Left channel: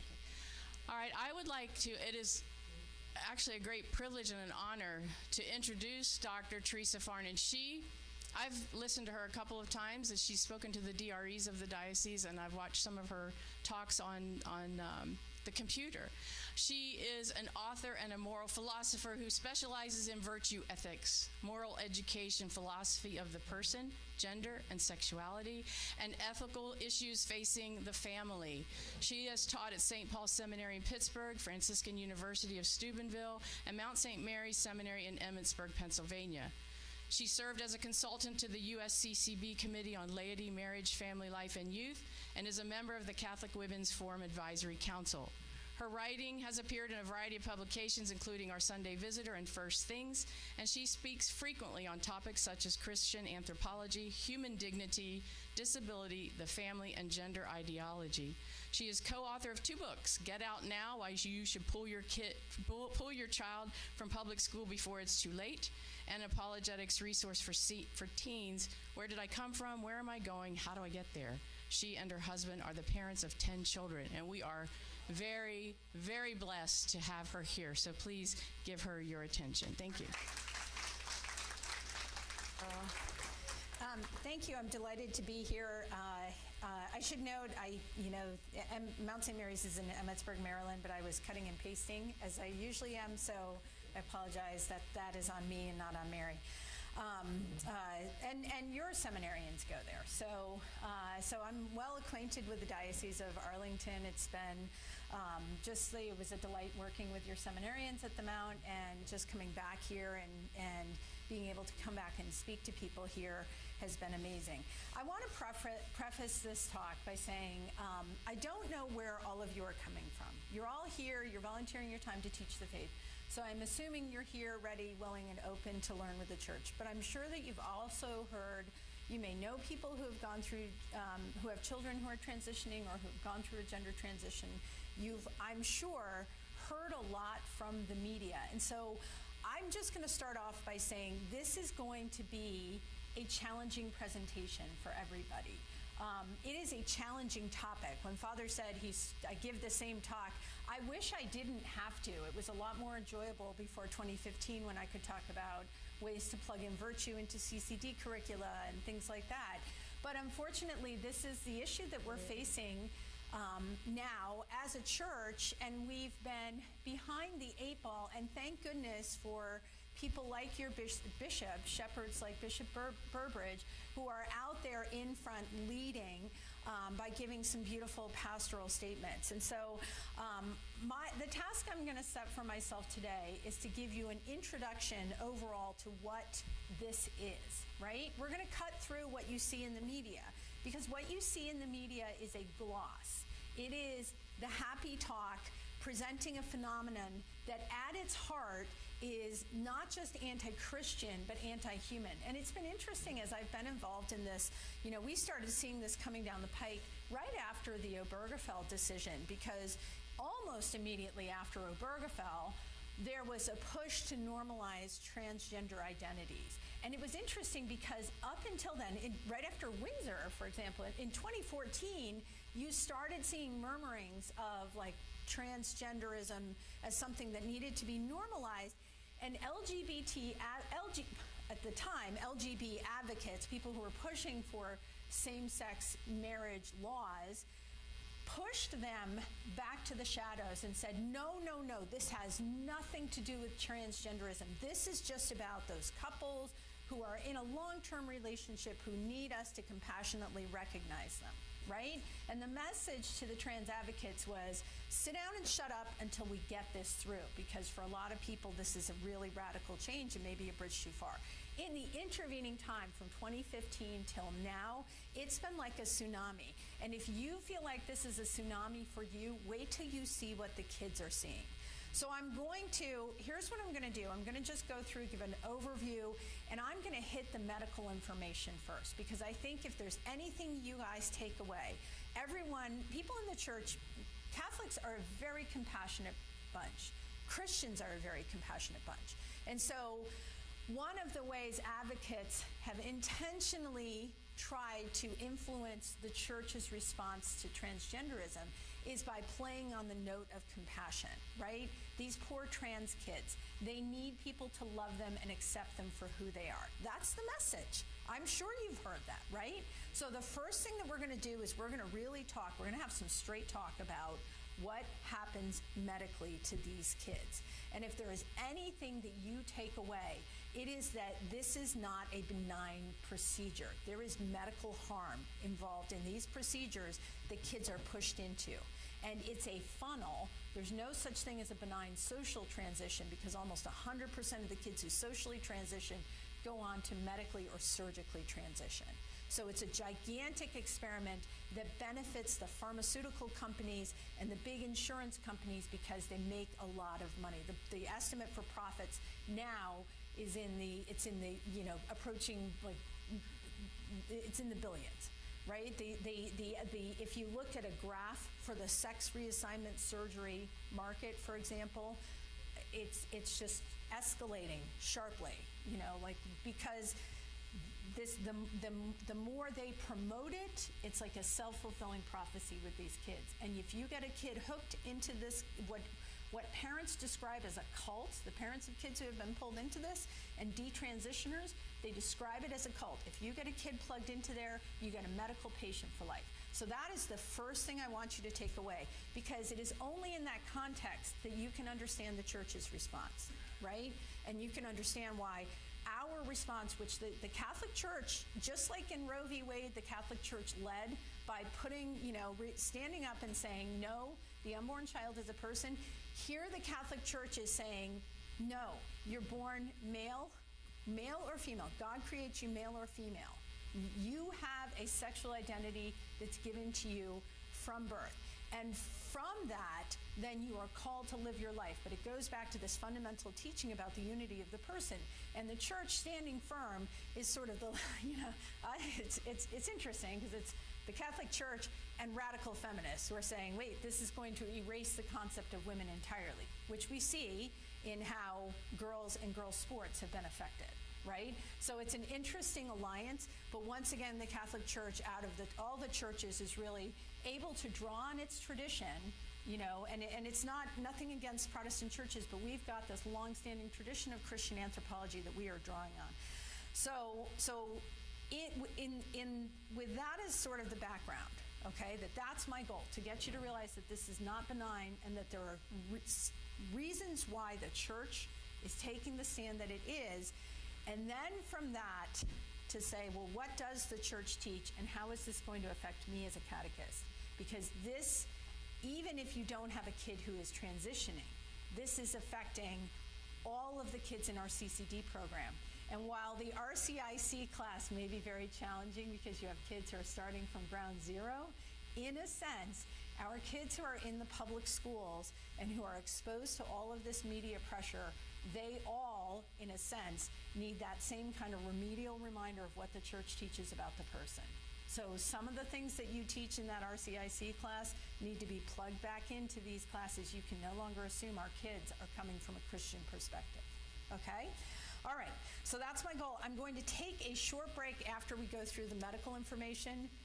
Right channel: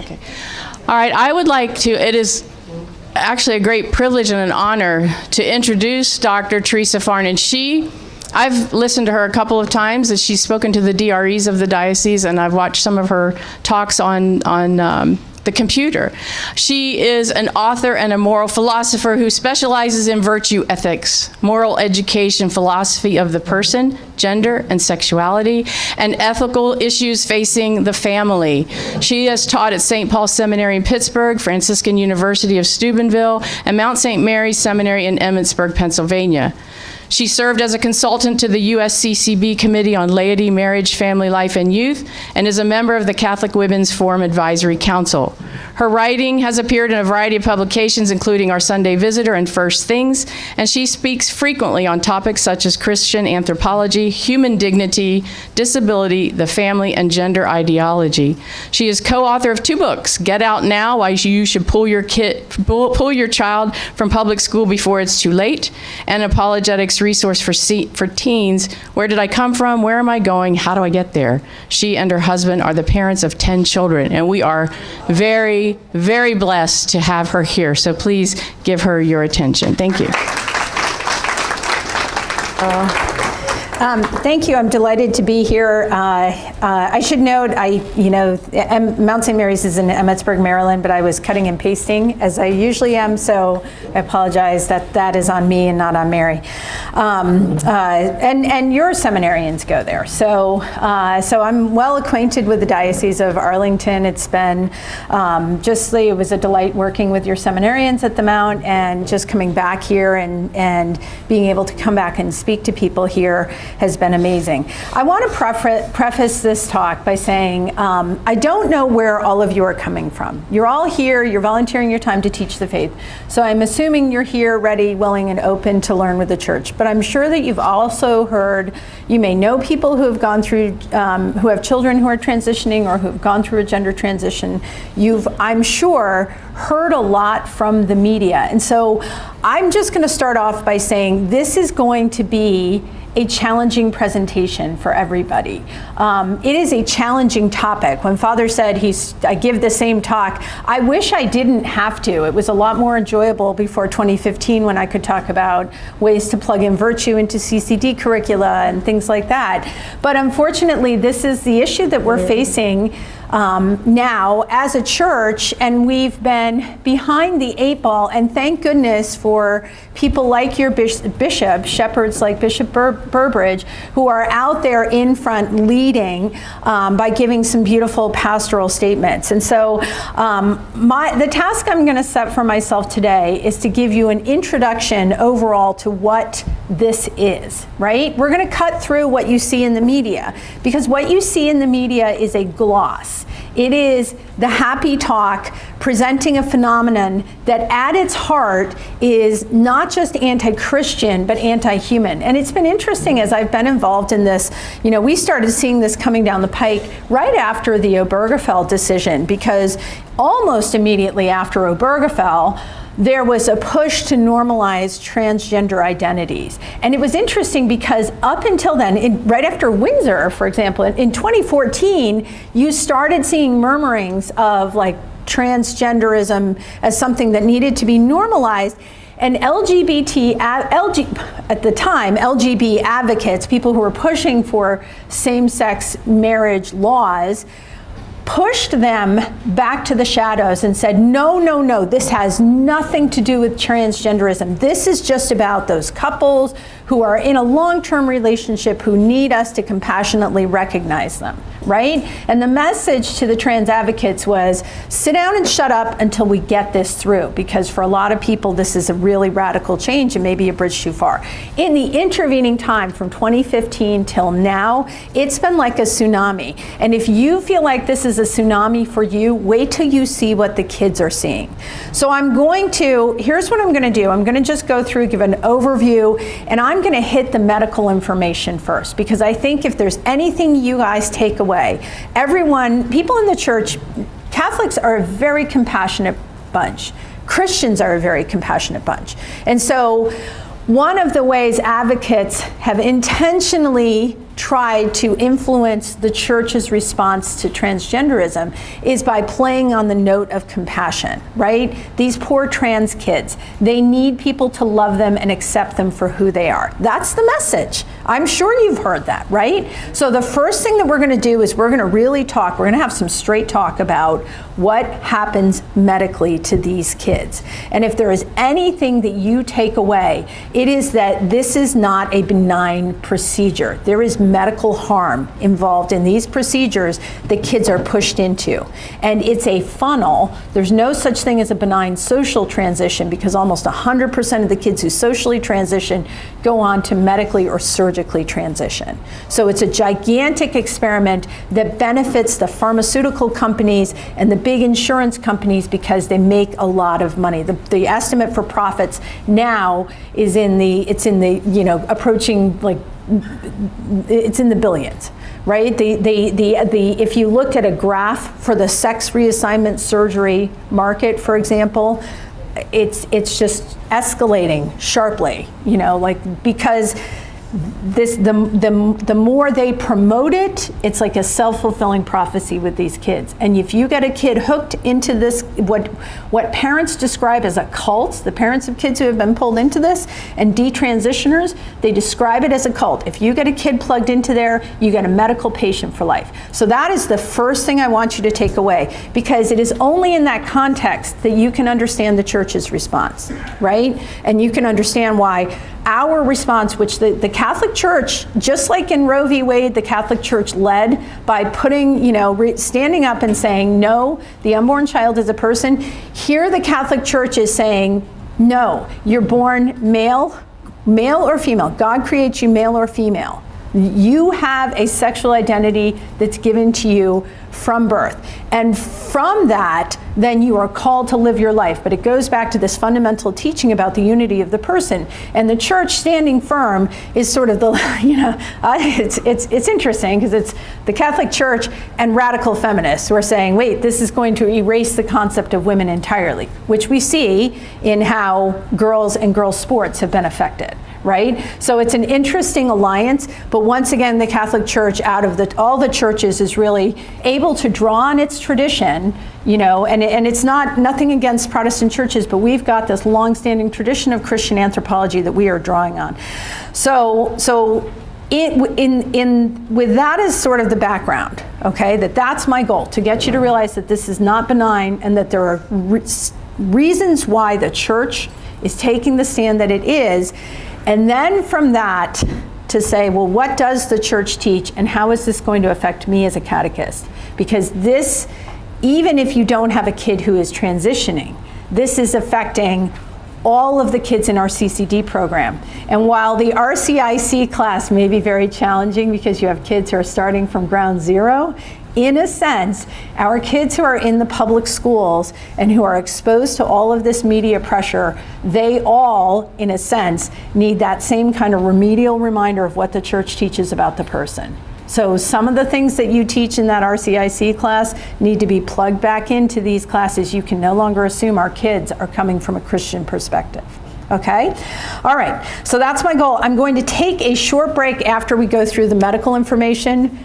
Okay. All right, I would like to, it is actually a great privilege and an honor to introduce Dr. Theresa Farnan. I've listened to her a couple of times as she's spoken to the DREs of the diocese, and I've watched some of her talks on the computer. She is an author and a moral philosopher who specializes in virtue ethics, moral education, philosophy of the person, gender and sexuality, and ethical issues facing the family. She has taught at St. Paul Seminary in Pittsburgh, Franciscan University of Steubenville, and Mount St. Mary's Seminary in Emmitsburg, Pennsylvania. She served as a consultant to the USCCB Committee on Laity, Marriage, Family Life, and Youth, and is a member of the Catholic Women's Forum Advisory Council. Her writing has appeared in a variety of publications, including Our Sunday Visitor and First Things, and she speaks frequently on topics such as Christian anthropology, human dignity, disability, the family, and gender ideology. She is co-author of 2 books, Get Out Now, Why You Should Pull Your Child from Public School Before It's Too Late, and Apologetics Resource for Teens, Where Did I Come From, Where Am I Going, How Do I Get There? She and her husband are the parents of 10 children, and we are very, very blessed to have her here. So please give her your attention. Thank you. Thank you. I'm delighted to be here. I should note, Mount St. Mary's is in Emmitsburg, Maryland, but I was cutting and pasting as I usually am, so I apologize that is on me and not on Mary. And your seminarians go there, so I'm well acquainted with the Diocese of Arlington. It's been it was a delight working with your seminarians at the Mount, and just coming back here and being able to come back and speak to people here has been amazing. I want to preface this talk by saying I don't know where all of you are coming from. You're all here, you're volunteering your time to teach the faith. So I'm assuming you're here ready, willing, and open to learn with the church. But I'm sure that you've also heard, you may know people who have gone through, who have children who are transitioning or who have gone through a gender transition. You've, I'm sure, heard a lot from the media. And so I'm just going to start off by saying this is going to be a challenging presentation for everybody. It is a challenging topic. When Father said I give the same talk, I wish I didn't have to. It was a lot more enjoyable before 2015 when I could talk about ways to plug in virtue into CCD curricula and things like that. But unfortunately, this is the issue that we're facing now as a church, and we've been behind the 8 ball, and thank goodness for people like your bishop, shepherds like Bishop Burbridge, who are out there in front leading by giving some beautiful pastoral statements. And so the task I'm going to set for myself today is to give you an introduction overall to what this is, right? We're going to cut through what you see in the media, because what you see in the media is a gloss. It is the happy talk presenting a phenomenon that at its heart is not just anti-Christian, but anti-human. And it's been interesting as I've been involved in this. We started seeing this coming down the pike right after the Obergefell decision, because almost immediately after Obergefell, there was a push to normalize transgender identities. And it was interesting because up until then, right after Windsor, for example, in 2014, you started seeing murmurings of like transgenderism as something that needed to be normalized. And at the time, LGBT advocates, people who were pushing for same-sex marriage laws, pushed them back to the shadows and said, no, this has nothing to do with transgenderism. This is just about those couples who are in a long-term relationship who need us to compassionately recognize them, right? And the message to the trans advocates was, sit down and shut up until we get this through, because for a lot of people, this is a really radical change and maybe a bridge too far. In the intervening time from 2015 till now, it's been like a tsunami. And if you feel like this is a tsunami for you, wait till you see what the kids are seeing. So here's what I'm gonna do. I'm gonna just go through, give an overview, and I'm gonna hit the medical information first, because I think if there's anything you guys take away, people in the church, Catholics are a very compassionate bunch. Christians are a very compassionate bunch. And so one of the ways advocates have intentionally tried to influence the church's response to transgenderism is by playing on the note of compassion, right? These poor trans kids, they need people to love them and accept them for who they are. That's the message. I'm sure you've heard that, right? So the first thing that we're going to do is we're going to really talk, we're going to have some straight talk about what happens medically to these kids. And if there is anything that you take away, it is that this is not a benign procedure. There is medical harm involved in these procedures that kids are pushed into. And it's a funnel. There's no such thing as a benign social transition, because almost 100% of the kids who socially transition go on to medically or surgically transition. So it's a gigantic experiment that benefits the pharmaceutical companies and the big insurance companies because they make a lot of money. The estimate for profits now is approaching, like, it's in the billions, right? If you looked at a graph for the sex reassignment surgery market, for example, it's just escalating sharply, because the more they promote it, it's like a self-fulfilling prophecy with these kids. And if you get a kid hooked into this, what parents describe as a cult, the parents of kids who have been pulled into this, and detransitioners, they describe it as a cult. If you get a kid plugged into there, you get a medical patient for life. So that is the first thing I want you to take away, because it is only in that context that you can understand the church's response, right? And you can understand why our response, which the Catholic Church, just like in Roe v. Wade, the Catholic Church led by putting, standing up and saying, no, the unborn child is a person. Here the Catholic Church is saying, no, you're born male or female. God creates you male or female. You have a sexual identity that's given to you from birth. And from that, then you are called to live your life. But it goes back to this fundamental teaching about the unity of the person. And the church standing firm is sort of the, it's interesting because it's the Catholic Church and radical feminists who are saying, wait, this is going to erase the concept of women entirely, which we see in how girls and girls' sports have been affected. Right? So it's an interesting alliance, but once again, the Catholic Church, out of all the churches, is really able to draw on its tradition, and it's nothing against Protestant churches, but we've got this long-standing tradition of Christian anthropology that we are drawing on. So with that as sort of the background, okay, that's my goal, to get you to realize that this is not benign and that there are reasons why the church is taking the stand that it is. And then from that, to say, well, what does the church teach and how is this going to affect me as a catechist? Because this, even if you don't have a kid who is transitioning, this is affecting all of the kids in our CCD program. And while the RCIC class may be very challenging because you have kids who are starting from ground zero, in a sense, our kids who are in the public schools and who are exposed to all of this media pressure, they all, in a sense, need that same kind of remedial reminder of what the church teaches about the person. So some of the things that you teach in that RCIC class need to be plugged back into these classes. You can no longer assume our kids are coming from a Christian perspective. Okay? All right, so that's my goal. I'm going to take a short break after we go through the medical information.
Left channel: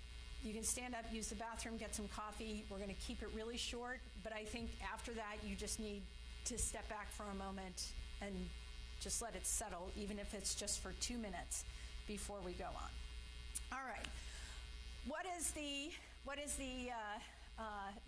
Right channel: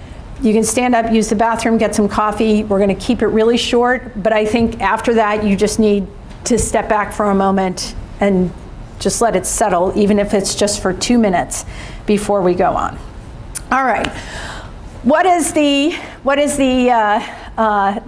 You can stand up, use the bathroom, get some coffee. We're going to keep it really short, but I think after that you just need to step back for a moment and just let it settle, even if it's just for 2 minutes before we go on. All right. What is the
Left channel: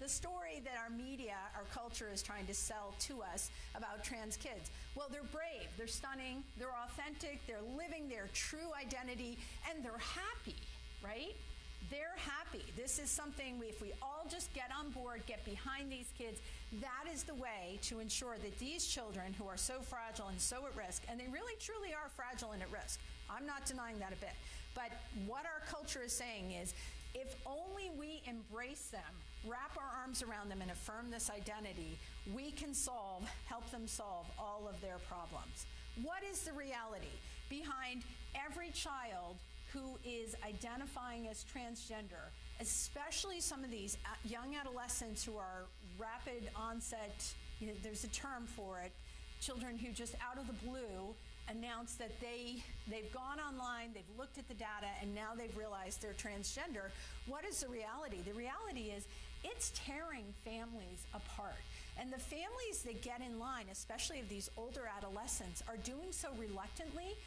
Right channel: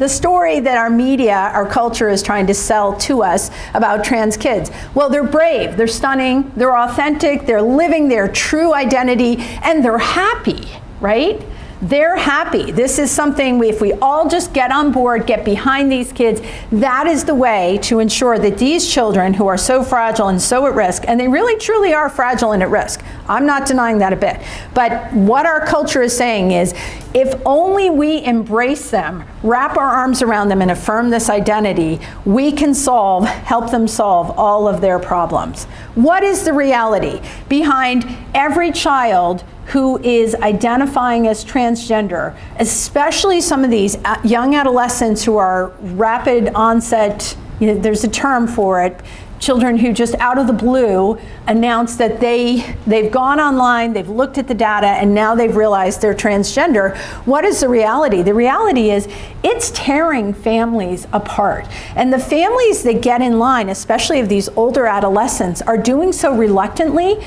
story that our media, our culture is trying to sell to us about trans kids? Well, they're brave, they're stunning, they're authentic, they're living their true identity, and they're happy, right? They're happy. This is something, if we all just get on board, get behind these kids, that is the way to ensure that these children who are so fragile and so at risk, and they really truly are fragile and at risk. I'm not denying that a bit. But what our culture is saying is, if only we embrace them, wrap our arms around them and affirm this identity, we can help them solve all of their problems. What is the reality behind every child who is identifying as transgender, especially some of these young adolescents who are rapid onset, there's a term for it, children who just out of the blue announce that they've gone online, they've looked at the data, and now they've realized they're transgender. What is the reality? The reality is it's tearing families apart. And the families that get in line, especially of these older adolescents, are doing so reluctantly,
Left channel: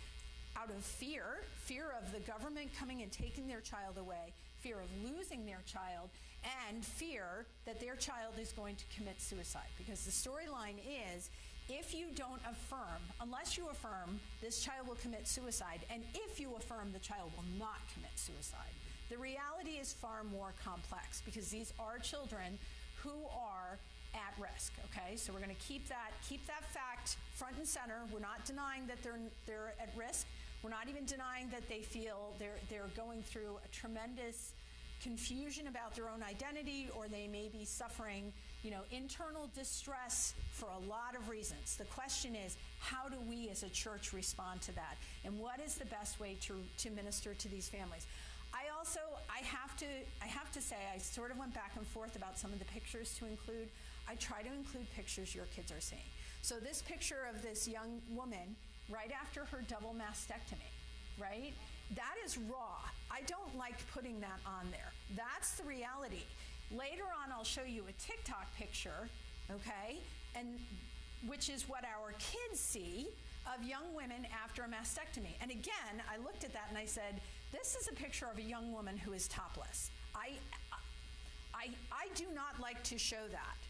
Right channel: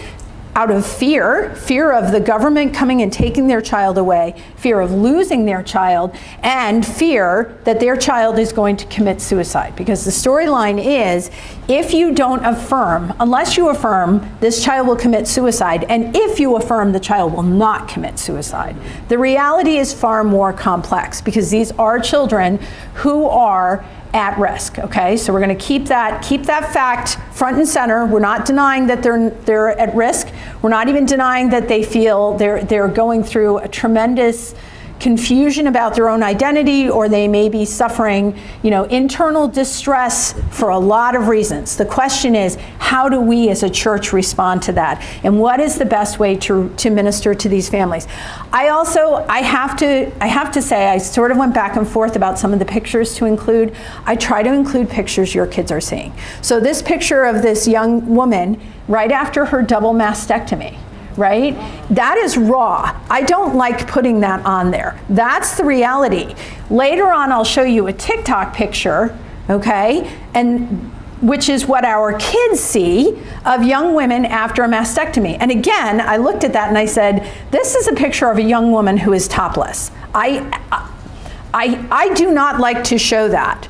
out of fear of the government coming and taking their child away, fear of losing their child, and fear that their child is going to commit suicide. Because the storyline is, if you don't affirm, unless you affirm, this child will commit suicide, and if you affirm, the child will not commit suicide. The reality is far more complex, because these are children who are at risk, okay? So we're gonna keep that fact front and center. We're not denying that they're at risk. We're not even denying that they feel they're going through a tremendous confusion about their own identity, or they may be suffering, internal distress for a lot of reasons. The question is, how do we as a church respond to that? And what is the best way to minister to these families? I have to say, I sort of went back and forth about some of the pictures to include. I try to include pictures your kids are seeing. So this picture of this young woman right after her double mastectomy, right? That is raw. I don't like putting that on there. That's the reality. Later on, I'll show you a TikTok picture, okay? And which is what our kids see of young women after a mastectomy. And again, I looked at that and I said, this is a picture of a young woman who is topless. I do not like to show that.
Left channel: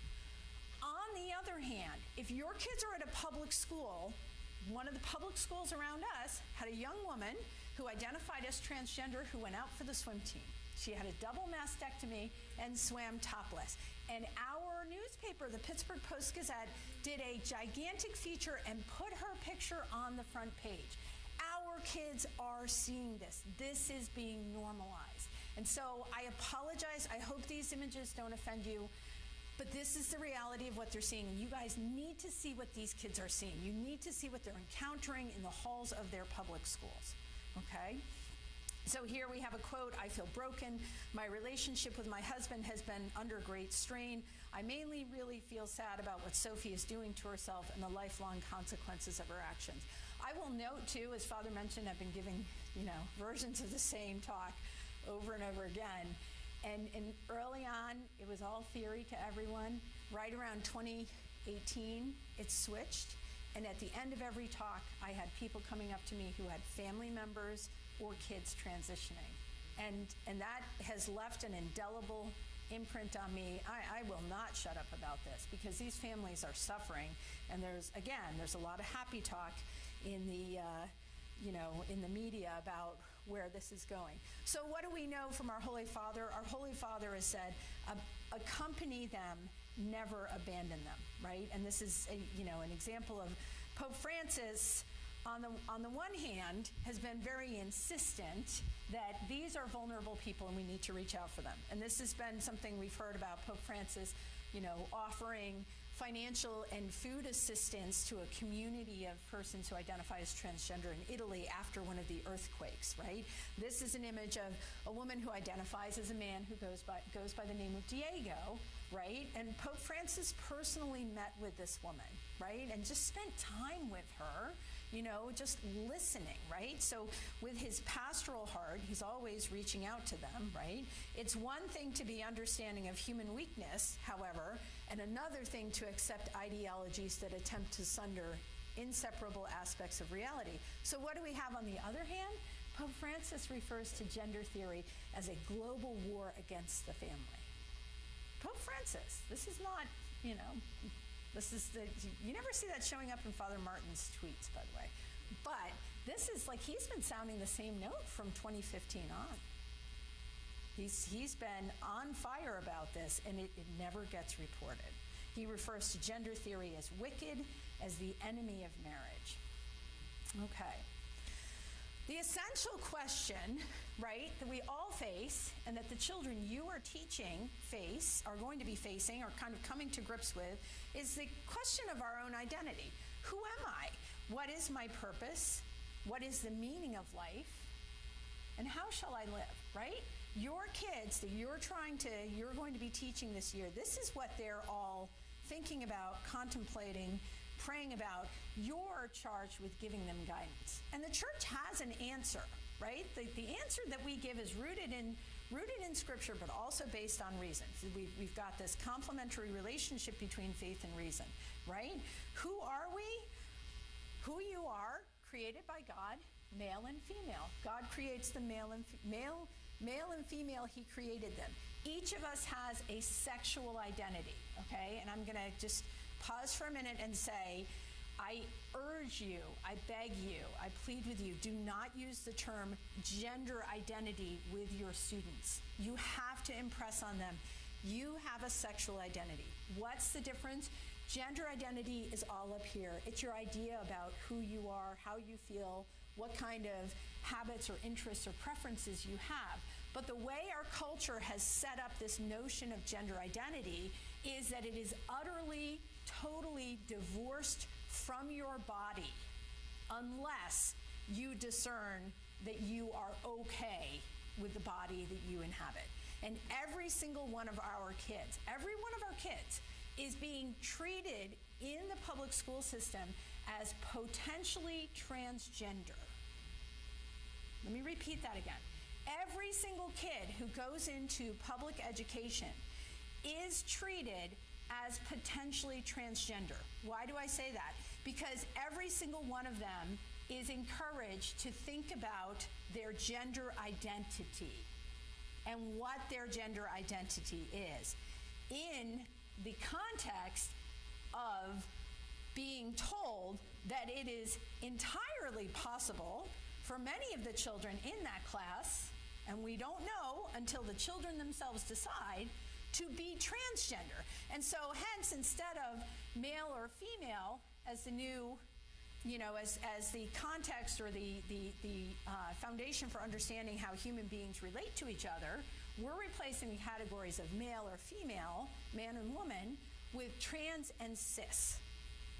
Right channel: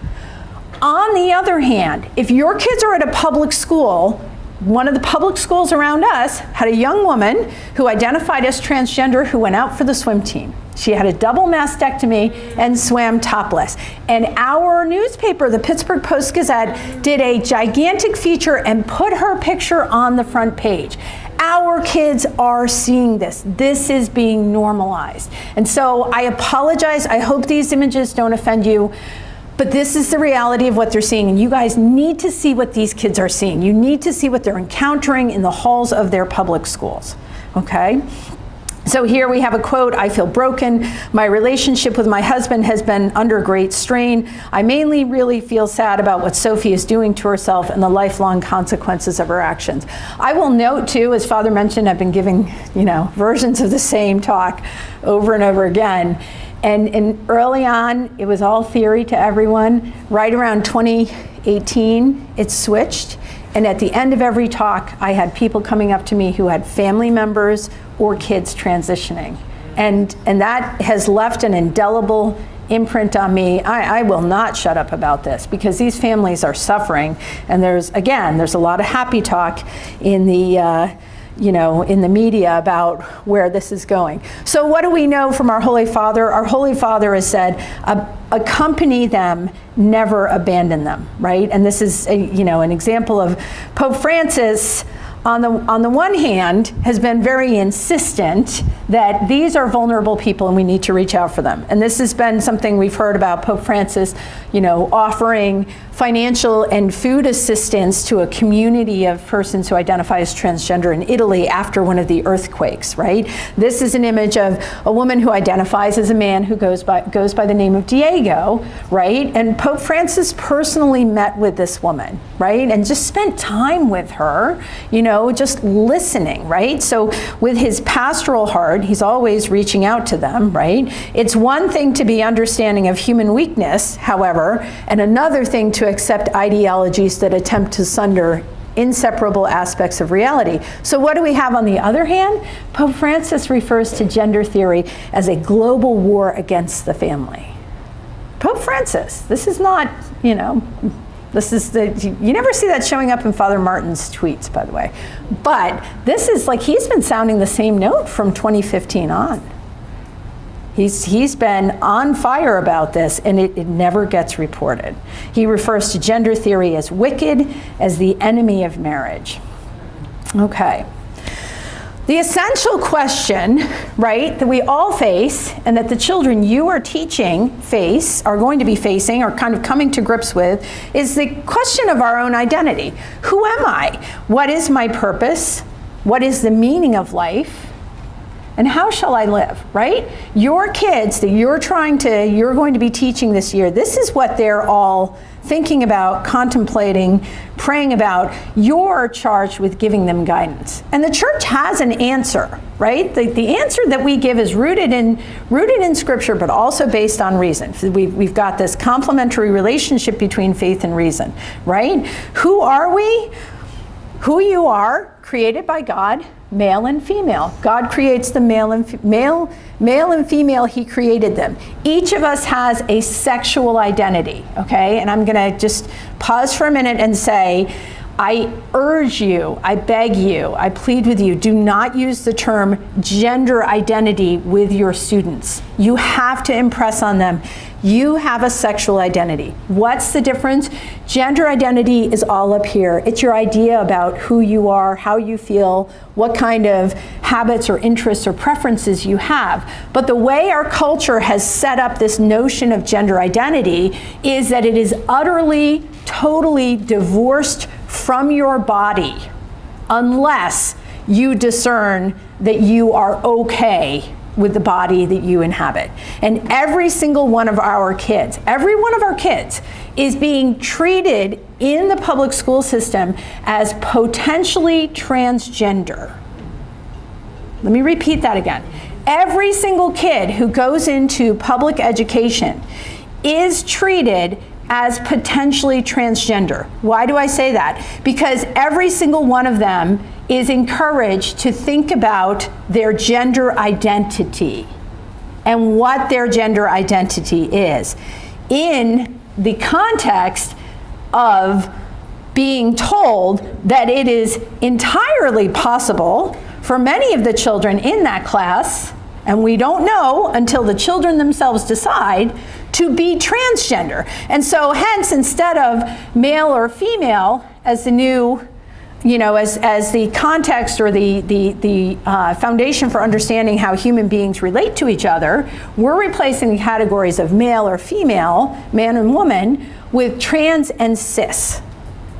On the other hand, if your kids are at a public school, one of the public schools around us had a young woman who identified as transgender who went out for the swim team. She had a double mastectomy and swam topless. And our newspaper, the Pittsburgh Post-Gazette, did a gigantic feature and put her picture on the front page. Our kids are seeing this. This is being normalized. And so I apologize. I hope these images don't offend you. But this is the reality of what they're seeing, and you guys need to see what these kids are seeing. You need to see what they're encountering in the halls of their public schools, okay? So here we have a quote, "I feel broken. My relationship with my husband has been under great strain. I mainly really feel sad about what Sophie is doing to herself and the lifelong consequences of her actions." I will note too, as Father mentioned, I've been giving, versions of the same talk over and over again. And early on, it was all theory to everyone. Right around 2018, it switched. And at the end of every talk, I had people coming up to me who had family members or kids transitioning. And that has left an indelible imprint on me. I will not shut up about this, because these families are suffering. And there's a lot of happy talk in the in the media about where this is going. So what do we know from our Holy Father? Our Holy Father has said, accompany them, never abandon them, right? And this is an example of Pope Francis. On the one hand, has been very insistent that these are vulnerable people and we need to reach out for them. And this has been something we've heard about Pope Francis, offering financial and food assistance to a community of persons who identify as transgender in Italy after one of the earthquakes, right? This is an image of a woman who identifies as a man who goes by the name of Diego, right? And Pope Francis personally met with this woman, right? And just spent time with her, just listening, right? So with his pastoral heart, he's always reaching out to them, right? It's one thing to be understanding of human weakness, however, and another thing to accept ideologies that attempt to sunder inseparable aspects of reality. So what do we have on the other hand? Pope Francis refers to gender theory as a global war against the family. Pope Francis, this is not, you never see that showing up in Father Martin's tweets, by the way. But this is he's been sounding the same note from 2015 on. He's been on fire about this, and it never gets reported. He refers to gender theory as wicked, as the enemy of marriage. Okay. The essential question, right, that we all face, and that the children you are teaching are going to be facing, or kind of coming to grips with, is the question of our own identity. Who am I? What is my purpose? What is the meaning of life? and how shall I live, right? Your kids that you're going to be teaching this year, this is what they're all thinking about, contemplating, praying about. You're charged with giving them guidance. And the church has an answer, right? The answer that we give is rooted in Scripture, but also based on reason. We've got this complementary relationship between faith and reason, right? Who are we? Who you are, created by God, male and female. God creates the male and female, he created them. Each of us has a sexual identity, okay? And I'm gonna just pause for a minute and say, I urge you, I beg you, I plead with you, do not use the term gender identity with your students. You have to impress on them, you have a sexual identity. What's the difference? Gender identity is all up here. It's your idea about who you are, how you feel, what kind of habits or interests or preferences you have. But the way our culture has set up this notion of gender identity is that it is utterly, totally divorced from your body unless you discern that you are okay with the body that you inhabit. And every single one of our kids, is being treated in the public school system as potentially transgender. Let me repeat that again. Every single kid who goes into public education is treated as potentially transgender. Why do I say that? Because every single one of them is encouraged to think about their gender identity and what their gender identity is in the context of being told that it is entirely possible for many of the children in that class, and we don't know until the children themselves decide, to be transgender. And so hence, instead of male or female as the new, as the context or the foundation for understanding how human beings relate to each other, we're replacing the categories of male or female, man and woman, with trans and cis,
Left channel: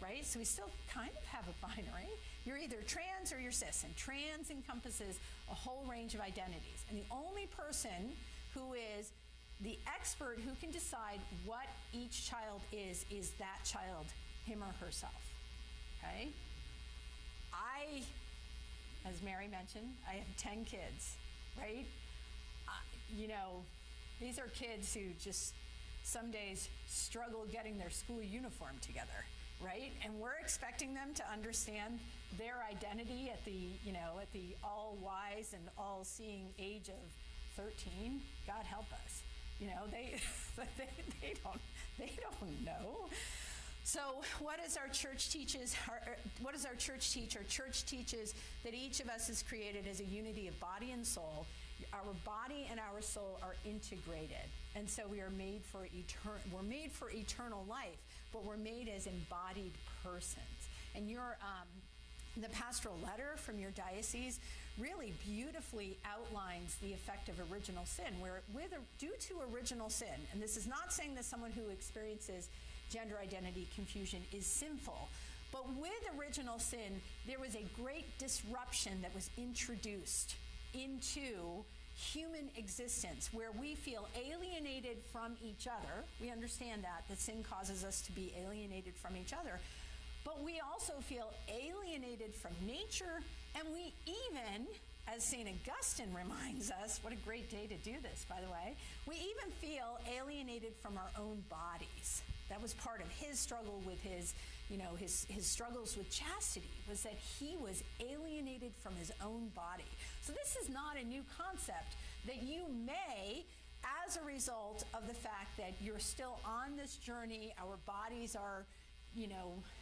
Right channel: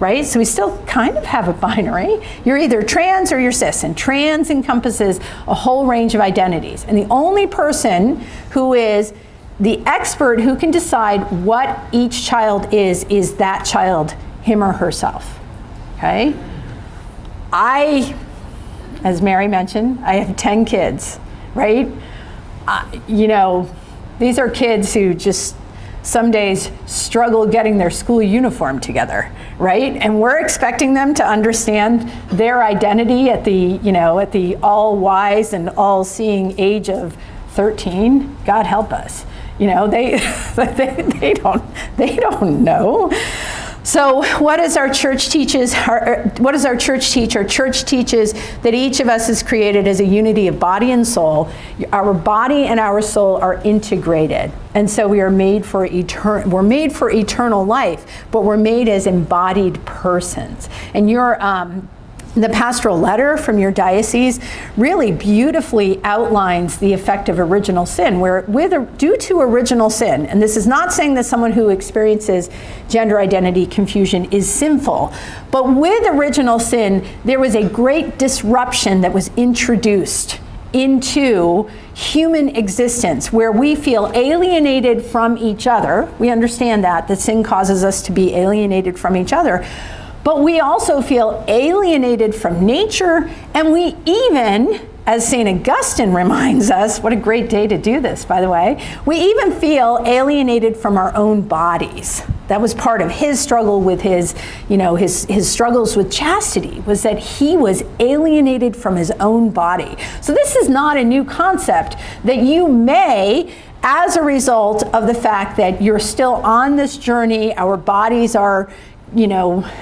right? So we still kind of have a binary. You're either trans or you're cis, and trans encompasses a whole range of identities. And the only person who is the expert who can decide what each child is that child, him or herself, okay? As Mary mentioned, I have 10 kids, right? These are kids who just some days struggle getting their school uniform together, right? And we're expecting them to understand their identity at the all-wise and all-seeing age of 13. God help us. They don't know. So what does our church teach? Our church teaches that each of us is created as a unity of body and soul. Our body and our soul are integrated. And so we are made for eternal life, but we're made as embodied persons. And the pastoral letter from your diocese really beautifully outlines the effect of original sin, where due to original sin, and this is not saying that someone who experiences gender identity confusion is sinful, but with original sin, there was a great disruption that was introduced into human existence where we feel alienated from each other. We understand that sin causes us to be alienated from each other. But we also feel alienated from nature, and we even, as St. Augustine reminds us, what a great day to do this, by the way, we even feel alienated from our own bodies. That was part of his struggle with his struggles with chastity, was that he was alienated from his own body. So this is not a new concept that you may, as a result of the fact that you're still on this journey, our bodies are,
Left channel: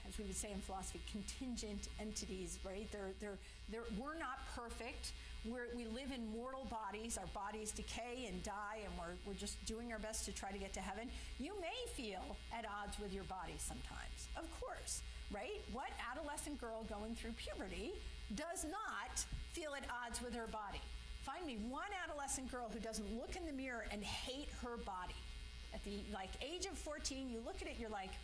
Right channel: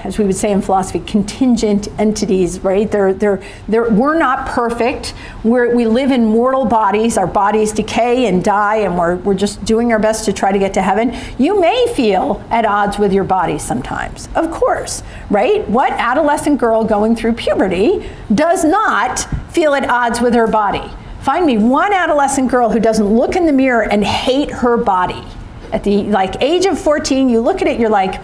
as we would say in philosophy, contingent entities, right? We're not perfect. We live in mortal bodies. Our bodies decay and die, and we're just doing our best to try to get to heaven. You may feel at odds with your body sometimes, of course, right? What adolescent girl going through puberty does not feel at odds with her body? Find me one adolescent girl who doesn't look in the mirror and hate her body. At the age of 14, you look at it, you're like,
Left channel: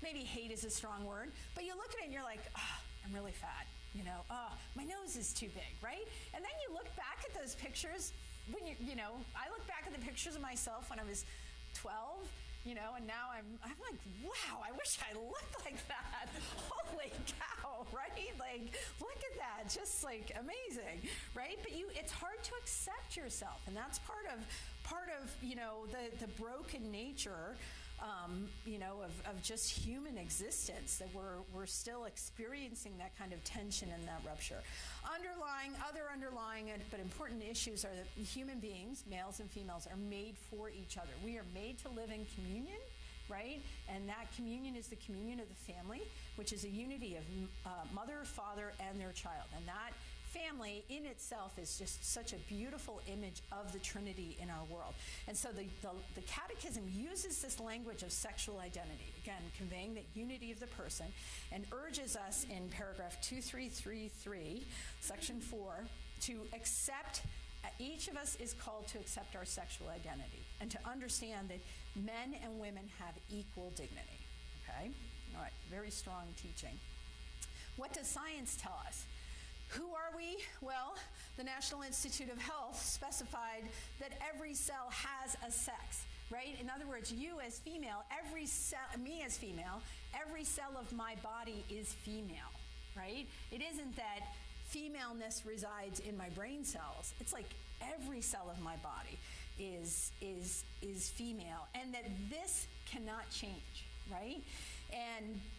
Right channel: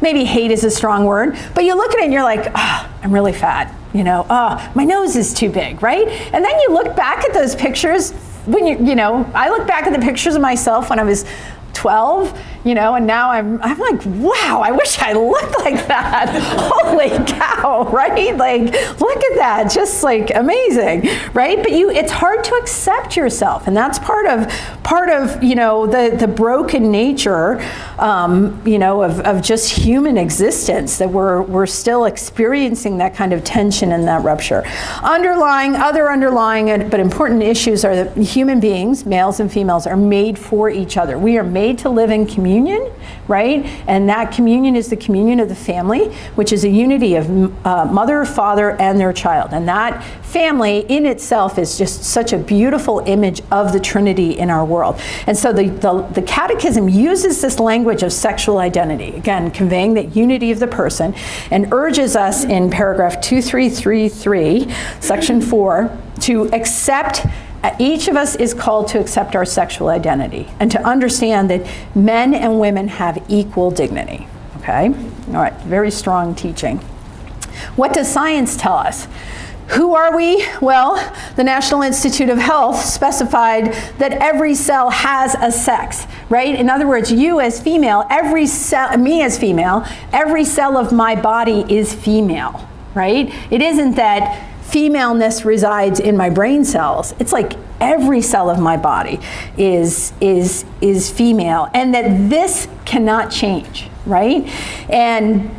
maybe hate is a strong word, but you look at it and you're like, I'm really fat. oh, my nose is too big, right? And then you look back at those pictures when I look back at the pictures of myself when I was 12, and now I'm like, wow, I wish I looked like that. Holy cow, right? Like, look at that, just like amazing, right? But it's hard to accept yourself, and that's part of the broken nature, of just human existence, that we're still experiencing that kind of tension and that rupture. Other underlying but important issues are that human beings, males and females, are made for each other. We are made to live in communion, right? And that communion is the communion of the family, which is a unity of mother, father, and their child. And that family in itself is just such a beautiful image of the Trinity in our world. And so the Catechism uses this language of sexual identity, again, conveying that unity of the person, and urges us in paragraph 2333, section 4, to accept. Each of us is called to accept our sexual identity and to understand that men and women have equal dignity, okay? All right, very strong teaching. What does science tell us? Who are we? Well, the National Institute of Health specified that every cell has a sex, right? In other words, you as female, me as female, every cell of my body is female, right? It isn't that femaleness resides in my brain cells. It's like every cell of my body is female, and that this cannot change, right? And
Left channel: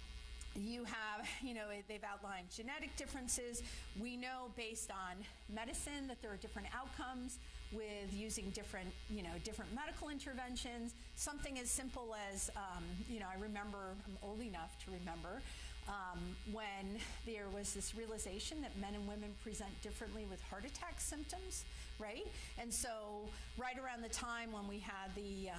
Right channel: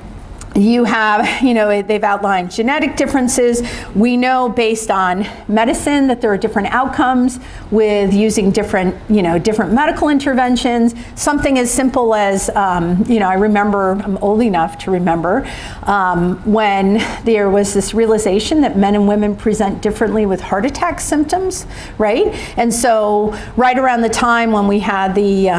you have, they've outlined genetic differences. We know based on medicine that there are different outcomes with using different medical interventions. Something as simple as, I remember, I'm old enough to remember, when there was this realization that men and women present differently with heart attack symptoms, right? And so right around the time when we had the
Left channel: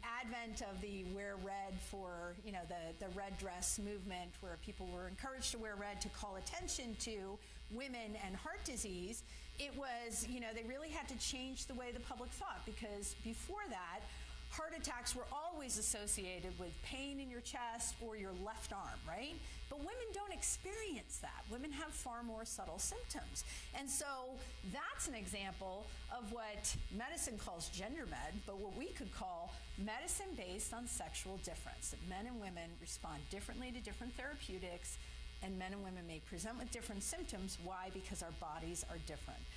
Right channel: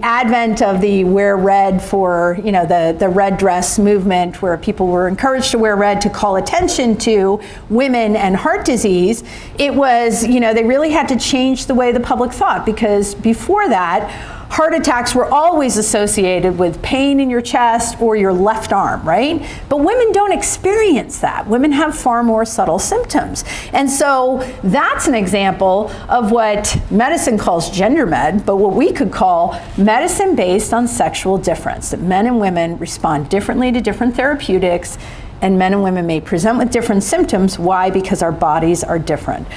advent of the wear red for, the red dress movement, where people were encouraged to wear red to call attention to women and heart disease, it was, they really had to change the way the public thought, because before that, heart attacks were always associated with pain in your chest or your left arm, right? But women don't experience that. Women have far more subtle symptoms. And so that's an example of what medicine calls gender med, but what we could call medicine based on sexual difference, that men and women respond differently to different therapeutics, and men and women may present with different symptoms. Why? Because our bodies are different.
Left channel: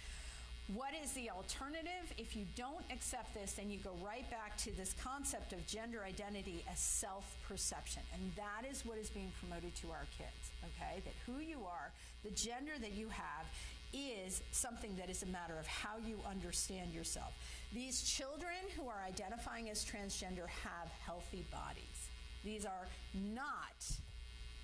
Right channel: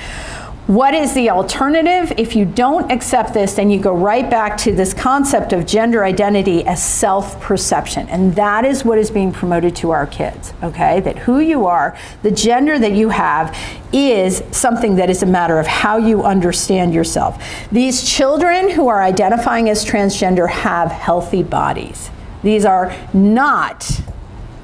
What is the alternative? If you don't accept this, then you go right back to this concept of gender identity as self-perception. And that is what is being promoted to our kids, okay? That who you are, the gender that you have, is something that is a matter of how you understand yourself. These children who are identifying as transgender have healthy bodies. These are not,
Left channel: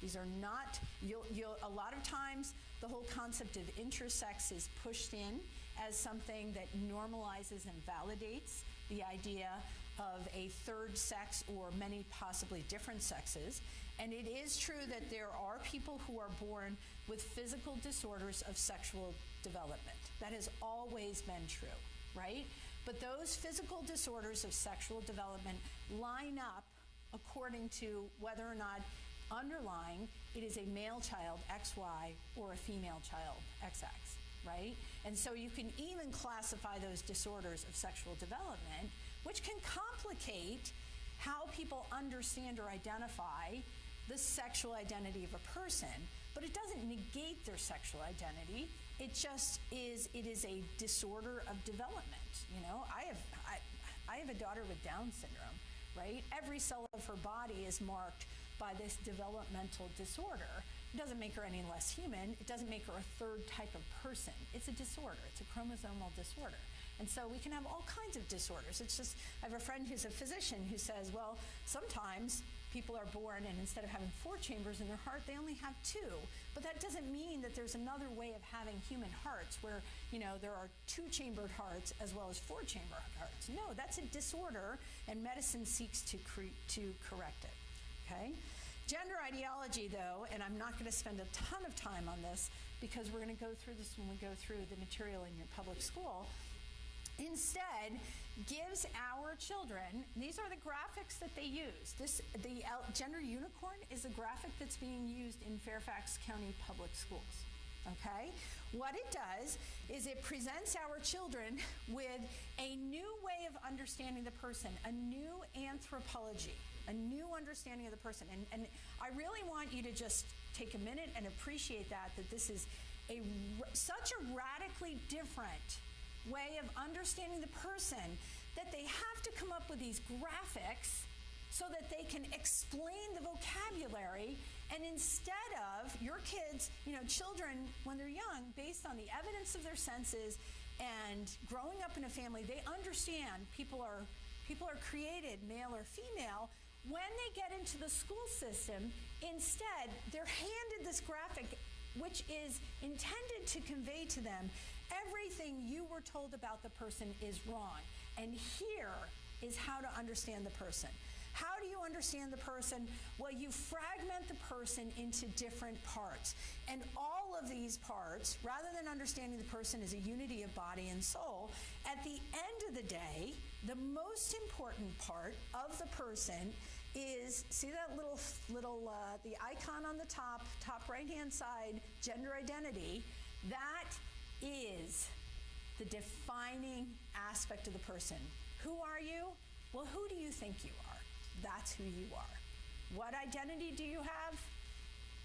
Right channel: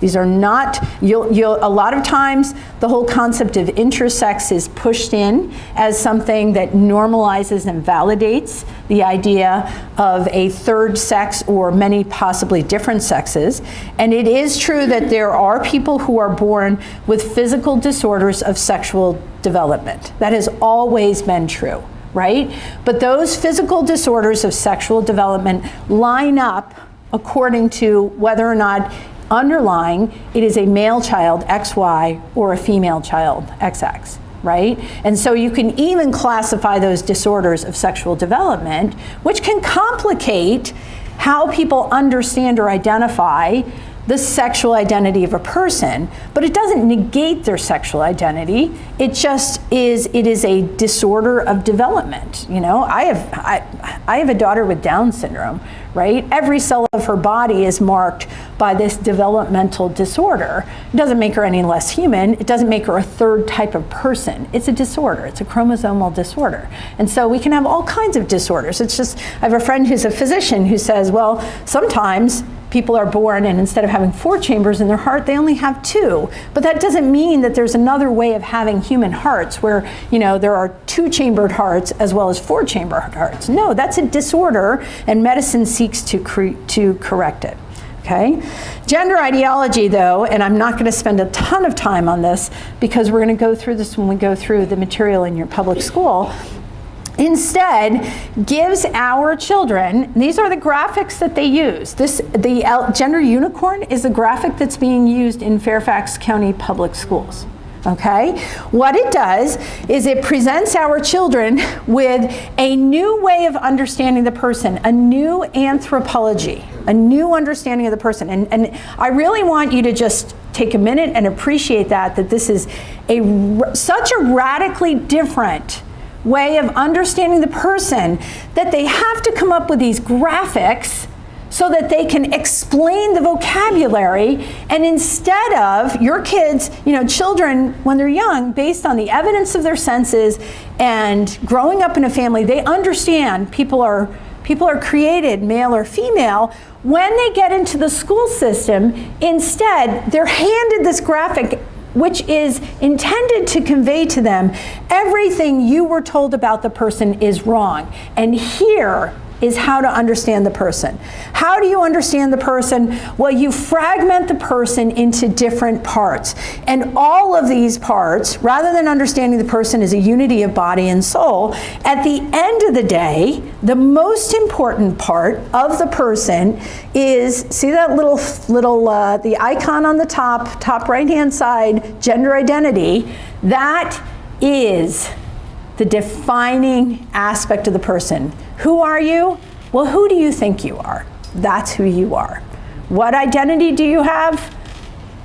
a lot of times the whole concept of intersex is pushed in as something that normalizes and validates the idea of a third sex or many possibly different sexes. And it is true that there are people who are born with physical disorders of sexual development. That has always been true, right? But those physical disorders of sexual development line up according to whether or not underlying it is a male child, XY, or a female child, XX, right? And so you can even classify those disorders of sexual development, which can complicate how people understand or identify the sexual identity of a person, but it doesn't negate their sexual identity. It just is, it is a disorder of development. I have a daughter with Down syndrome, right? Every cell of her body is marked by this developmental disorder. It doesn't make her any less human. It doesn't make her a third type of person. It's a disorder. It's a chromosomal disorder. And so we can have all kinds of disorders. It's just, I have a friend who's a physician who says, well, sometimes people are born and instead of having 4 chambers in their heart, they only have 2. But that doesn't mean that there's another way of having human hearts where, there are 2-chambered hearts as well as 4-chambered hearts. No, that's a disorder, and medicine seeks to correct it. Okay? Gender ideology, though, and I'm not going to spend a ton of time on this because we're going to go through this when we go through the material in your public school. instead gives our children, these are the graphics that they use. The gender unicorn is a graphic that's being used in Fairfax County Public Schools. Okay? What it does is it presents our children with a new way of understanding the person, a new anthropology, a new understanding of the person. And I really want you to just take a minute and appreciate that this is such a radically different way of understanding the person that they have to come up with these graphics so that they can explain the vocabulary. And instead of your kids, children, when they're young, based on the evidence of their senses and growing up in a family, they understand people are created male or female. When they get into the school system, instead, they're handed this graphic which is intended to convey to them everything you were told about the person is wrong. And here is how to understand the person. How do you understand the person? Well, you fragment the person into different parts. And all of these parts, rather than understanding the person as a unity of body and soul, at the end of the day, the most important part of the person is, see that little the icon on the top right-hand side, gender identity, that is the defining aspect of the person. Who are you? Well, who do you think you are? That's who you are. What identity do you have?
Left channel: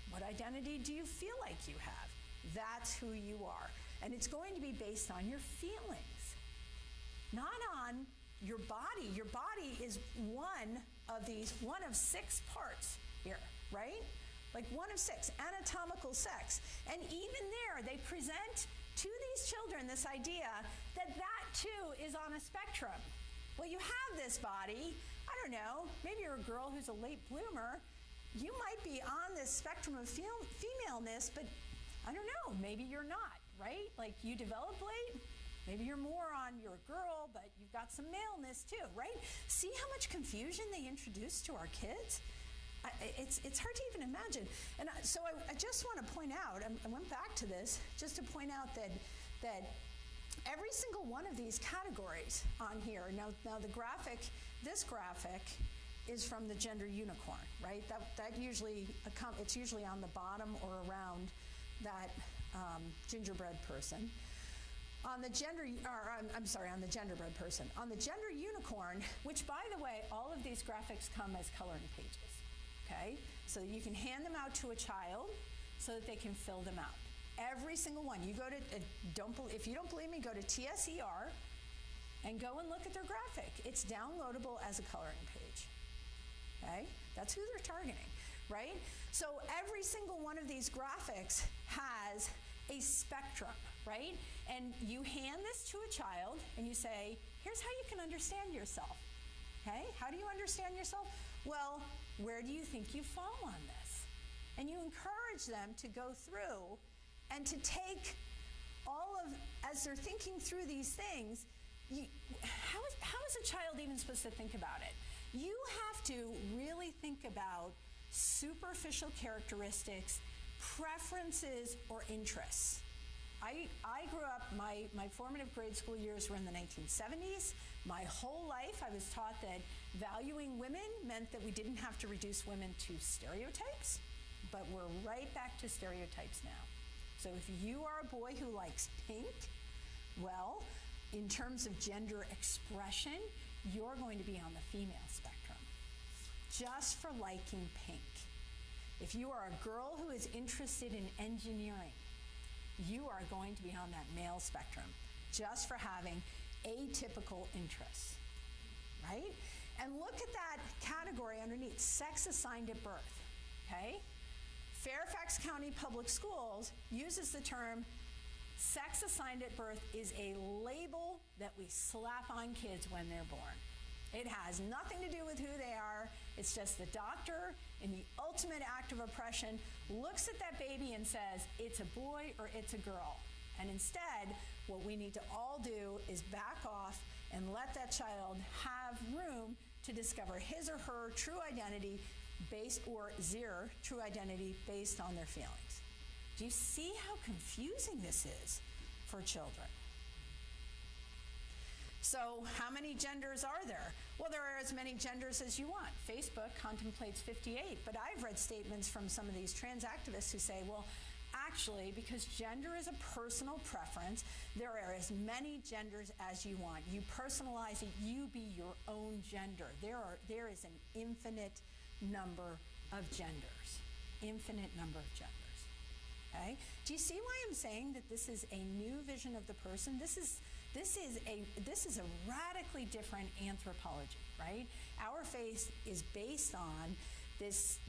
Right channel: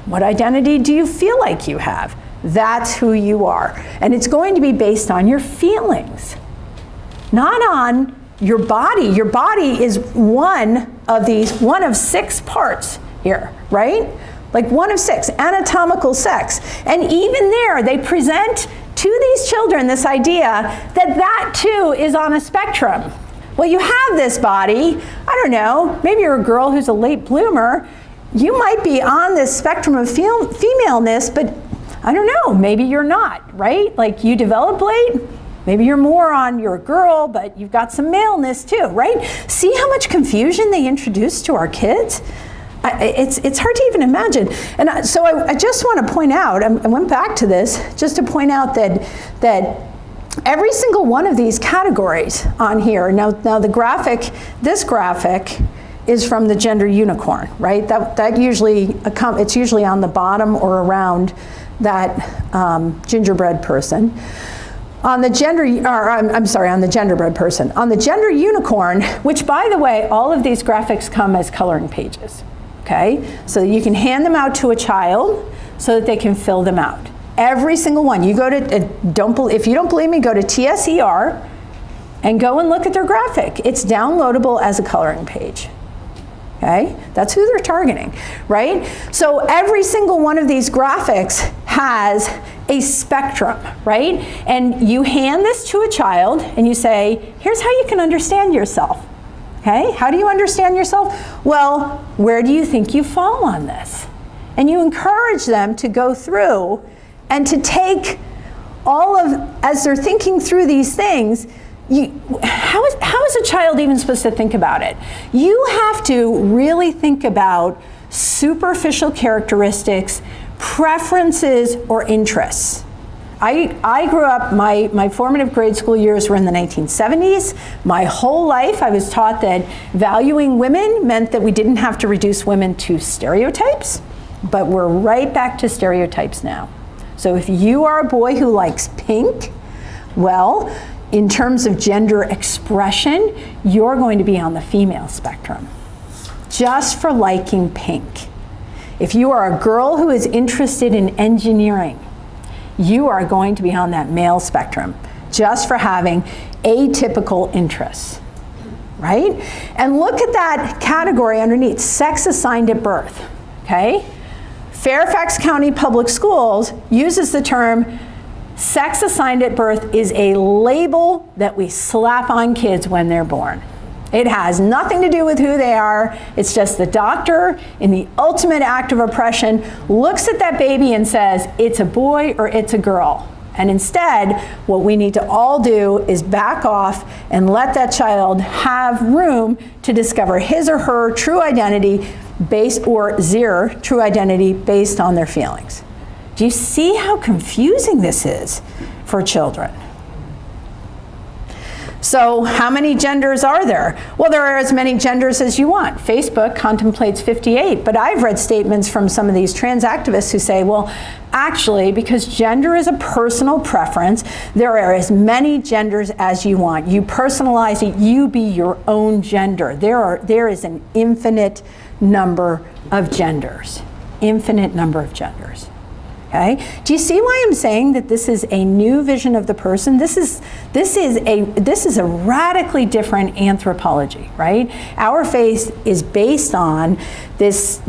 What identity do you feel like you have? That's who you are. And it's going to be based on your feelings, not on your body. Your body is one of 6 parts here, right? Like 1 of 6, anatomical sex. And even there, they present to these children this idea that too is on a spectrum. Well, you have this body, I don't know, maybe you're a girl who's a late bloomer, you might be on this spectrum of femaleness, but I don't know, maybe you're not, right? Like you develop late, maybe you're a girl, but you've got some maleness too, right? See how much confusion they introduce to our kids? It's hard to even imagine. And so I just want to point out, I went back to this just to point out that every single one of these categories on here, now this graphic is from the gender unicorn, right? That usually, it's usually on the bottom or around that gingerbread person. On the genderbread person. On the gender unicorn, which by the way, all of these graphics come as coloring pages. Okay, so you can hand them out to a child so that they can fill them out. Every single one. You go to, if you don't believe me, go to TSER and go and look at their graphic. It's downloadable as a coloring page. Okay, that's who they're targeting, right? So every single one of these graphics has a spectrum, right? And you hand this to a child and you say, here's how you can understand yourself. Okay, how do you understand yourself? Well, where do you think you fall on this? And you encourage them to go through and to take as they're thinking through these things, how is a child even supposed to think about it? You have to really think about superficial characteristics, preferences, or interests. I grew up, my formative grade school years were in the 1970s. My whole life I was taught that valuing women meant that we didn't have to reduce women to stereotypes, but we're right back to stereotypes now. So if you are a boy who likes pink, well, in terms of gender expression, you're going to be on the female spectrum, just for liking pink. If you are a girl who is interested in engineering, you are going to be on that male spectrum, just for having atypical interests, right? And look at that category underneath, sex assigned at birth, okay? Fairfax County Public Schools uses the term sex assigned at birth is a label that we slap on kids when they're born. It has nothing to do with who they are. It's just the doctor, in the ultimate act of oppression, looks at that baby and says, it's a boy or it's a girl. And instead, what we need to all do is back off and let that child have room to discover his or her true identity true identity based on their feelings. Do you see how confusing this is for children? So how many genders are there? Well, there are as many genders as you want. Facebook contemplates 58, but I've read statements from some of these trans activists who say, well, actually, because gender is a personal preference, there are as many genders as you want. You personalize it, you be your own gender. There is an infinite number of genders. Infinite number of genders. Okay? Do you see why I'm saying that this is a new vision of the person? This is a radically different anthropology, right? Our faith is based on this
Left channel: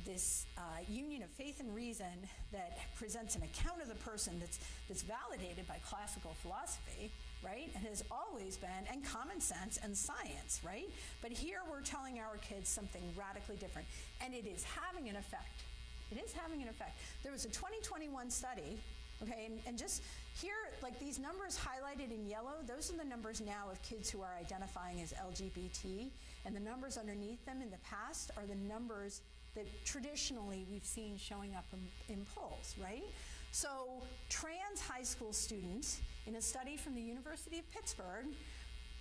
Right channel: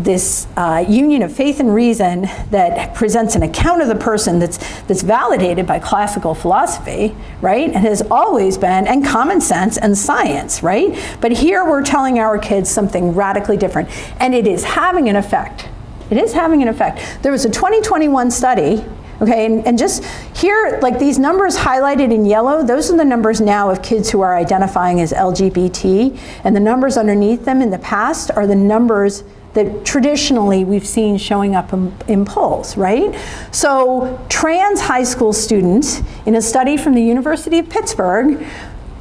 union of faith and reason that presents an account of the person that's validated by classical philosophy, right? And has always been, and common sense and science, right? But here we're telling our kids something radically different, and it is having an effect. It is having an effect. There was a 2021 study, okay, and just here, like these numbers highlighted in yellow, those are the numbers now of kids who are identifying as LGBT, and the numbers underneath them in the past are the numbers that traditionally we've seen showing up in polls, right? So trans high school students in a study from the University of Pittsburgh,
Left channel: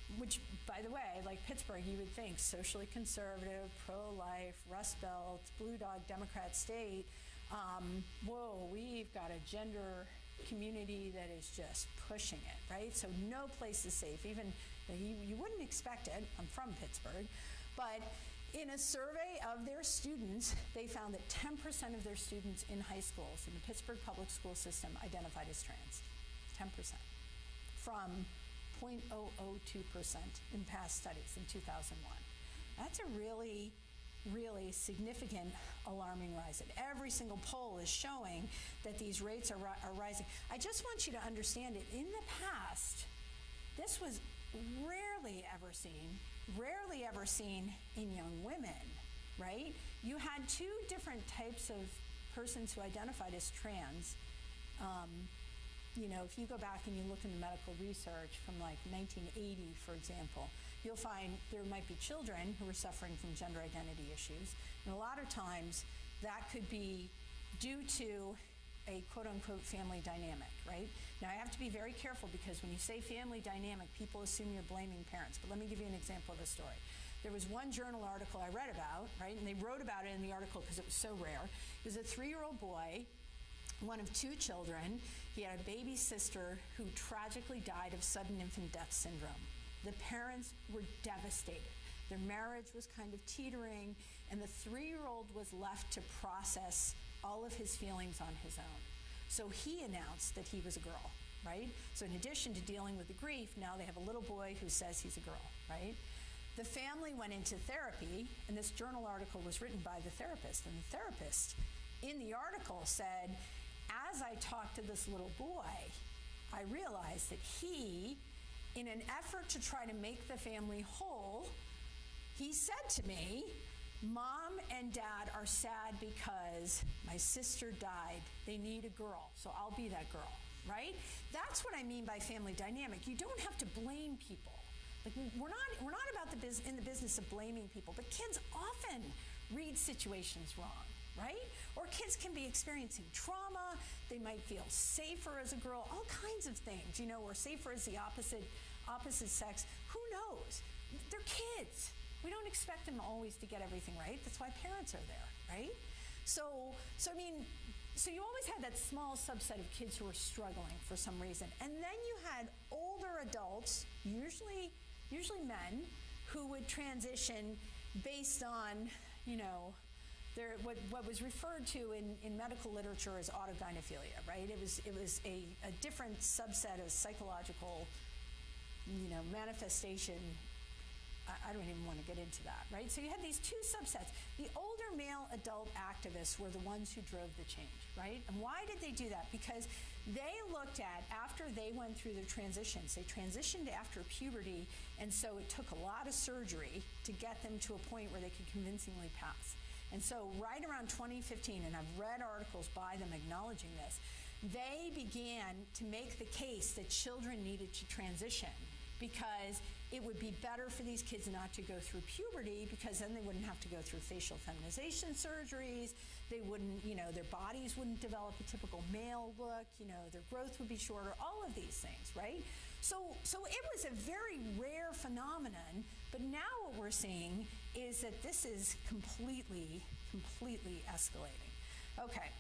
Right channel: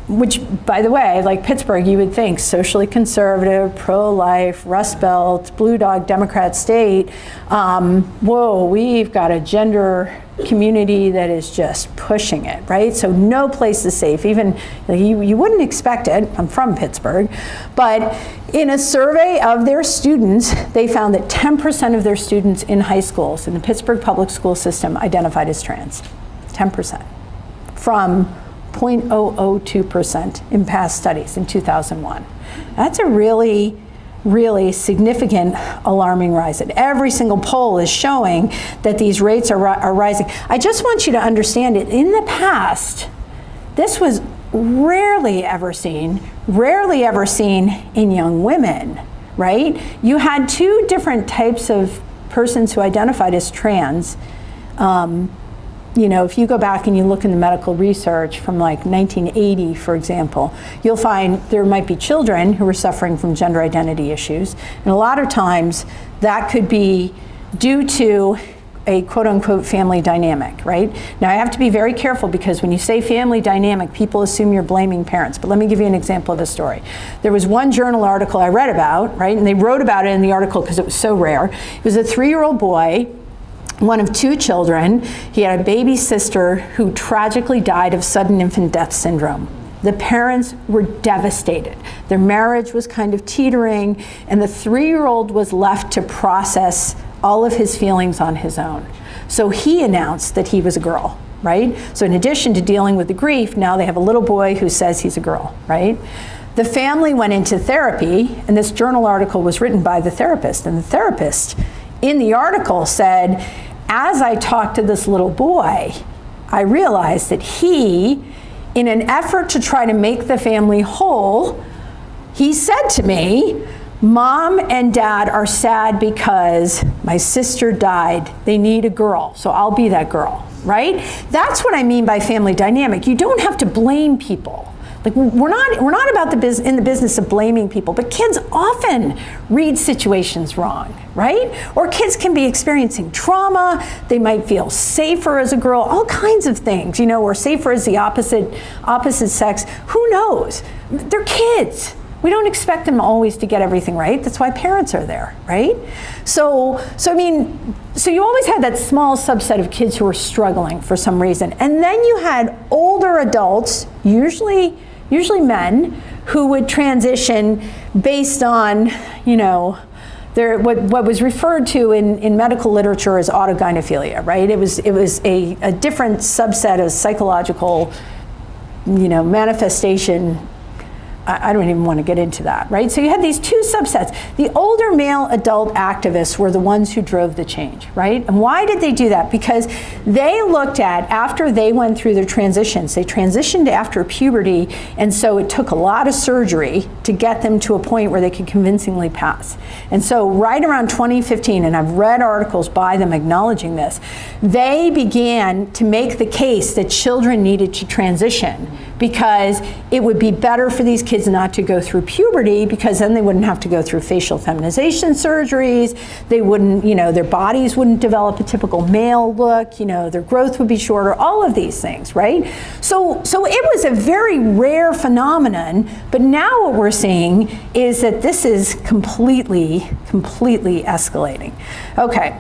which, by the way, like Pittsburgh, you would think socially conservative, pro-life, Rust Belt, Blue Dog Democrat state. Whoa, we've got a gender community that is just pushing it, right? So no place is safe. Even like, you wouldn't expect it. I'm from Pittsburgh, but in a survey of their students, they found that 10% of their students in high schools in the Pittsburgh public school system identified as trans. 10% from 0.002% in past studies in 2001. That's a really, really significant alarming rise. And every single poll is showing that these rates are rising. I just want you to understand it. In the past, this was rarely ever seen in young women, right? You had two different types of persons who identified as trans. You know, if you go back and you look in the medical research from like 1980, for example, you'll find there might be children who were suffering from gender identity issues. And a lot of times that could be due to a quote unquote family dynamic, right? Now I have to be very careful because when you say family dynamic, people assume you're blaming parents. But let me give you an example of a story. There was one journal article I read about, right? And they wrote about it in the article because it was so rare. It was a 3-year-old boy, one of 2 children. He had a baby sister who tragically died of sudden infant death syndrome. The parents were devastated. Their marriage was kind of teetering, and the 3-year-old was left to process all of his feelings on his own. So he announced that he was a girl, right? So in addition to dealing with the grief, now they have a little boy who says he's a girl, right? The family went into therapy, and this journal article was written by the therapist, and the therapist in the article said, as I talked to this little boy, I realized that he, in an effort to try to make the family whole, he said to me, Mom and Dad are sad because my sister died. They need a girl, so I'll be that girl, right? That's what I mean by family dynamic. You don't have to blame people. Like we're not about in the business of blaming people, but kids often read situations wrong, right? Or kids can be experiencing trauma. They might feel safer as a girl, all kinds of things, you know, or safer as the opposite sex. Who knows? They're kids. We don't expect them always to get everything right. That's why parents are there, right? So you always had that small subset of kids who were struggling for some reason. And then you had older adults, usually men, who would transition based on, you know, what was referred to in medical literature as autogynephilia, right? It was a different subset of psychological, you know, manifestation. I don't even want to get into that, right? So you had these 2 subsets. The older male adult activists were the ones who drove the change, right? And why did they do that? Because they looked at, after they went through their transitions, they transitioned after puberty, and so it took a lot of surgery to get them to a point where they could convincingly pass. And so right around 2015, and I've read articles by them acknowledging this, they began to make the case that children needed to transition because it would be better for these kids kids not to go through puberty, because then they wouldn't have to go through facial feminization surgeries. They wouldn't, their bodies wouldn't develop a typical male look, their growth would be shorter, all of these things, right? So it was a very rare phenomenon, but now what we're seeing is that this is completely escalating. Okay,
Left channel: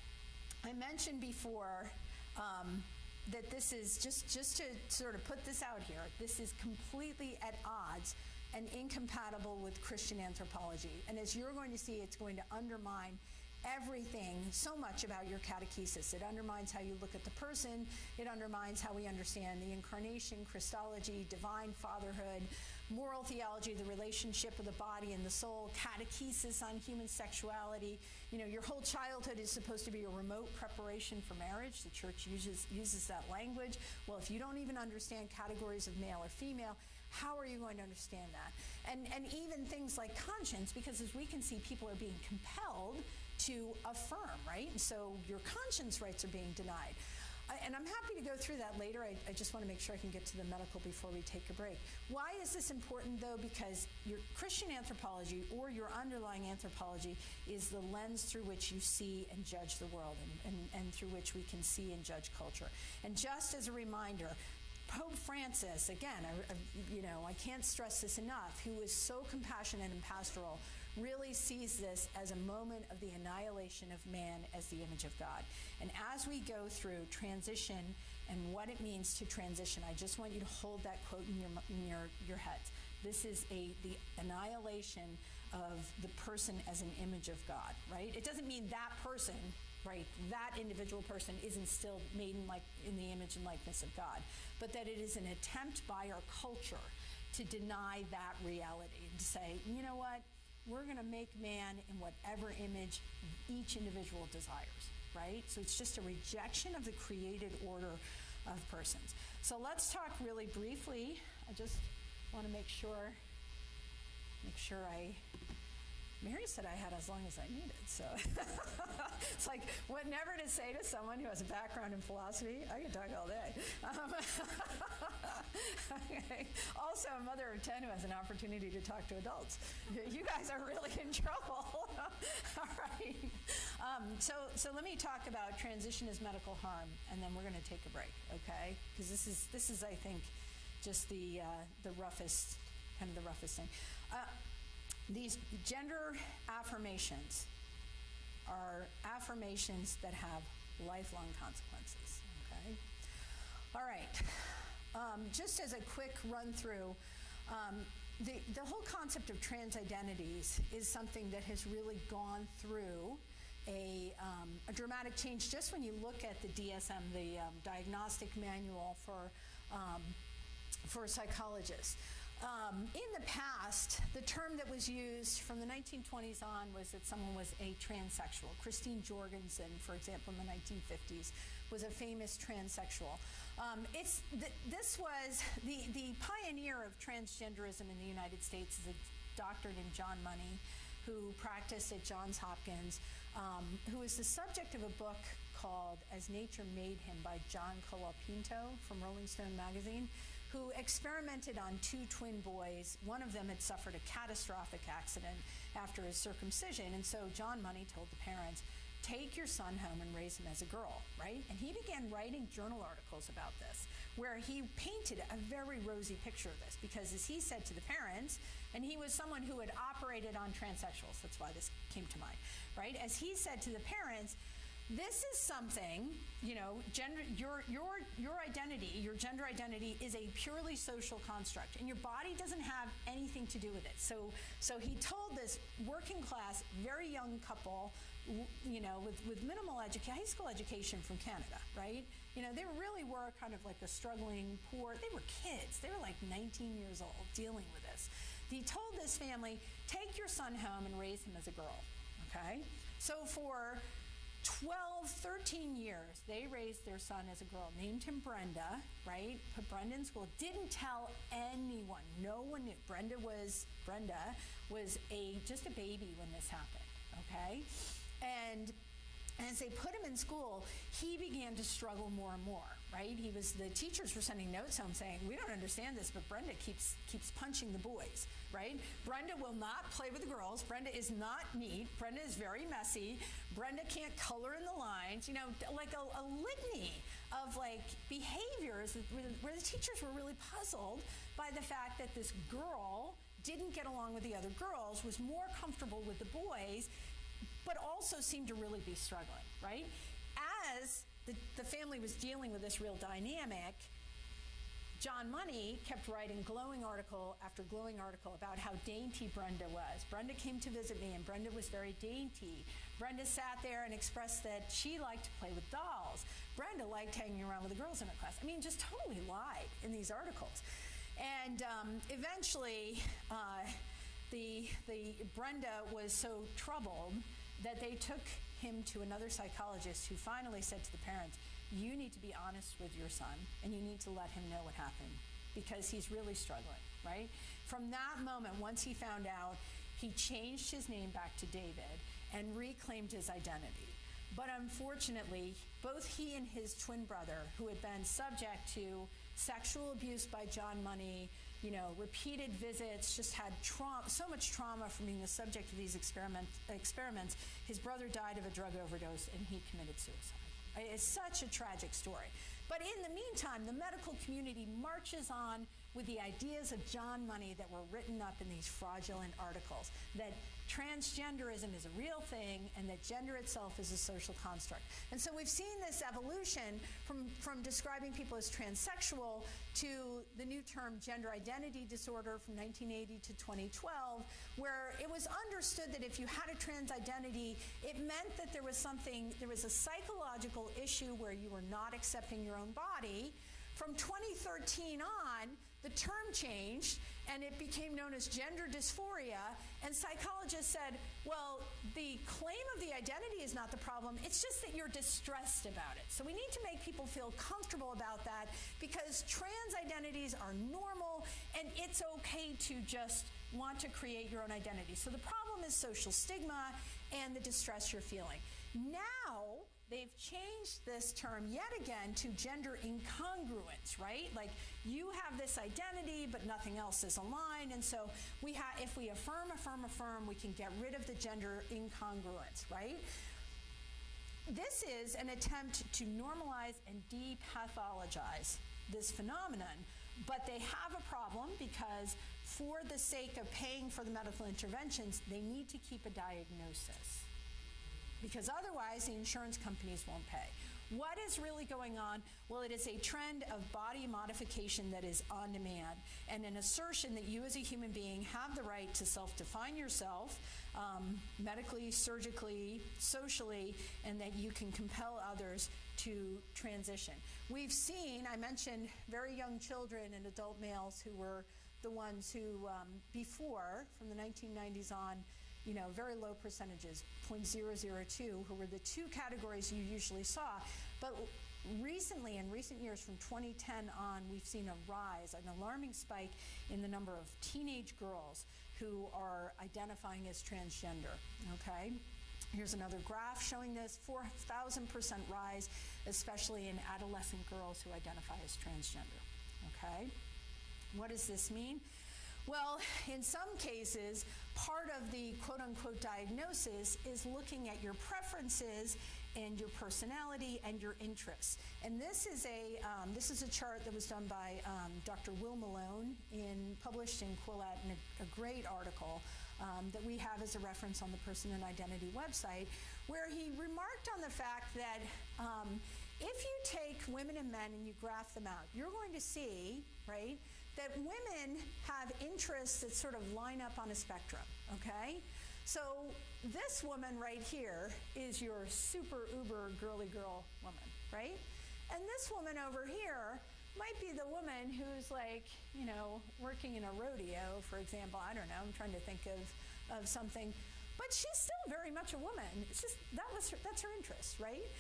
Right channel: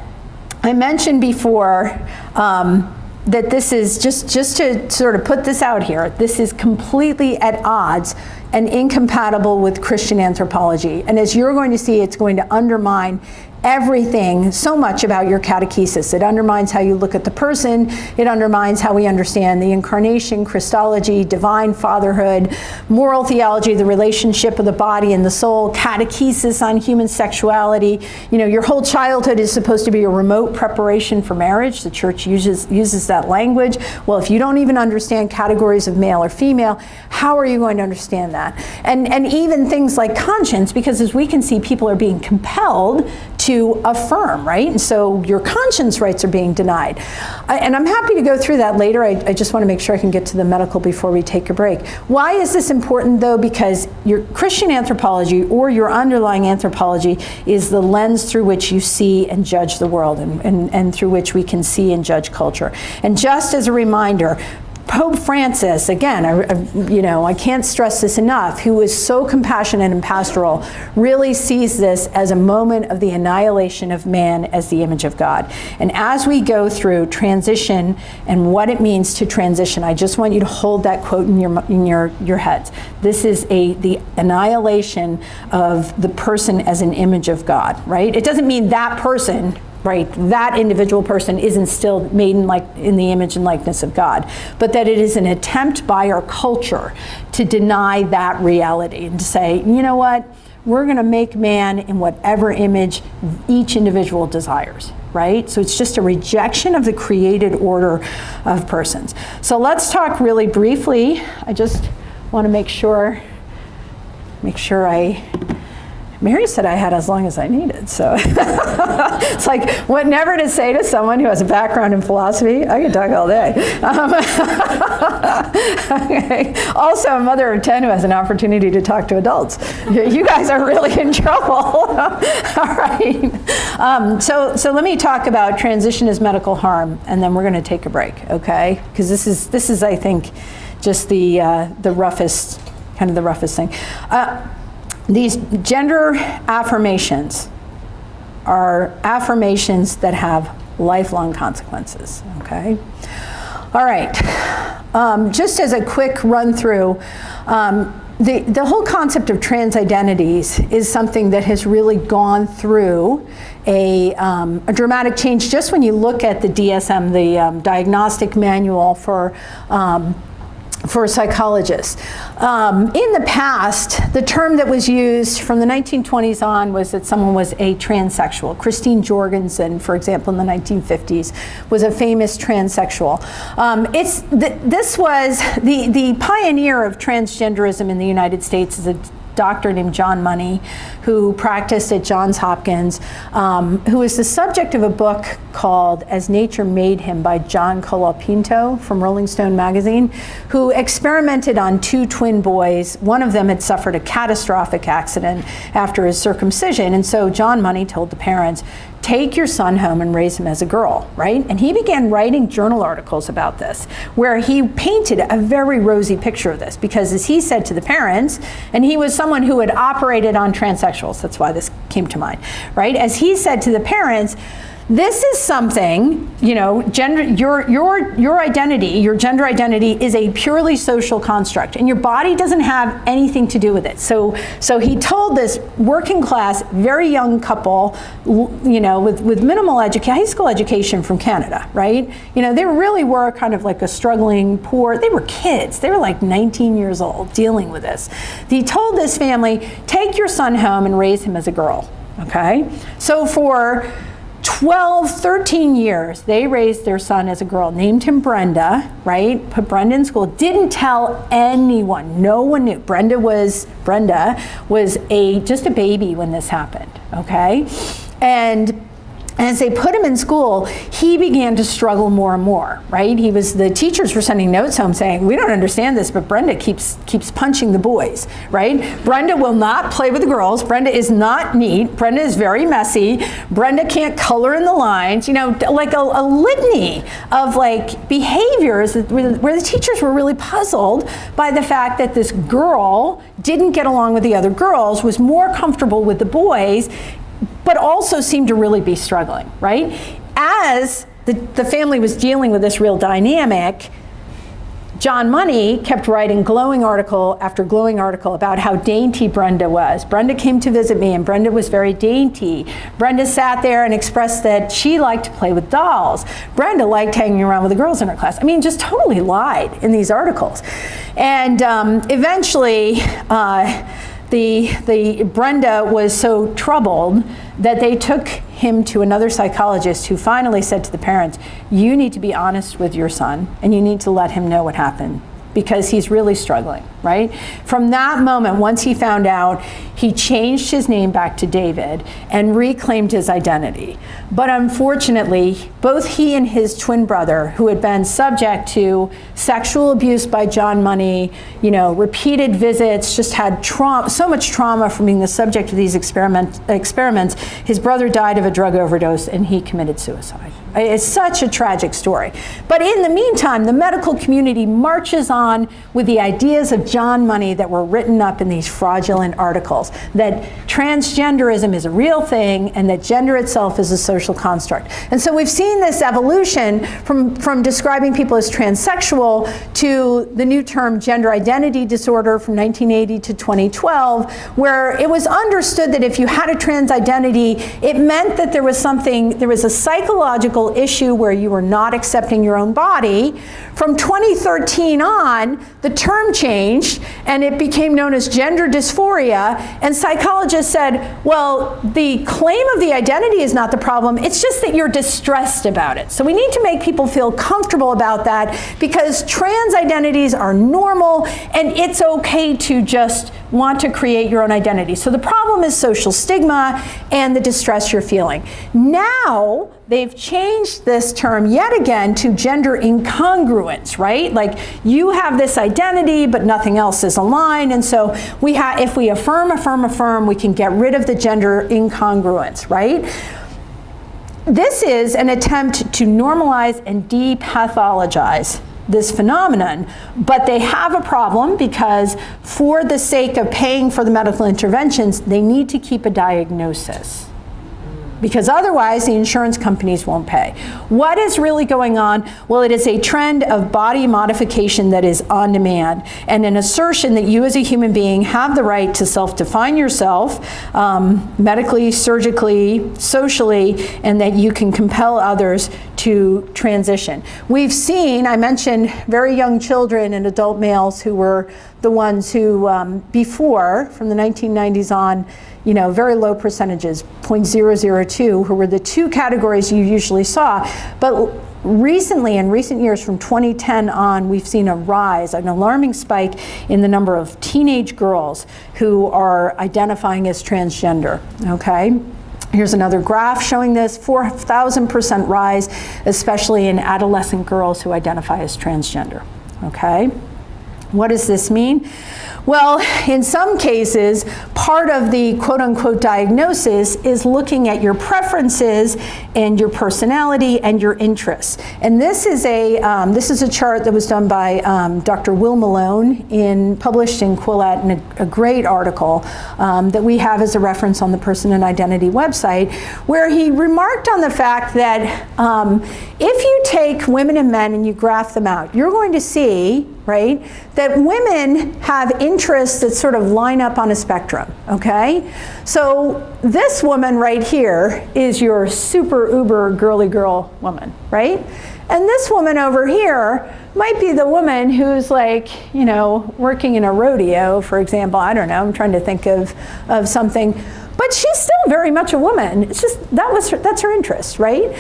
I mentioned before that this is, just to sort of put this out here, this is completely at odds and incompatible with Christian anthropology. And as you're going to see, it's going to undermine everything so much about your catechesis. It undermines how you look at the person. It undermines how we understand the incarnation, Christology, divine fatherhood, moral theology, the relationship of the body and the soul, catechesis on human sexuality. Your whole childhood is supposed to be a remote preparation for marriage. The church uses that language. Well, if you don't even understand categories of male or female, how are you going to understand that? And even things like conscience, because as we can see, people are being compelled to affirm, right? And so your conscience rights are being denied. And I'm happy to go through that later. I just want to make sure I can get to the medical before we take a break. Why is this important, though? Because your Christian anthropology, or your underlying anthropology, is the lens through which you see and judge the world, and through which we can see and judge culture. And just as a reminder, Pope Francis, again, I can't stress this enough, who is so compassionate and pastoral, really sees this as a moment of the annihilation of man as the image of God. And as we go through transition and what it means to transition, I just want you to hold that quote in your heads. This is the annihilation of the person as an image of God, right? It doesn't mean that person, right, that individual person isn't still made in the image and likeness of God, but that it is an attempt by our culture to deny that reality and to say, you know what, we're going to make man in whatever image each individual desires, right? So it's just a rejection of the created order of persons. So let's talk really briefly. I just want to make sure Mary said I had as long as I needed, so it's like what never to say to someone who has a background in philosophy. I can talk all day. Okay. Also, a mother of 10 who has an opportunity to talk to adults. You guys are really in trouble. All right. So let me talk about transition as medical harm, and then we're going to take a break, okay? Because this is I think just the roughest thing. These gender affirmations are affirmations that have lifelong consequences, okay? All right, just as a quick run through, the whole concept of trans identities is something that has really gone through a dramatic change. Just when you look at the DSM, the Diagnostic Manual for psychologists. In the past, the term that was used from the 1920s on was that someone was a transsexual. Christine Jorgensen, for example, in the 1950s, was a famous transsexual. This was the pioneer of transgenderism in the United States is a doctor named John Money, who practiced at Johns Hopkins, who is the subject of a book called As Nature Made Him by John Colapinto from Rolling Stone magazine, who experimented on two twin boys. One of them had suffered a catastrophic accident after his circumcision, and so John Money told the parents, take your son home and raise him as a girl, right? And he began writing journal articles about this, where he painted a very rosy picture of this, because as he said to the parents, and he was someone who had operated on transsexuals, that's why this came to mind, right? As he said to the parents, this is something, gender, your identity, your gender identity is a purely social construct, and your body doesn't have anything to do with it. So he told this working class, very young couple, with minimal high school education from Canada, right? They really were kind of like a struggling, poor, they were kids. They were like 19 years old dealing with this. He told this family, take your son home and raise him as a girl, okay? So for 12, 13 years, they raised their son as a girl, named him Brenda, right? Put Brenda in school, didn't tell anyone, no one knew. Brenda was just a baby when this happened, okay? And And as they put him in school, he began to struggle more and more, right? The teachers were sending notes home saying, we don't understand this, but Brenda keeps punching the boys, right? Brenda will not play with the girls. Brenda is not neat. Brenda is very messy. Brenda can't color in the lines, like a litany of like behaviors where the teachers were really puzzled by the fact that this girl didn't get along with the other girls, was more comfortable with the boys, but also seemed to really be struggling, right? As the family was dealing with this real dynamic, John Money kept writing glowing article after glowing article about how dainty Brenda was. Brenda came to visit me and Brenda was very dainty. Brenda sat there and expressed that she liked to play with dolls. Brenda liked hanging around with the girls in her class. I mean, just totally lied in these articles. And eventually, the Brenda was so troubled that they took him to another psychologist who finally said to the parents, you need to be honest with your son and you need to let him know what happened because he's really struggling, right? From that moment, once he found out, he changed his name back to David and reclaimed his identity. But unfortunately, both he and his twin brother, who had been subject to sexual abuse by John Money, repeated visits, just had so much trauma from being the subject of these experiments, his brother died of a drug overdose and he committed suicide. It's such a tragic story. But in the meantime, the medical community marches on with the ideas of John Money that were written up in these fraudulent articles, that transgenderism is a real thing and that gender itself is a social construct. And so we've seen this evolution from describing people as transsexual to the new term gender identity disorder from 1980 to 2012, where it was understood that if you had a trans identity, it meant that there was a psychological issue where you were not accepting your own body. From 2013 on, the term changed and it became known as gender dysphoria, and psychologists said, well, the claim of the identity is not the problem, it's just that you're distressed about it. So we need to make people feel comfortable about that because trans identities are normal and it's okay to just want to create your own identity. So the problem is social stigma and the distress you're feeling. Now, they've changed this term yet again to gender incongruence, right? Like you have this identity, but nothing else is aligned. And so if we affirm, we can get rid of the gender incongruence, right? This is an attempt to normalize and depathologize this phenomenon, but they have a problem because for the sake of paying for the medical interventions, they need to keep a diagnosis, because otherwise the insurance companies won't pay. What is really going on? Well, it is a trend of body modification that is on demand and an assertion that you as a human being have the right to self-define yourself medically, surgically, socially, and that you can compel others to transition. We've seen, I mentioned very young children and adult males who were the ones who before, from the 1990s on, very low percentages, 0.002, who were the two categories you usually saw. But recently, in recent years, from 2010 on, we've seen a rise, an alarming spike in the number of teenage girls who are identifying as transgender, okay? Here's another graph showing this, 4,000% rise, especially in adolescent girls who identify as transgender, okay? What does this mean? Well, in some cases, part of the quote-unquote diagnosis is looking at your preferences and your personality and your interests. And this is a chart that was done by Dr. Will Malone, published in Quillette, in a great article that we have as a reference on the Person and Identity website, where he remarked on the fact that if you take women and men and you graph them out, you're going to see, right, that women have interests that sort of line up on a spectrum, okay? So this woman right here is your super uber girly girl woman, right? And this woman over here might be the woman who's like, working in a rodeo, for example. I don't know, I'm trying to think of something. But she's still very much a woman. It's just, that's her interest, right?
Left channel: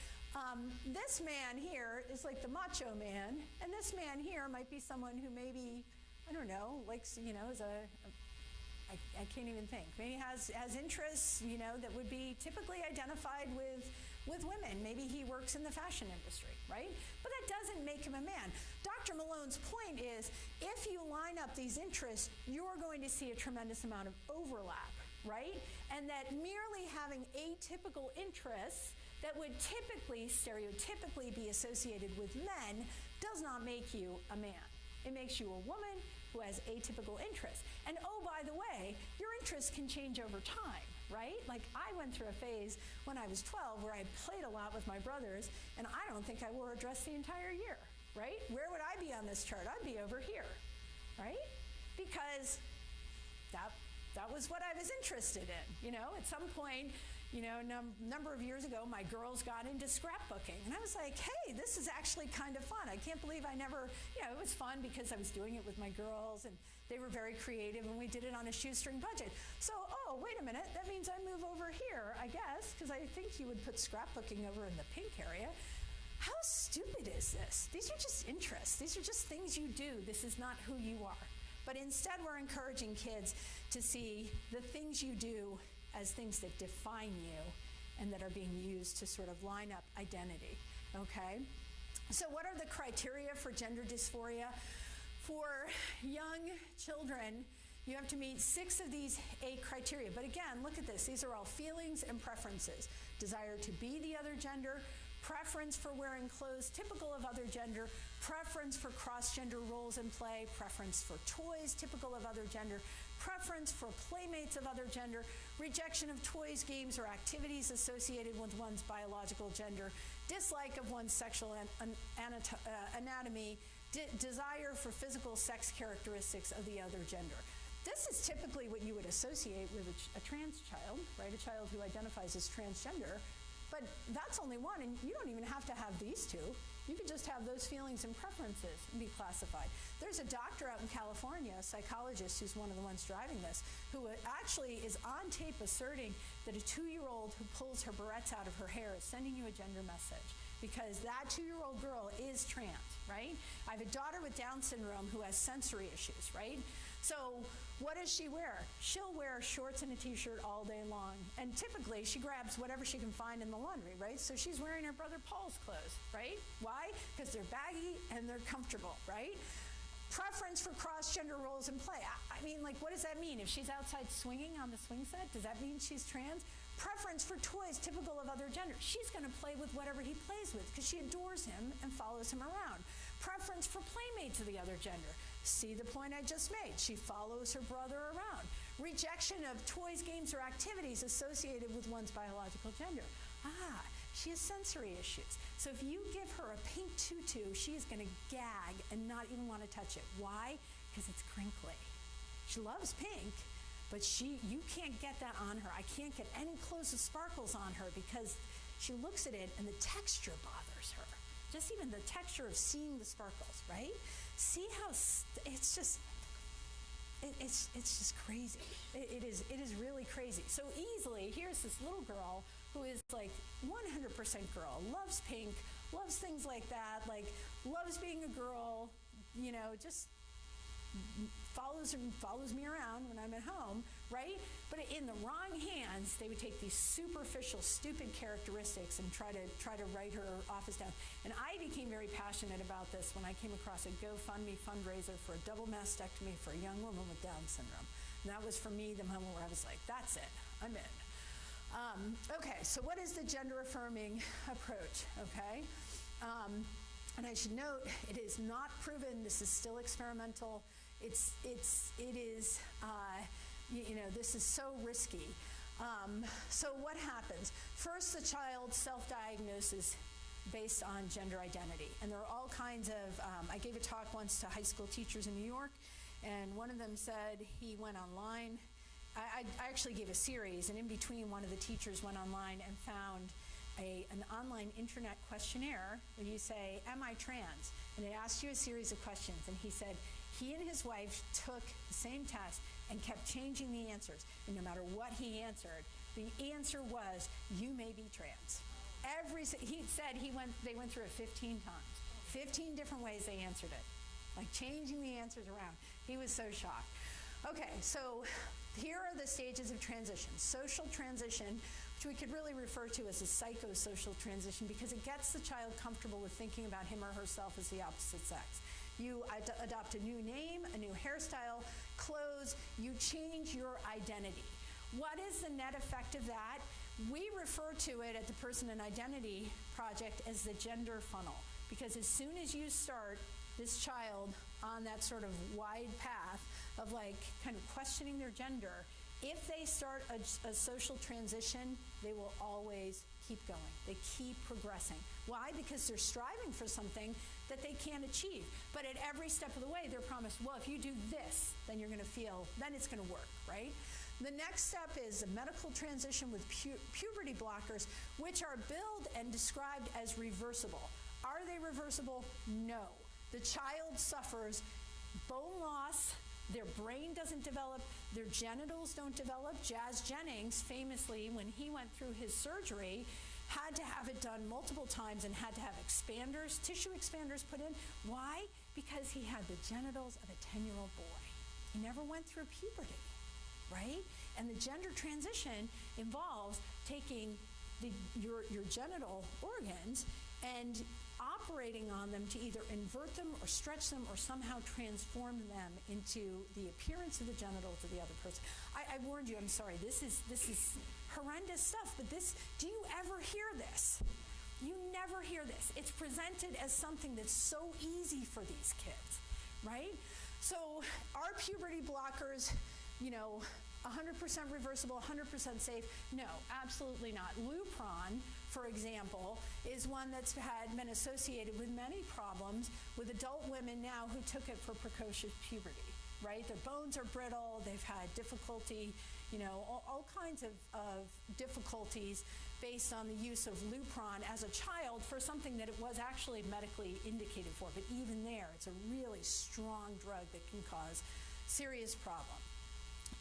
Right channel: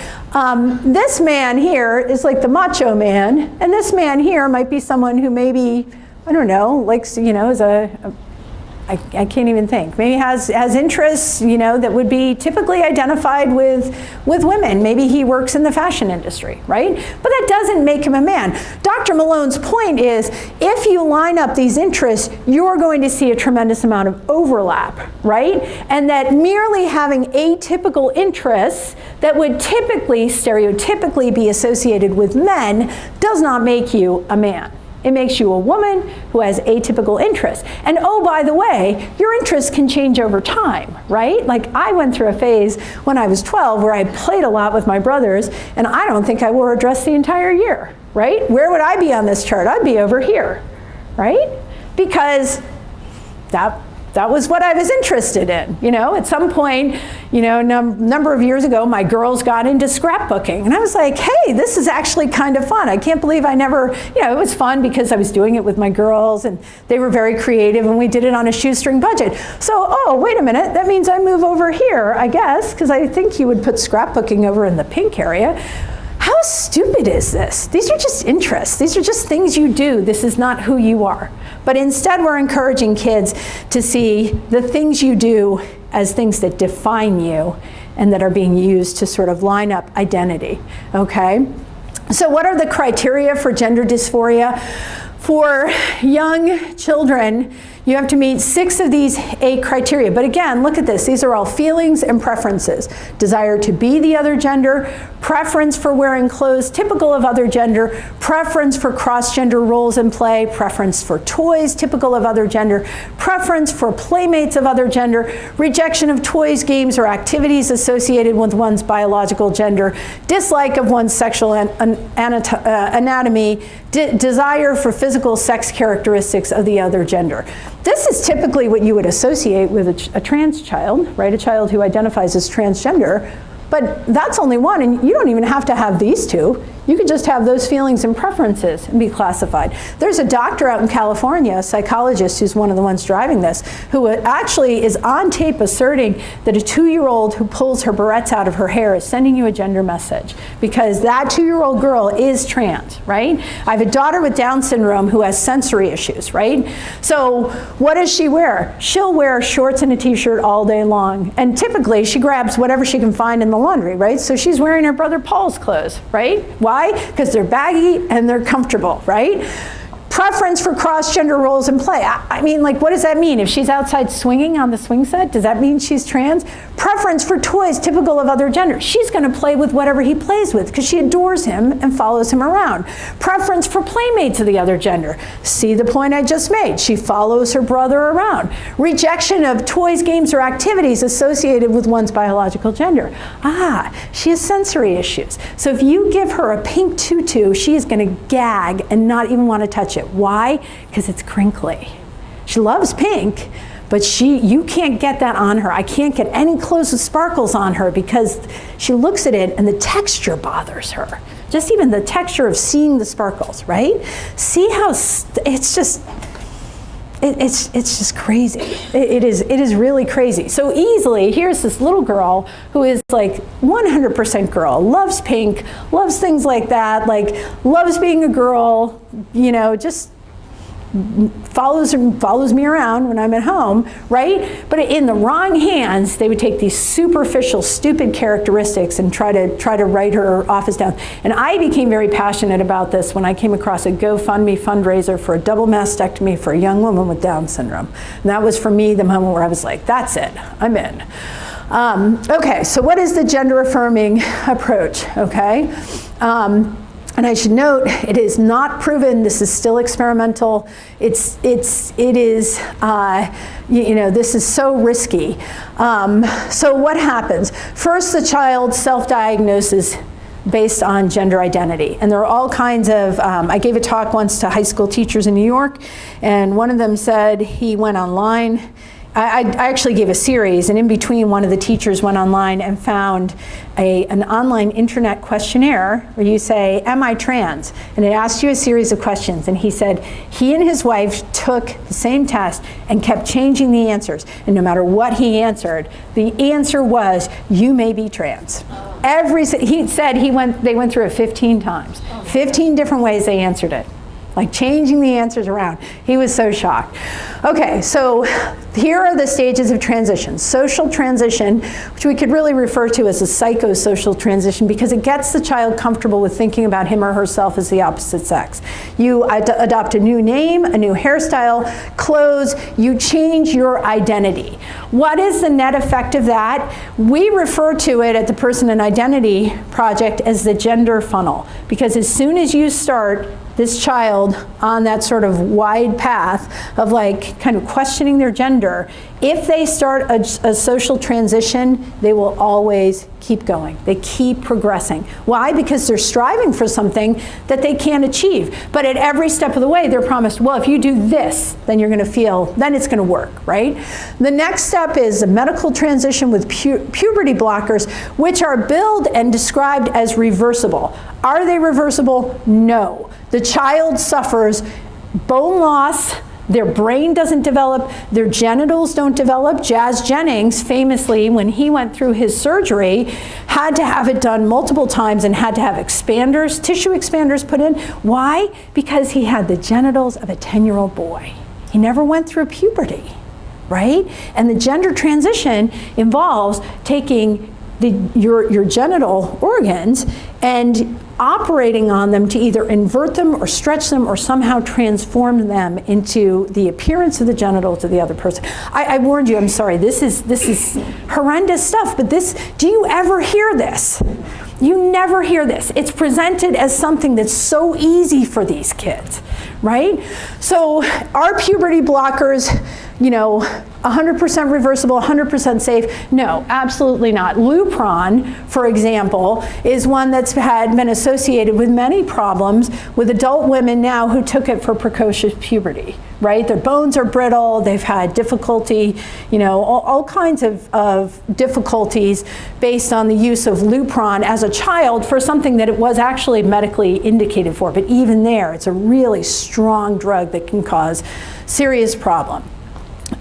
This man here is like the macho man, and this man here might be someone who maybe, I don't know, likes, is I can't even think. Maybe has interests, you know, that would be typically identified with women. Maybe he works in the fashion industry, right? But that doesn't make him a man. Dr. Malone's point is, if you line up these interests, you're going to see a tremendous amount of overlap, right? And that merely having atypical interests that would typically, stereotypically be associated with men does not make you a man. It makes you a woman who has atypical interests. And oh, by the way, your interests can change over time, right? Like I went through a phase when I was 12 where I played a lot with my brothers, and I don't think I wore a dress the entire year, right? Where would I be on this chart? I'd be over here, right? Because that was what I was interested in. You know, at some point, you know, number of years ago, my girls got into scrapbooking. And I was like, hey, this is actually kind of fun. I can't believe I never, you know, it was fun because I was doing it with my girls and they were very creative and we did it on a shoestring budget. So, oh, wait a minute, that means I move over here, I guess, because I think you would put scrapbooking over in the pink area. How stupid is this? These are just interests. These are just things you do. This is not who you are. But instead, we're encouraging kids to see the things you do as things that define you and that are being used to sort of line up identity, okay? So what are the criteria for gender dysphoria? For young children, you have to meet 6 of these 8 criteria. But again, look at this. These are all feelings and preferences. Desire to be the other gender, preference for wearing clothes typical of other gender, preference for cross-gender roles in play, preference for toys typical of other gender, preference for playmates of other gender, rejection of toys, games, or activities associated with one's biological gender, dislike of one's sexual anatomy, desire for physical sex characteristics of the other gender. This is typically what you would associate with a trans child, right? A child who identifies as transgender. But that's only one, and you don't even have to have these 2. You could just have those feelings and preferences and be classified. There's a doctor out in California, a psychologist who's one of the ones driving this, who actually is on tape asserting that a 2-year-old who pulls her barrettes out of her hair is sending you a gender message, because that 2-year-old girl is trans, right? I have a daughter with Down syndrome who has sensory issues, right? So what does she wear? She'll wear shorts and a t-shirt all day long, and typically she grabs whatever she can find in the laundry, right? So she's wearing her brother Paul's clothes, right? Why? Because they're baggy and they're comfortable, right? Preference for cross-gender roles in play. I mean, like, what does that mean? If she's outside swinging on the swing set, does that mean she's trans? Preference for toys typical of other genders. She's going to play with whatever he plays with because she adores him and follows him around. Preference for playmates of the other gender. See the point I just made? She follows her brother around. Rejection of toys, games, or activities associated with one's biological gender. She has sensory issues. So if you give her a pink tutu, she is going to gag and not even want to touch it. Why? Because it's crinkly. She loves pink, but you can't get that on her. I can't get any clothes with sparkles on her because she looks at it and the texture bothers her. Just even the texture of seeing the sparkles, right? See how it's just crazy. It is really crazy. So easily, here's this little girl who is like 100% girl, loves pink, loves things like that, like loves being a girl, you know, just follows me around when I'm at home, right? But in the wrong hands, they would take these superficial, stupid characteristics and try to write her off as down. And I became very passionate about this when I came across a GoFundMe fundraiser for a double mastectomy for a young woman with Down syndrome. And that was for me the moment where I was like, that's it, I'm in. Okay, so what is the gender affirming approach, okay? And I should note, it is not proven. This is still experimental. It is, you know, this is so risky. So what happens? First, the child self-diagnoses based on gender identity. And there are all kinds of, I gave a talk once to high school teachers in New York, and one of them said he went online. I actually gave a series, and in between, one of the teachers went online and found an online internet questionnaire where you say, am I trans? And it asked you a series of questions. And he said he and his wife took the same test and kept changing the answers. And no matter what he answered, the answer was, you may be trans. He said they went through it 15 times. 15 different ways they answered it. like changing the answers around. He was so shocked. Okay, so here are the stages of transition. Social transition, which we could really refer to as a psychosocial transition because it gets the child comfortable with thinking about him or herself as the opposite sex. You adopt a new name, a new hairstyle, clothes, you change your identity. What is the net effect of that? We refer to it at the Person and Identity Project as the gender funnel, because as soon as you start this child on that sort of wide path of like kind of questioning their gender, if they start a social transition, they will always keep going. They keep progressing. Why? Because they're striving for something that they can't achieve. But at every step of the way, they're promised, well, if you do this, then you're going to feel, then it's going to work, right? The next step is a medical transition with puberty blockers, which are billed and described as reversible. Are they reversible? No. The child suffers bone loss, their brain doesn't develop, their genitals don't develop. Jazz Jennings, famously, when he went through his surgery, had to have it done multiple times and had to have expanders, tissue expanders put in. Why? Because he had the genitals of a 10-year-old boy. He never went through puberty, right? And the gender transition involves taking your genital organs and operating on them to either invert them or stretch them or somehow transform them into the appearance of the genitals of the other person. I warned you, I'm sorry, this is horrendous stuff, but do you ever hear this? You never hear this. It's presented as something that's so easy for these kids, right? So are puberty blockers, 100% reversible, 100% safe? No, absolutely not. Lupron, for example, is one that's been associated with many problems with adult women now who took it for precocious puberty, right? Their bones are brittle, they've had difficulty, all kinds of difficulties based on the use of Lupron as a child for something that it was actually medically indicated for. But even there, it's a really strong drug that can cause serious problem.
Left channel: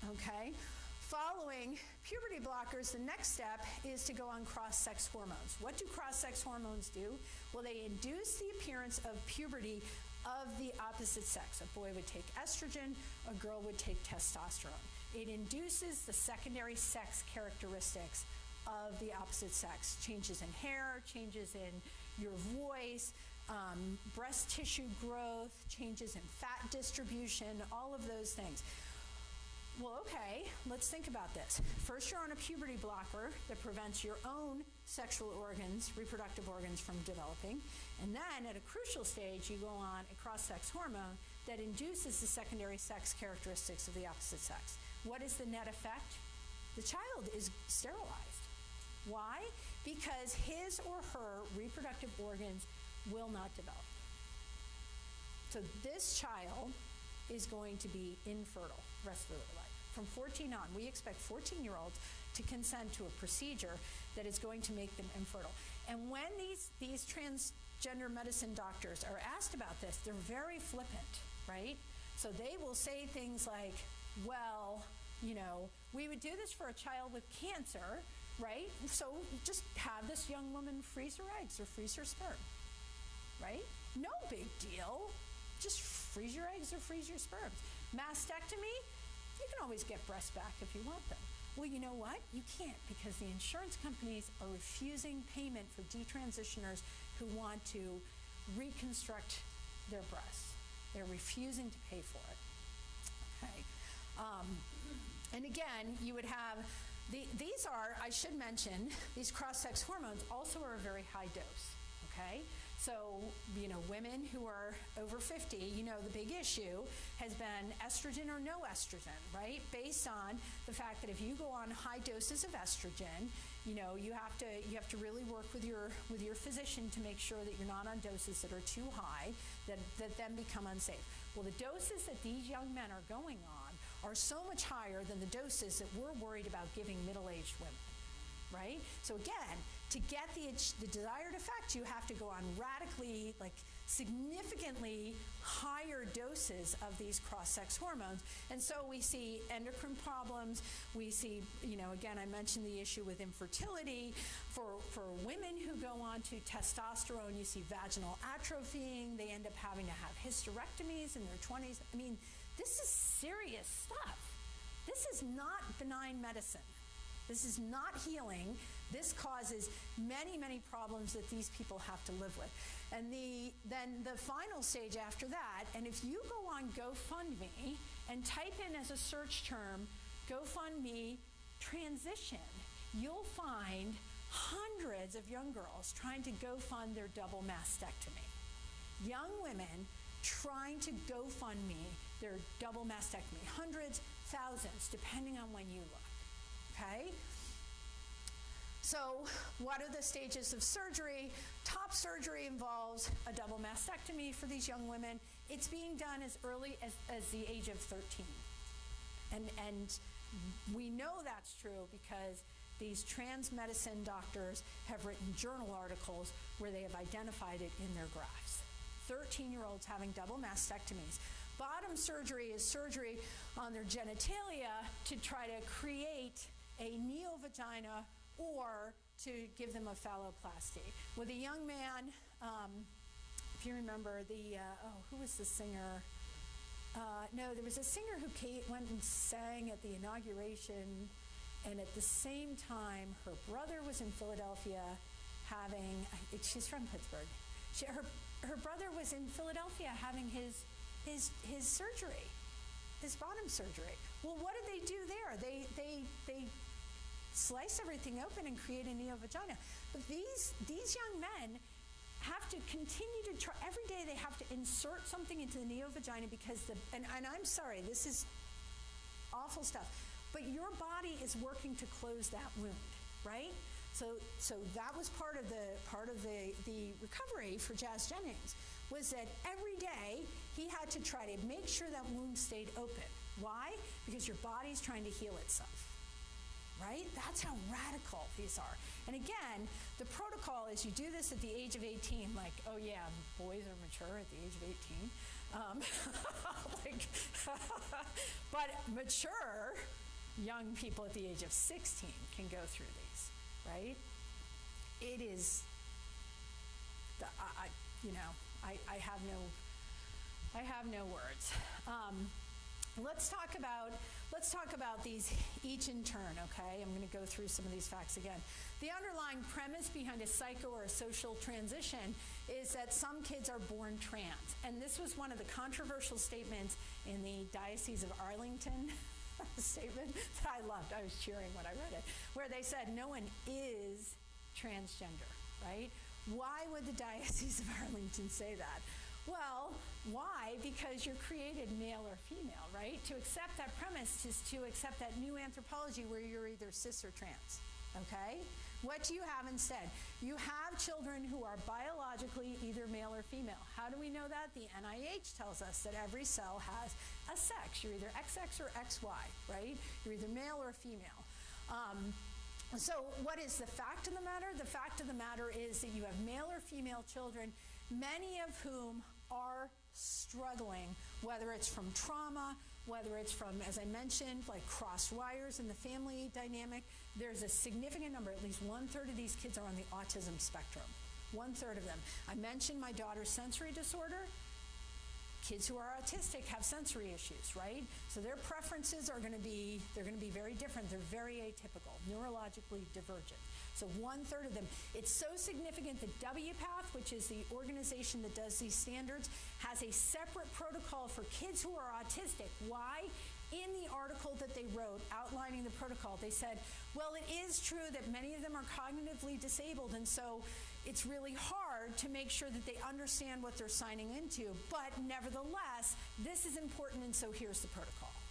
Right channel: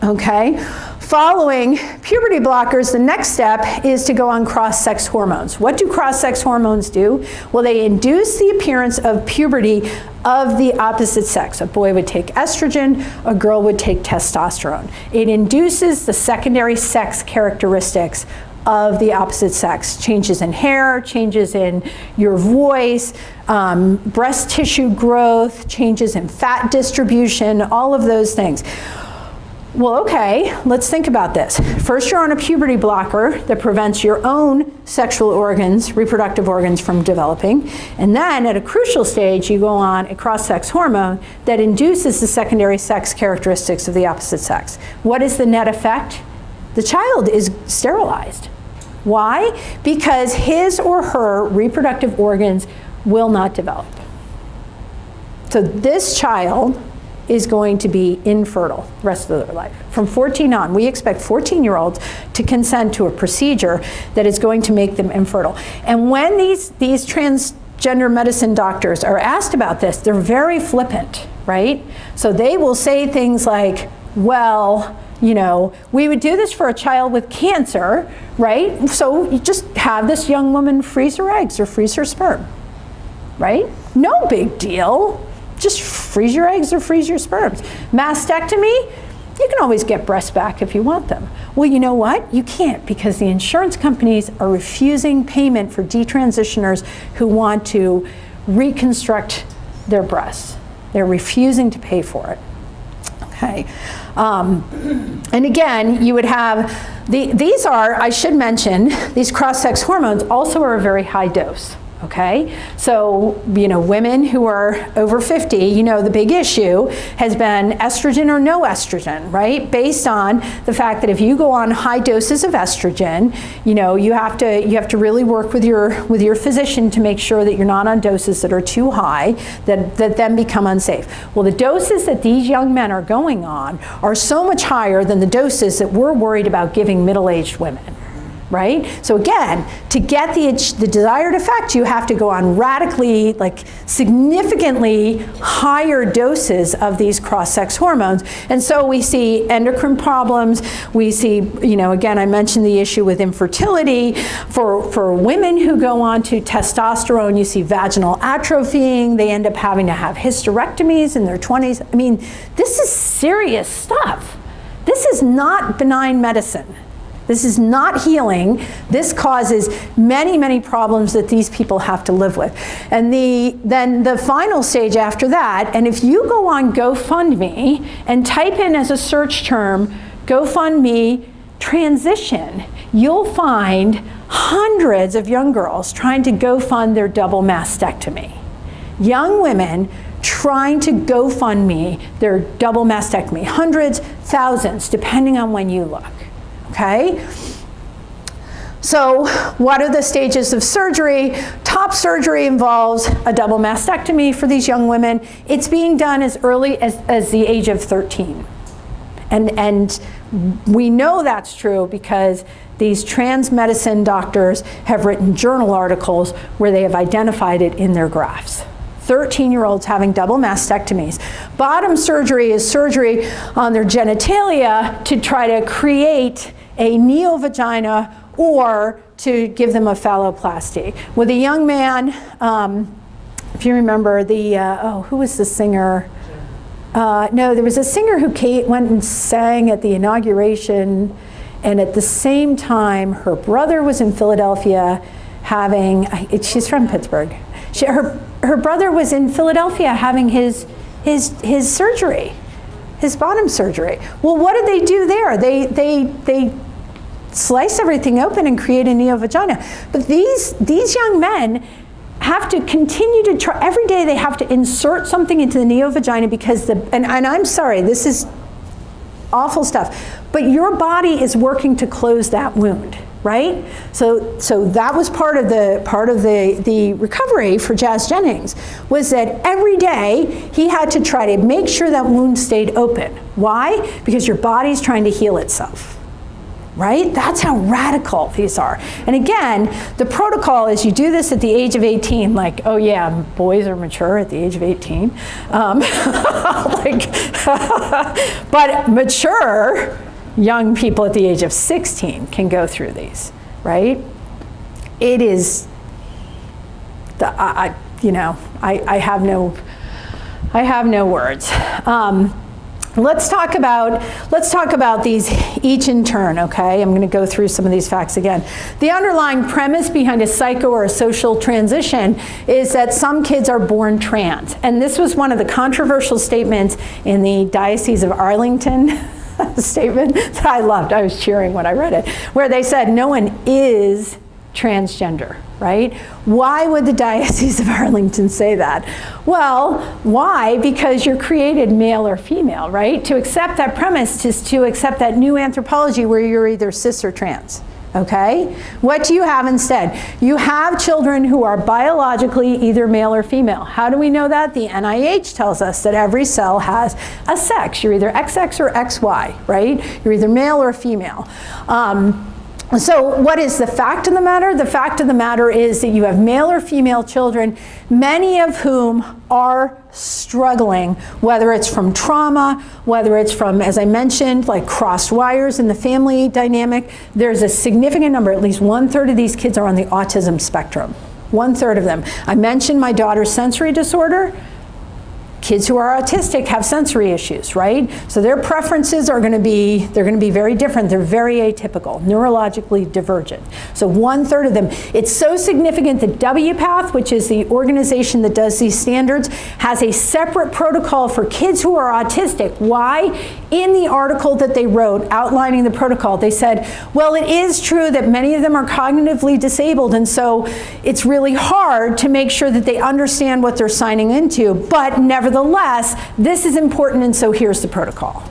Okay, following puberty blockers, the next step is to go on cross-sex hormones. What do cross-sex hormones do? Well, they induce the appearance of puberty of the opposite sex. A boy would take estrogen, a girl would take testosterone. It induces the secondary sex characteristics of the opposite sex. Changes in hair, changes in your voice, breast tissue growth, changes in fat distribution, all of those things. Well, okay, let's think about this. First, you're on a puberty blocker that prevents your own sexual organs, reproductive organs from developing. And then at a crucial stage, you go on a cross-sex hormone that induces the secondary sex characteristics of the opposite sex. What is the net effect? The child is sterilized. Why? Because his or her reproductive organs will not develop. So this child is going to be infertile the rest of their life. From 14 on, we expect 14-year-olds to consent to a procedure that is going to make them infertile. And when these transgender medicine doctors are asked about this, they're very flippant, right? So they will say things like, well, we would do this for a child with cancer, right? So you just have this young woman freeze her eggs or freeze her sperm, right? No big deal. Just freeze your eggs or freeze your sperms. Mastectomy, you can always get breasts back if you want them. Well, you know what? You can't, because the insurance companies are refusing payment for detransitioners who want to reconstruct their breasts. They're refusing to pay for it. Okay. And again, you would have, these are, I should mention, these cross-sex hormones also are a very high dose. Okay, so women who are over 50, the big issue has been estrogen or no estrogen, right? Based on the fact that if you go on high doses of estrogen, you have to really work with your physician to make sure that you're not on doses that are too high that then become unsafe. Well, the doses that these young men are going on are so much higher than the doses that we're worried about giving middle-aged women. right? So again, to get the desired effect, you have to go on radically, like significantly higher doses of these cross-sex hormones. And so we see endocrine problems. We see, again, I mentioned the issue with infertility. For women who go on to testosterone, you see vaginal atrophying. They end up having to have hysterectomies in their 20s. I mean, this is serious stuff. This is not benign medicine. This is not healing. This causes many, many problems that these people have to live with. And then the final stage after that, and if you go on GoFundMe and type in as a search term, GoFundMe transition, you'll find hundreds of young girls trying to GoFund their double mastectomy. Young women trying to GoFundMe their double mastectomy. Hundreds, thousands, depending on when you look. Okay? So what are the stages of surgery? Top surgery involves a double mastectomy for these young women. It's being done as early as the age of 13. And we know that's true because these trans medicine doctors have written journal articles where they have identified it in their graphs. 13-year-olds having double mastectomies. Bottom surgery is surgery on their genitalia to try to create a neovagina or to give them a phalloplasty. With a young man, if you remember who was the singer? No, there was a singer who went and sang at the inauguration, and at the same time, her brother was in Philadelphia she's from Pittsburgh. Her brother was in Philadelphia having his surgery, his bottom surgery. Well, what did they do there? They slice everything open and create a neovagina. But these young men have to continue to try. Every day they have to insert something into the neovagina because and I'm sorry, this is awful stuff, but your body is working to close that wound. Right? So that was part of the recovery for Jazz Jennings, was that every day he had to try to make sure that wound stayed open. Why? Because your body's trying to heal itself. Right? That's how radical these are. And again, the protocol is you do this at the age of 18, like, oh yeah, boys are mature at the age of 18. But mature young people at the age of 16 can go through these, right? It is, I have no words. Let's talk about these each in turn, okay? I'm going to go through some of these facts again. The underlying premise behind a psycho or a social transition is that some kids are born trans. And this was one of the controversial statements in the Diocese of Arlington statement that I loved. I was cheering when I read it, where they said no one is transgender, right? Why would the Diocese of Arlington say that? Well, why? Because you're created male or female, right? To accept that premise is to accept that new anthropology where you're either cis or trans. Okay? What do you have instead? You have children who are biologically either male or female. How do we know that? The NIH tells us that every cell has a sex. You're either XX or XY, right? You're either male or female. So what is the fact of the matter? The fact of the matter is that you have male or female children, many of whom are struggling, whether it's from trauma, whether it's from, as I mentioned, like crossed wires in the family dynamic. There's a significant number, at least 1/3 of these kids are on the autism spectrum. 1/3 of them. I mentioned my daughter's sensory disorder. Kids who are autistic have sensory issues, right? So their preferences are going to be, they're going to be very different. They're very atypical, neurologically divergent. So 1/3 of them. It's so significant that WPATH, which is the organization that does these standards, has a separate protocol for kids who are autistic. Why? In the article that they wrote outlining the protocol, they said, well, it is true that many of them are cognitively disabled, and so it's really hard to make sure that they understand what they're signing into, but nevertheless, this is important, and so here's the protocol.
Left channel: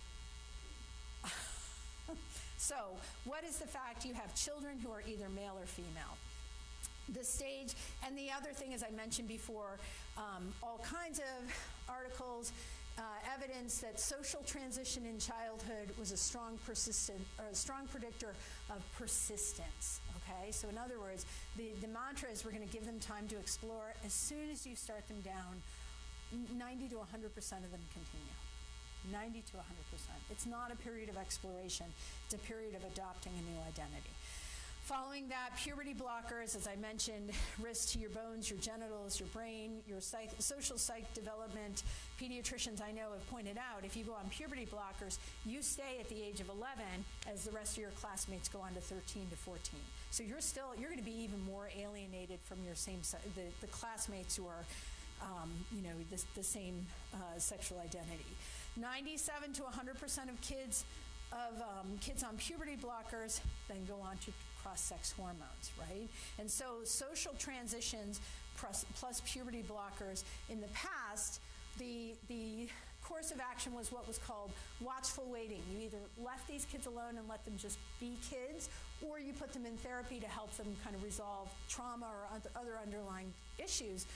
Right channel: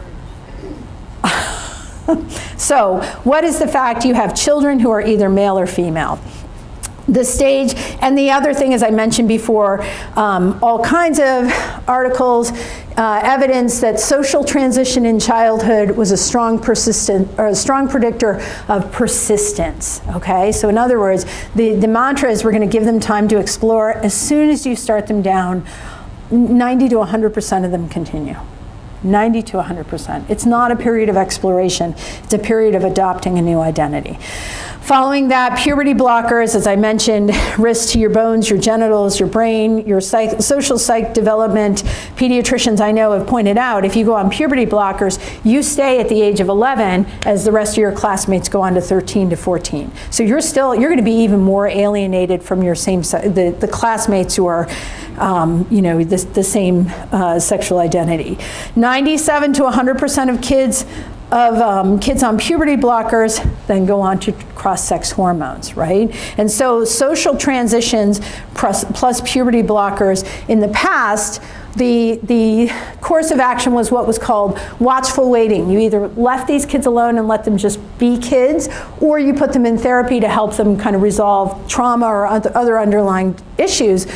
So what is the fact? You have children who are either male or female. the stage. And the other thing, as I mentioned before, all kinds of articles, evidence that social transition in childhood was a strong predictor of persistence. Okay, so in other words, the mantra is we're going to give them time to explore. As soon as you start them down, 90 to 100% of them continue. 90 to 100%. It's not a period of exploration. It's a period of adopting a new identity. Following that, puberty blockers, as I mentioned, risk to your bones, your genitals, your brain, your social psych development. Pediatricians I know have pointed out, if you go on puberty blockers, you stay at the age of 11 as the rest of your classmates go on to 13 to 14. So you're going to be even more alienated from your the classmates who are the same sexual identity. 97 to 100% of kids on puberty blockers then go on to cross-sex hormones, right? And so social transitions plus puberty blockers, in the past, the course of action was what was called watchful waiting. You either left these kids alone and let them just be kids, or you put them in therapy to help them kind of resolve trauma or other underlying issues.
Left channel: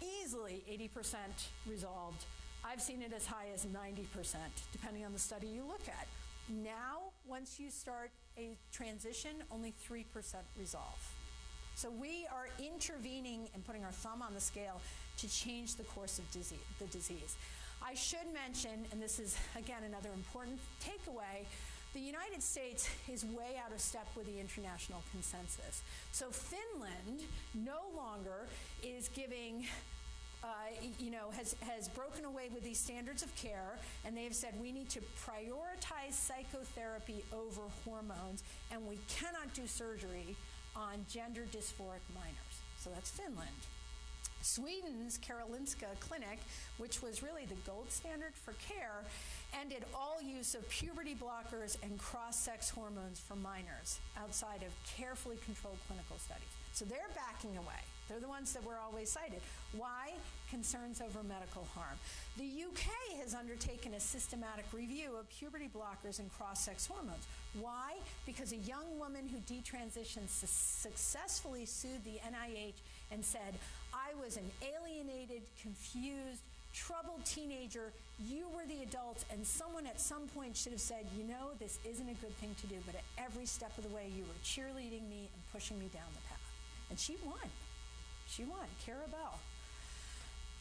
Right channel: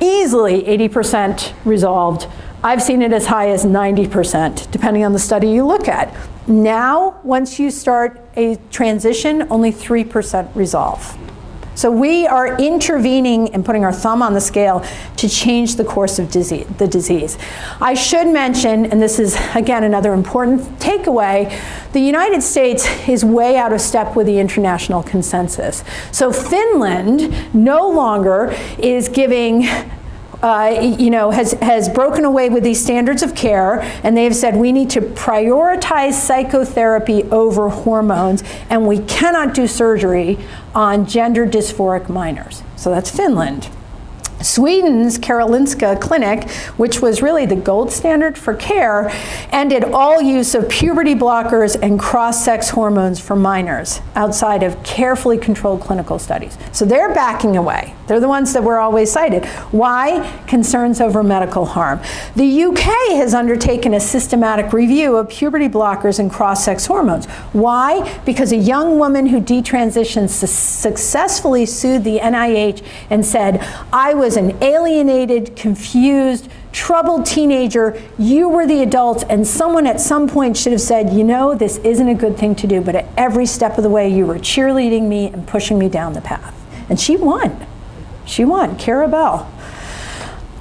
Easily 80% resolved. I've seen it as high as 90%, depending on the study you look at. Now, once you start a transition, only 3% resolve. So we are intervening and putting our thumb on the scale to change the course of the disease. I should mention, and this is, again, another important takeaway, the United States is way out of step with the international consensus. So Finland no longer is giving has broken away with these standards of care, and they have said we need to prioritize psychotherapy over hormones, and we cannot do surgery on gender dysphoric minors. So that's Finland. Sweden's Karolinska Clinic, which was really the gold standard for care, ended all use of puberty blockers and cross-sex hormones for minors outside of carefully controlled clinical studies. So they're backing away. They're the ones that were always cited. Why? Concerns over medical harm. The UK has undertaken a systematic review of puberty blockers and cross-sex hormones. Why? Because a young woman who detransitioned successfully sued the NIH and said, I was an alienated, confused, troubled teenager. You were the adults, and someone at some point should have said, you know, this isn't a good thing to do, but at every step of the way you were cheerleading me and pushing me down the path. And she won. She won, Cara Bell.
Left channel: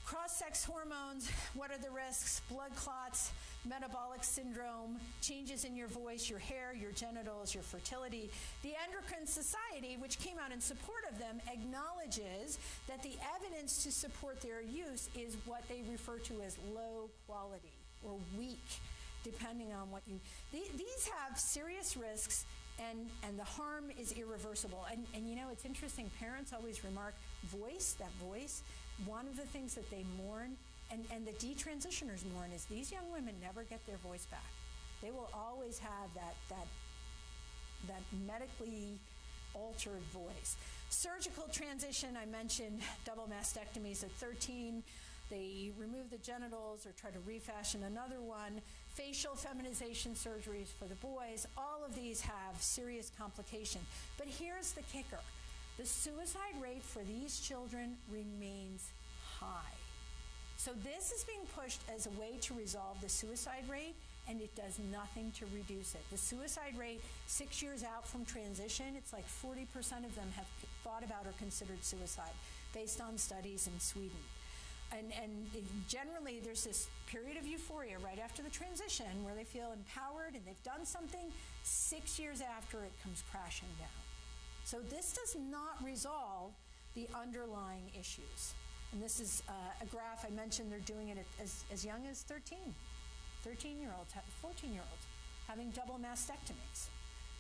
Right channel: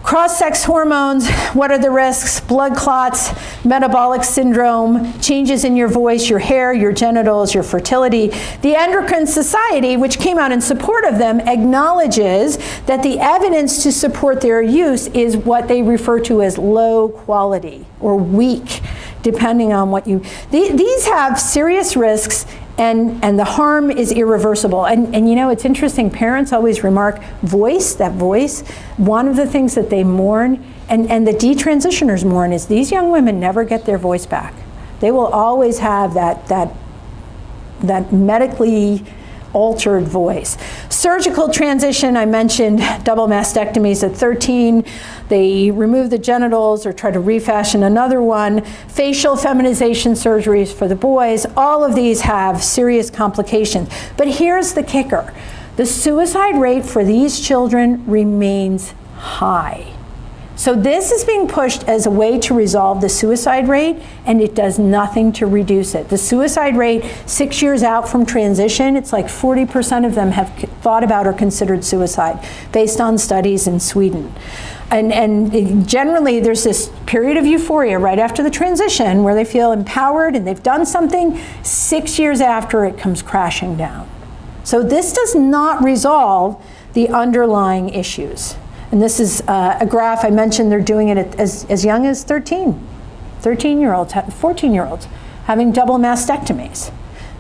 Cross-sex hormones, what are the risks? Blood clots, metabolic syndrome, changes in your voice, your hair, your genitals, your fertility. The Endocrine Society, which came out in support of them, acknowledges that the evidence to support their use is what they refer to as low quality or weak, depending on what you... These have serious risks, and the harm is irreversible. And you know, it's interesting, parents always remark, that voice, one of the things that they mourn, and the detransitioners mourn, is these young women never get their voice back. They will always have that medically altered voice. Surgical transition, I mentioned double mastectomies at 13. They remove the genitals or try to refashion another one. Facial feminization surgeries for the boys. All of these have serious complications. But here's the kicker. The suicide rate for these children remains high. So this is being pushed as a way to resolve the suicide rate, and it does nothing to reduce it. The suicide rate 6 years out from transition, it's like 40% of them have thought about or considered suicide, based on studies in Sweden. And generally there's this period of euphoria right after the transition where they feel empowered and they've done something. 6 years after, it comes crashing down. So this does not resolve the underlying issues. And this is a graph I mentioned. They're doing it as young as 13-year-olds, 14-year-olds, having double mastectomies.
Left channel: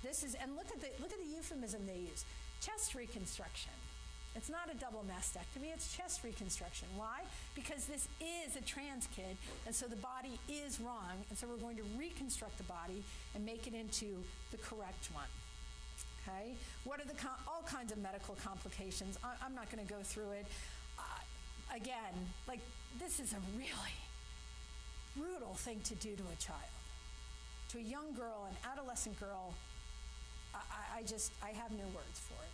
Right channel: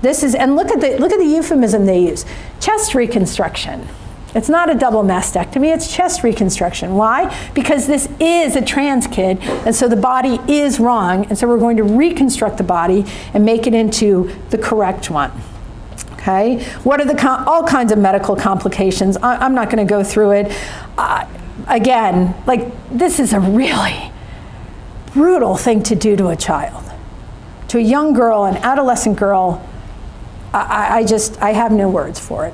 This is, and look at the euphemism they use, chest reconstruction. It's not a double mastectomy, it's chest reconstruction. Why? Because this is a trans kid, and so the body is wrong, and so we're going to reconstruct the body and make it into the correct one. Okay? What are all kinds of medical complications? I'm not going to go through it. Again, like, this is a really brutal thing to do to a child. To a young girl, an adolescent girl, I have no words for it.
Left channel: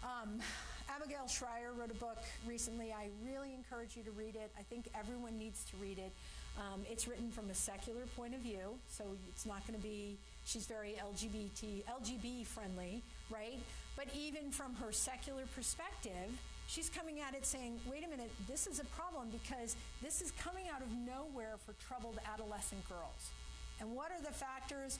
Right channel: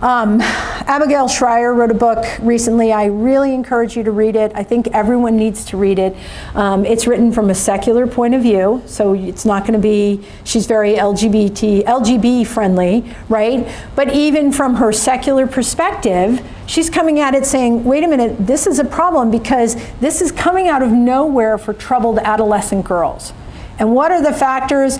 Abigail Schreier wrote a book recently. I really encourage you to read it. I think everyone needs to read it. It's written from a secular point of view, so it's not going to be, she's very LGB friendly, right? But even from her secular perspective, she's coming at it saying, wait a minute, this is a problem because this is coming out of nowhere for troubled adolescent girls. And what are the factors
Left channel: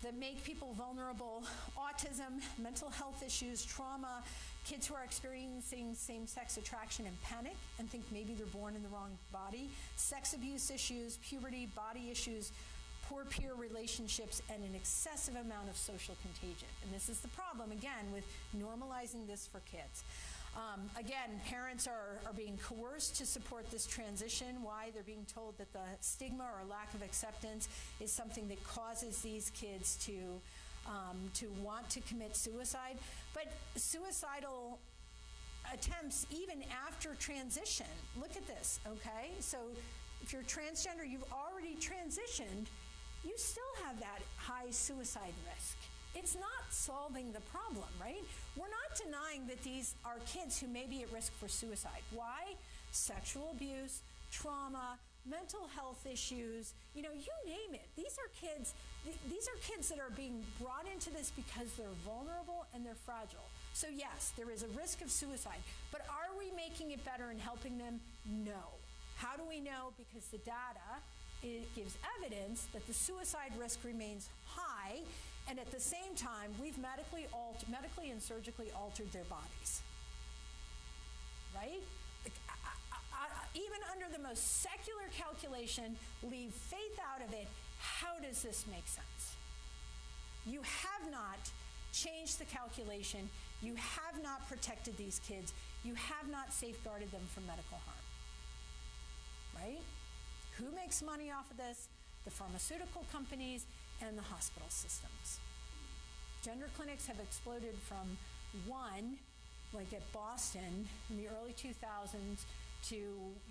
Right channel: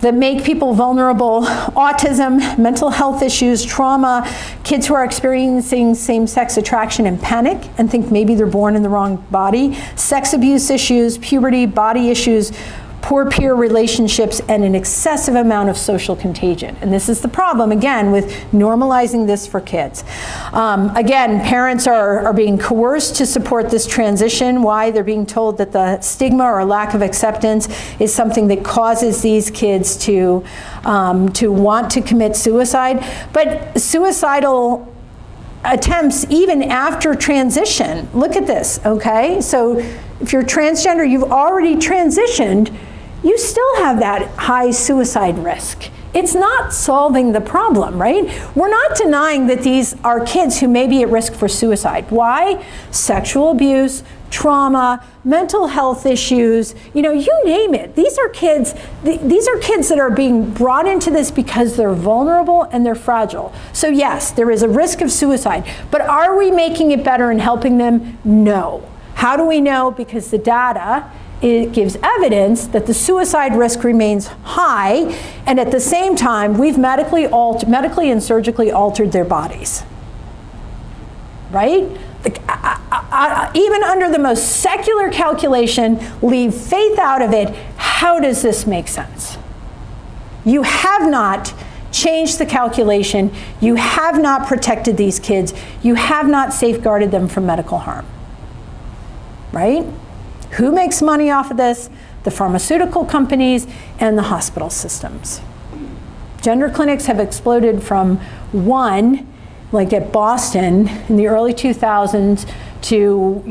that make people vulnerable? Autism, mental health issues, trauma, kids who are experiencing same-sex attraction and panic and think maybe they're born in the wrong body, sex abuse issues, puberty, body issues, poor peer relationships, and an excessive amount of social contagion. And this is the problem, again, with normalizing this for kids. Again, parents are being coerced to support this transition. Why? They're being told that the stigma or lack of acceptance is something that causes these kids to want to commit suicide. But suicidal attempts even after transition, look at this, okay? So if you're transgender, you've already transitioned, you still have that high suicide risk. It's not solving the problem, right? We're not denying that these are kids who may be at risk for suicide. Why? Sexual abuse, trauma, mental health issues, you name it. These are kids that are being brought into this because they're vulnerable and they're fragile. So yes, there is a risk of suicide, but are we making it better and helping them? No. How do we know? Because the data, it gives evidence that the suicide risk remains high, and at the same time, we've medically and surgically altered their bodies, right? Even under the most secular calculation, leave faith out of it, how does this make sense? You have not changed the calculation, you have not protected these kids, you have not safeguarded them from medical harm, right? Who makes money off of this? The pharmaceutical companies and the hospital systems. Gender clinics have exploded from one, like at Boston in the early 2000s, to,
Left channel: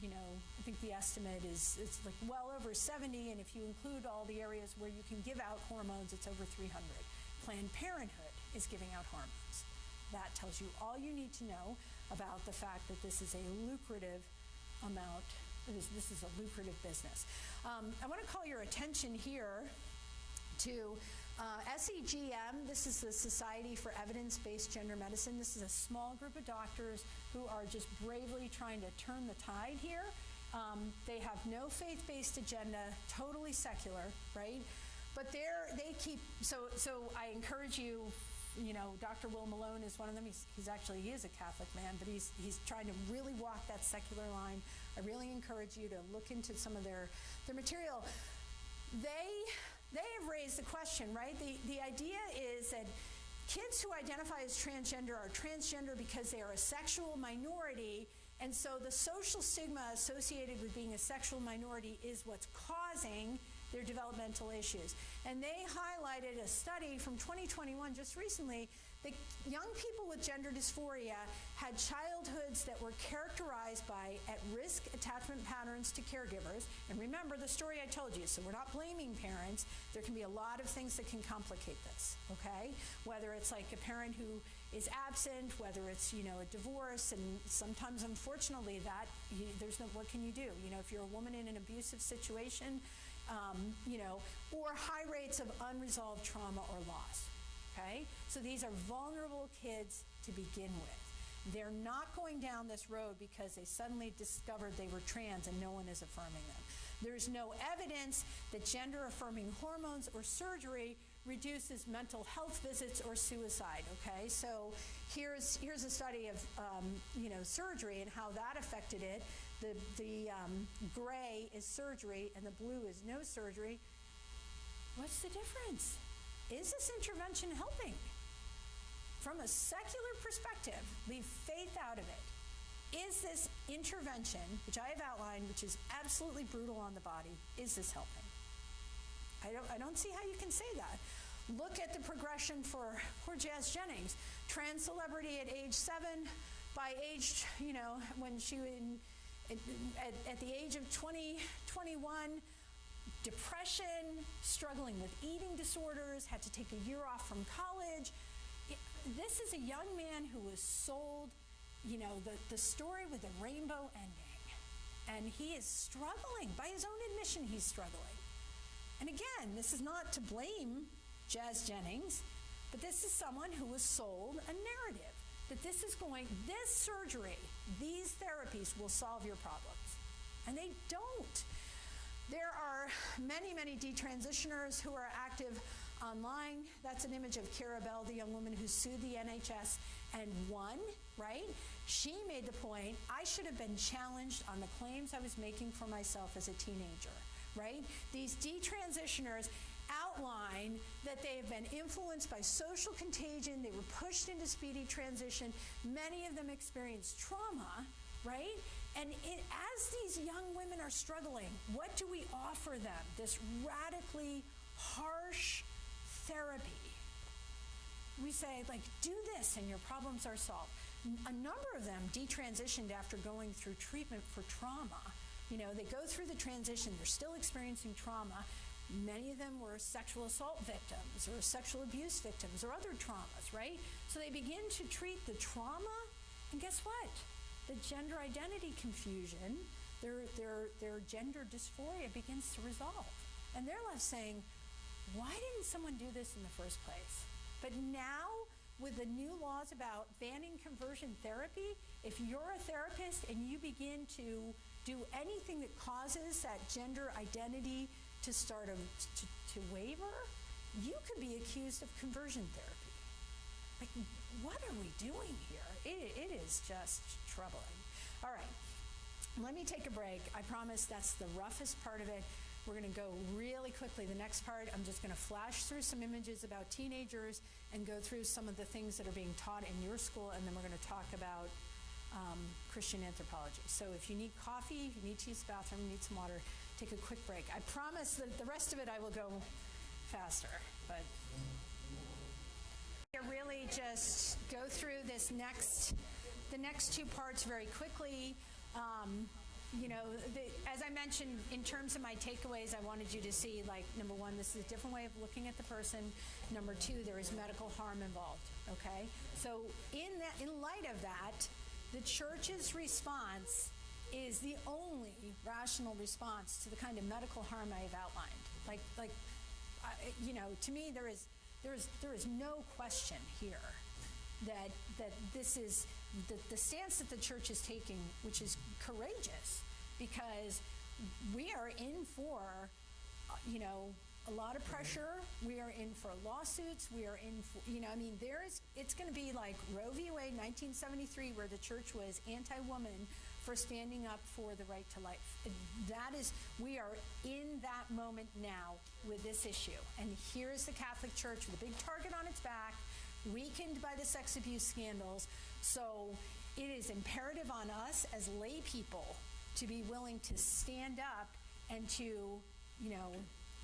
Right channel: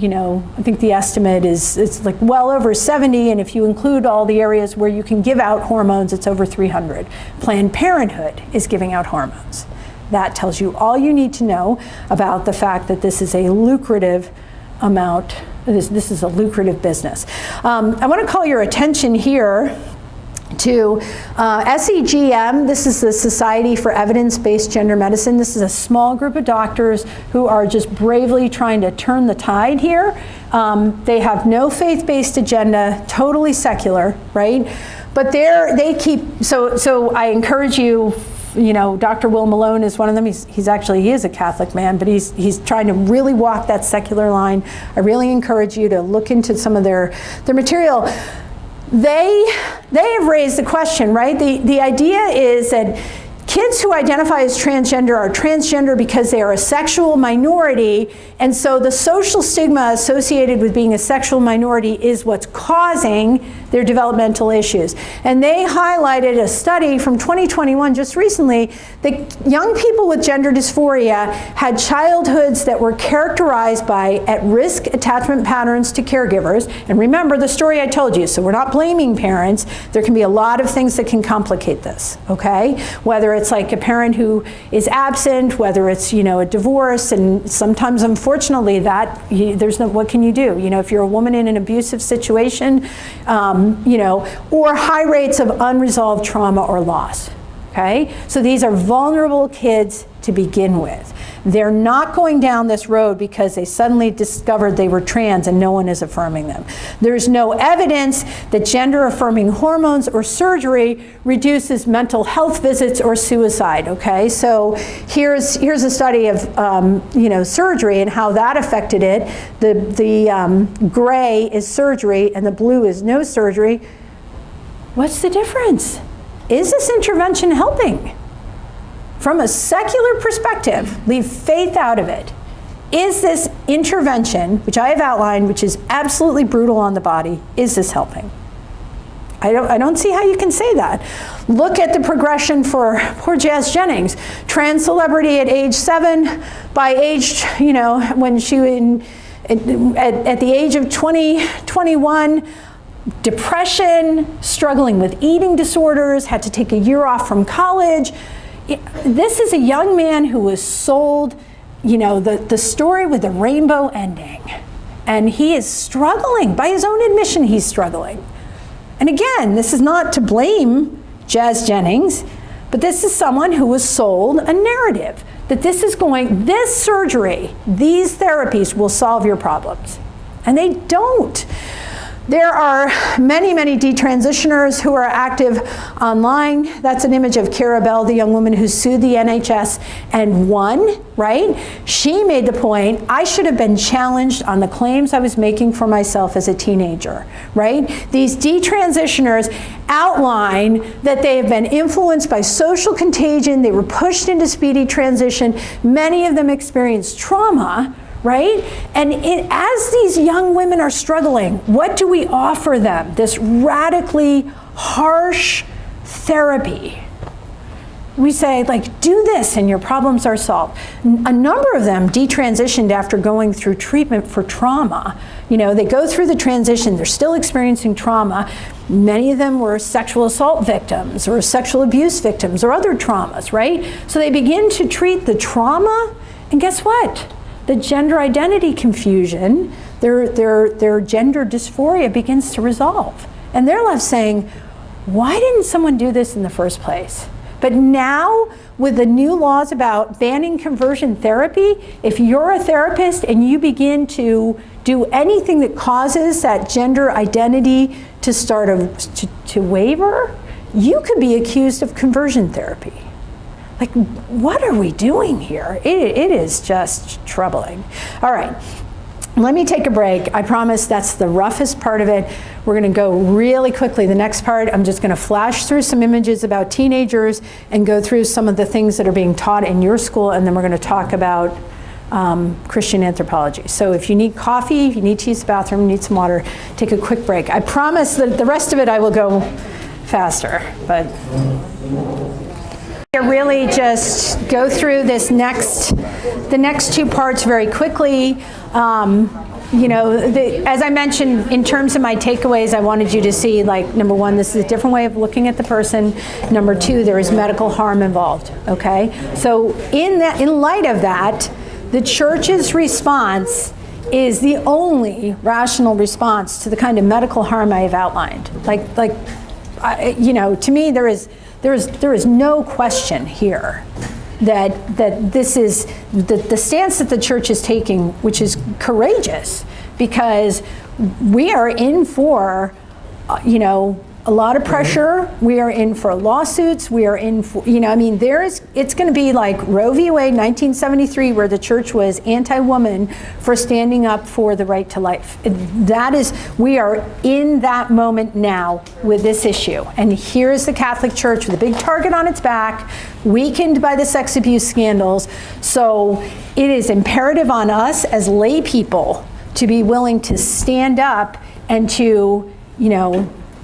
I think the estimate is it's like well over 70, and if you include all the areas where you can give out hormones, it's over 300. Planned Parenthood is giving out hormones. That tells you all you need to know about the fact that this is a lucrative amount. This is a lucrative business. I want to call your attention here to SEGM. This is the Society for Evidence-Based Gender Medicine. This is a small group of doctors who are just bravely trying to turn the tide here. They have no faith-based agenda, totally secular, right? But they keep, so I encourage you, Dr. Will Malone is one of them. He is a Catholic man, but he's trying to really walk that secular line. I really encourage you to look into some of their material. They have raised the question, right? The idea is that kids who identify as transgender are transgender because they are a sexual minority, and so the social stigma associated with being a sexual minority is what's causing their developmental issues. And they highlighted a study from 2021, just recently, that young people with gender dysphoria had childhoods that were characterized by at-risk attachment patterns to caregivers. And remember the story I told you, so we're not blaming parents. There can be a lot of things that can complicate this, okay? Whether it's like a parent who is absent, whether it's, a divorce, and sometimes, unfortunately, what can you do? If you're a woman in an abusive situation, or high rates of unresolved trauma or loss, okay? So these are vulnerable kids to begin with. They're not going down this road because they suddenly discovered they were trans and no one is affirming them. There's no evidence that gender-affirming hormones or surgery reduces mental health visits or suicide, okay? So here's a study of, surgery and how that affected it. The gray is surgery and the blue is no surgery. What's the difference? Is this intervention helping? From a secular perspective, leave faith out of it. Is this intervention, which I have outlined, which is absolutely brutal on the body, is this helping? I don't see how you can say that. Look at the progression for poor Jazz Jennings, trans celebrity at age 7, by age, when she at the age of 21, depression, struggling with eating disorders, had to take a year off from college. this is a young man who was sold, the story with the rainbow ending. And he is struggling. By his own admission, he's struggling. And again, this is not to blame Jazz Jennings, but this is someone who was sold a narrative that this surgery, these therapies will solve your problems. And they don't. There are many, many detransitioners who are active online. That's an image of Cara Bell, the young woman who sued the NHS and won, right? She made the point, I should have been challenged on the claims I was making for myself as a teenager, right? These detransitioners outline that they have been influenced by social contagion. They were pushed into speedy transition. Many of them experienced trauma, right? And as these young women are struggling, what do we offer them? This radically harsh therapy. We say, do this and your problems are solved. A number of them detransitioned after going through treatment for trauma. They go through the transition, they're still experiencing trauma. Many of them were sexual assault victims or sexual abuse victims or other traumas, right? So they begin to treat the trauma, and guess what? The gender identity confusion, their gender dysphoria begins to resolve. And they're left saying, why didn't someone do this in the first place? But now, with the new laws about banning conversion therapy, if you're a therapist and you begin to do anything that causes that gender identity to start to waver, you could be accused of conversion therapy. What are we doing here? It is just troubling. All right, let me take a break. I promise that's the roughest part of it. We're gonna go really quickly. The next part, I'm just gonna flash through some images about teenagers and go through some of the things that are being taught in your school, and then we're gonna talk about Christian anthropology. So if you need coffee, if you need to use the bathroom, need some water, take a quick break. I promise that the rest of it I will go faster, but really just go through the next two parts very quickly. As I mentioned, in terms of my takeaways, I wanted you to see, number one, this is a different way of looking at the person. Number two, there is medical harm involved, okay? So in light of that, the church's response is the only rational response to the kind of medical harm I have outlined. To me, there is no question here that this is the stance that the church is taking, which is courageous, because we are in for, a lot of pressure. We are in for lawsuits. We are in for, it's going to be like Roe v. Wade, 1973, where the church was anti-woman for standing up for the right to life. We are in that moment now with this issue. And here's the Catholic Church with a big target on its back, weakened by the sex abuse scandals. So it is imperative on us as lay people to be willing to stand up and to,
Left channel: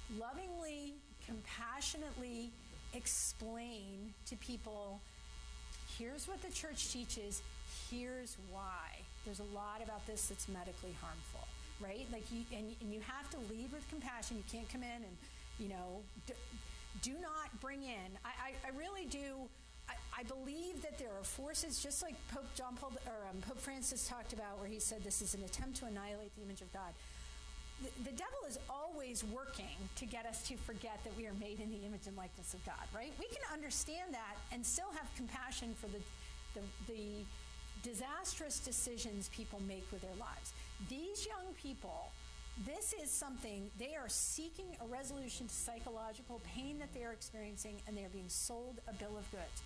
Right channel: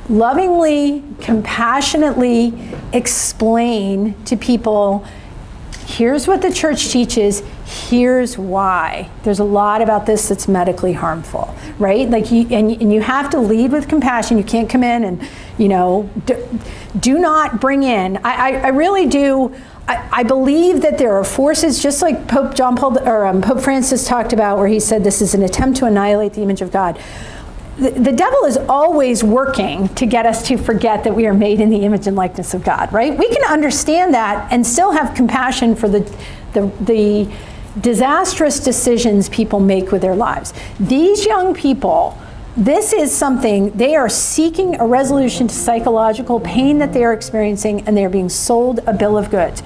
lovingly, compassionately explain to people, here's what the church teaches, here's why. There's a lot about this that's medically harmful, right? You have to lead with compassion. You can't come in and, do not bring in. I really do. I believe that there are forces, just like Pope Francis talked about, where he said this is an attempt to annihilate the image of God. The devil is always working to get us to forget that we are made in the image and likeness of God, right? We can understand that and still have compassion for the disastrous decisions people make with their lives. These young people, this is something, they are seeking a resolution to psychological pain that they are experiencing, and they are being sold a bill of goods.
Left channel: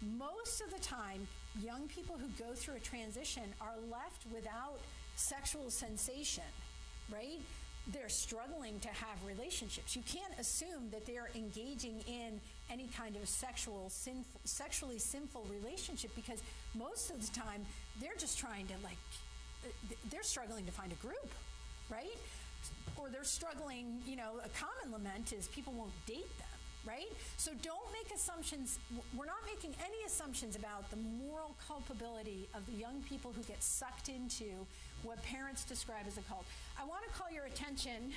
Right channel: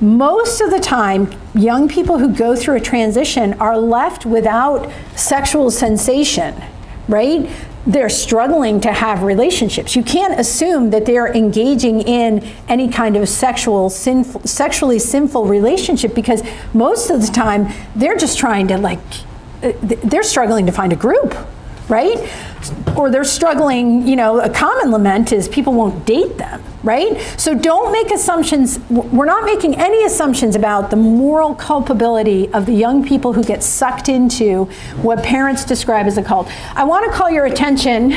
Most of the time, young people who go through a transition are left without sexual sensation, right? They're struggling to have relationships. You can't assume that they're engaging in any kind of sexually sinful relationship, because most of the time they're just trying to they're struggling to find a group, right? Or they're struggling, a common lament is people won't date them, right? So don't make assumptions. We're not making any assumptions about the moral culpability of the young people who get sucked into what parents describe as a cult. I want to call your attention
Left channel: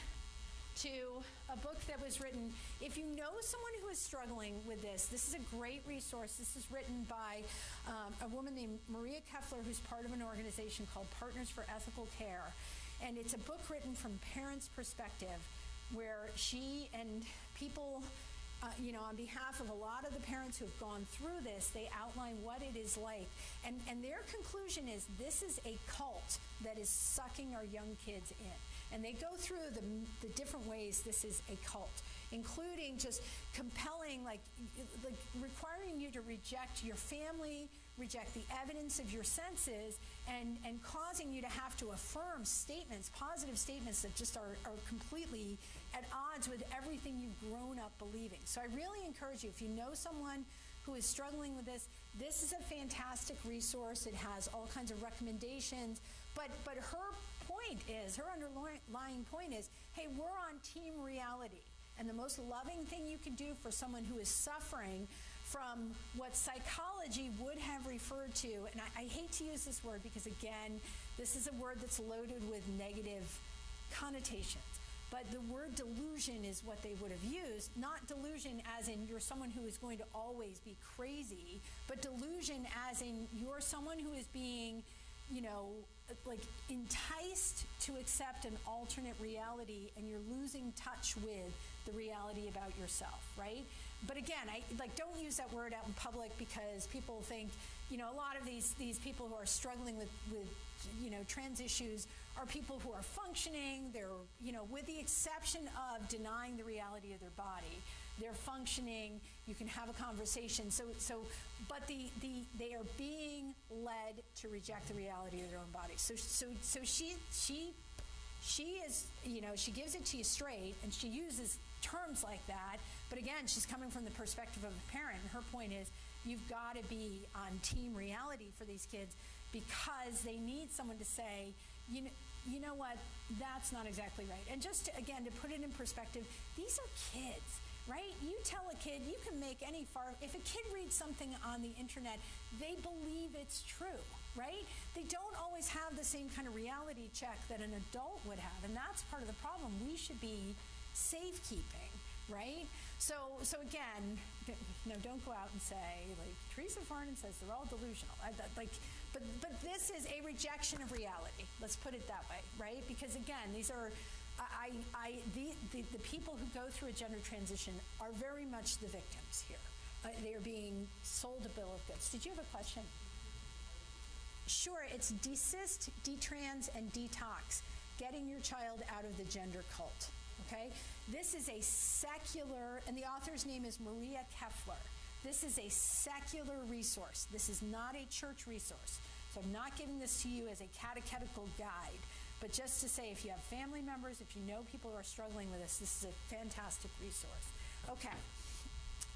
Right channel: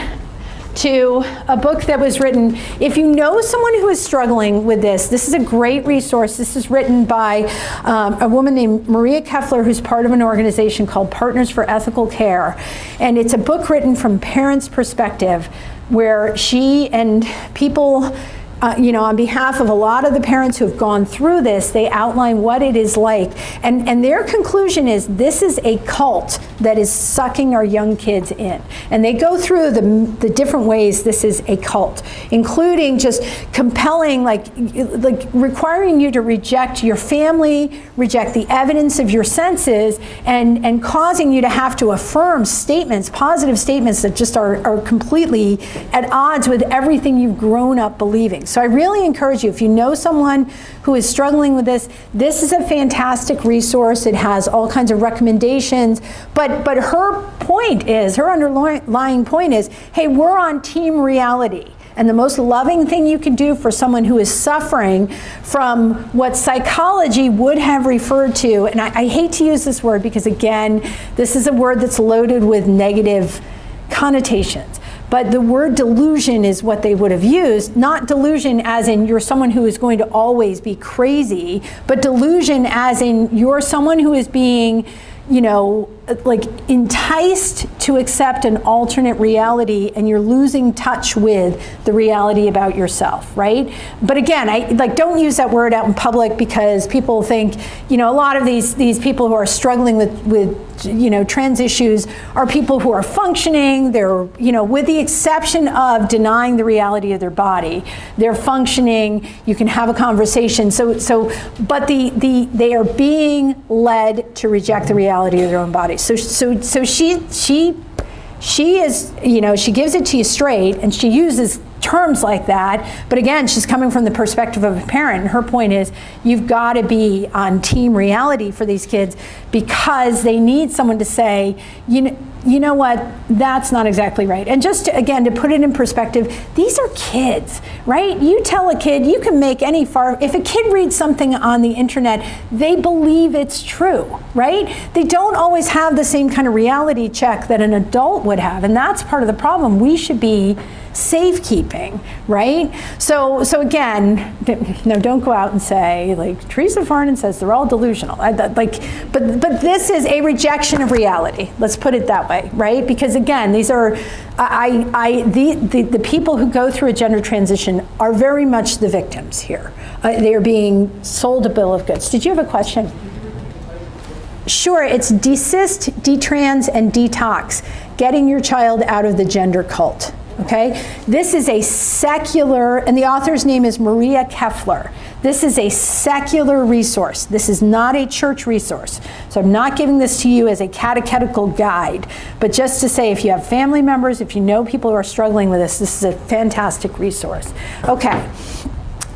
to a book that was written. If you know someone who is struggling with this is a great resource. This is written by a woman named Maria Keffler, who's part of an organization called Partners for Ethical Care. And it's a book written from parents' perspective, where she and people, on behalf of a lot of the parents who have gone through this, they outline what it is like. And their conclusion is this is a cult that is sucking our young kids in. And they go through the different ways this is a cult, including just compelling, like requiring you to reject your family, reject the evidence of your senses, and causing you to have to affirm statements, positive statements that just are completely at odds with everything you've grown up believing. So I really encourage you, if you know someone who is struggling with this is a fantastic resource. It has all kinds of recommendations, but her point is, her underlying point is, hey, we're on team reality. And the most loving thing you can do for someone who is suffering from what psychology would have referred to, and I hate to use this word because, again, this is a word that's loaded with negative connotations. But the word delusion is what they would have used, not delusion as in you're someone who is going to always be crazy, but delusion as in you're someone who is being, like enticed to accept an alternate reality, and you're losing touch with the reality about yourself, right? But again, I don't use that word out in public because people think, a lot of these people who are struggling with trans issues are people who are functioning. They're, with the exception of denying the reality of their body, they're functioning. You can have a conversation. But they are being led to reject the reality of their own body. So she is, she gives it to you straight, and she uses terms like that, but again, she's coming from the perspective of a parent, and her point is you've got to be on team reality for these kids because they need someone to say, you know what, that's not exactly right. And just again, to put it in perspective, these are kids, right? You tell a kid, you can make if a kid reads something on the internet, they believe it's true, right? They don't always have the same kind of reality check that an adult would have, and that's part of the problem. We should be safekeeping, right? So again, don't go out and say, like, Theresa Farnan says they're all delusional. But this is a rejection of reality. Let's put it that way, right? Because again, these are, the people who go through a gender transition are very much the victims here. They are being sold a bill of goods. Did you have a question? Sure, it's desist, detrans, and detox, getting your child out of the gender cult. Okay, this is a secular, and the author's name is Maria Keffler. This is a secular resource. This is not a church resource. So I'm not giving this to you as a catechetical guide, but just to say if you have family members, if you know people who are struggling with this is a fantastic resource. Okay,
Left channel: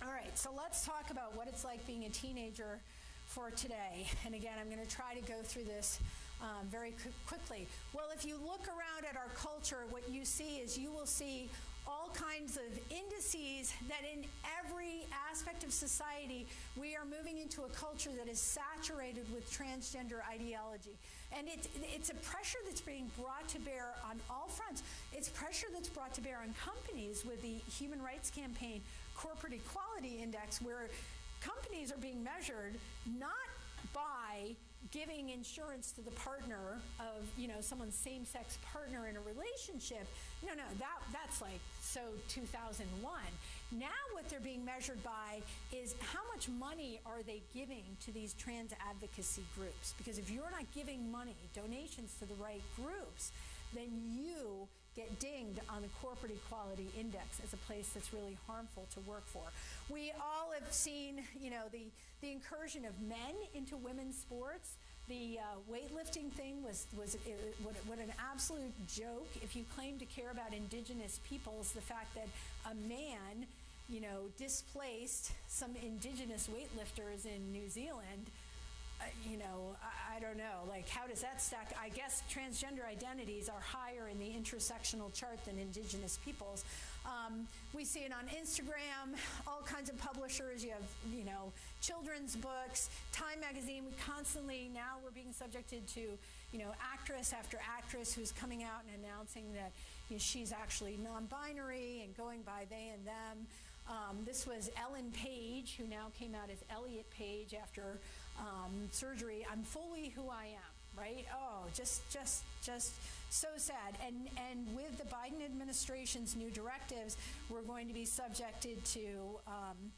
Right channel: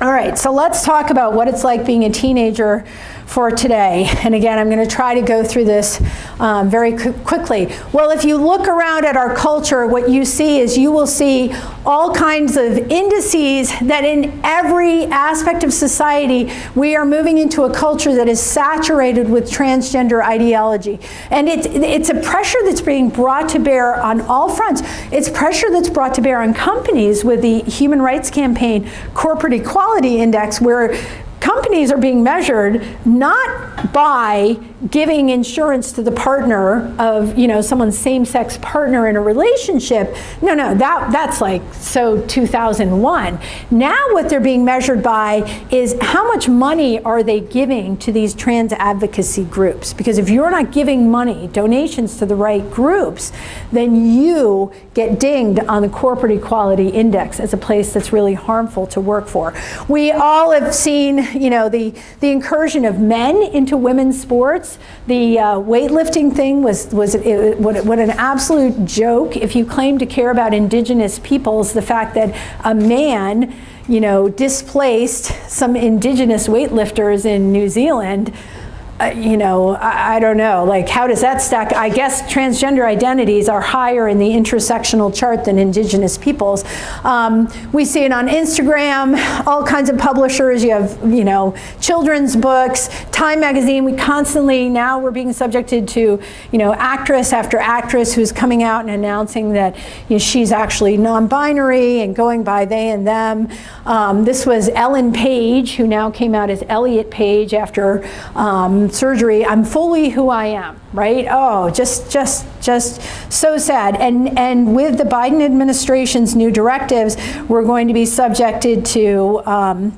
all right, so let's talk about what it's like being a teenager for today. And again, I'm going to try to go through this very quickly. Well, if you look around at our culture, what you see is you will see all kinds of indices that in every aspect of society, we are moving into a culture that is saturated with transgender ideology. And it's a pressure that's being brought to bear on all fronts. It's pressure that's brought to bear on companies with the Human Rights Campaign Corporate Equality Index, where companies are being measured not by giving insurance to the partner of, someone's same-sex partner in a relationship. No, that's like so 2001. Now what they're being measured by is how much money are they giving to these trans advocacy groups? Because if you're not giving money, donations to the right groups, then you get dinged on the Corporate Equality Index as a place that's really harmful to work for. We all have seen, the incursion of men into women's sports. The weightlifting thing was what an absolute joke. If you claim to care about indigenous peoples, the fact that a man, displaced some indigenous weightlifters in New Zealand, you know, I don't know, like how does that stack? I guess transgender identities are higher in the intersectional chart than Indigenous peoples. We see it on Instagram, all kinds of publishers. You have, you know, children's books, Time magazine. We constantly, now we're being subjected to, you know, actress after actress who's coming out and announcing that, you know, she's actually non-binary and going by they and them. This was Ellen Page, who now came out as Elliot Page after surgery. I'm fully who I am, right? Oh, just so sad. And with the Biden administration's new directives, we're going to be subjected to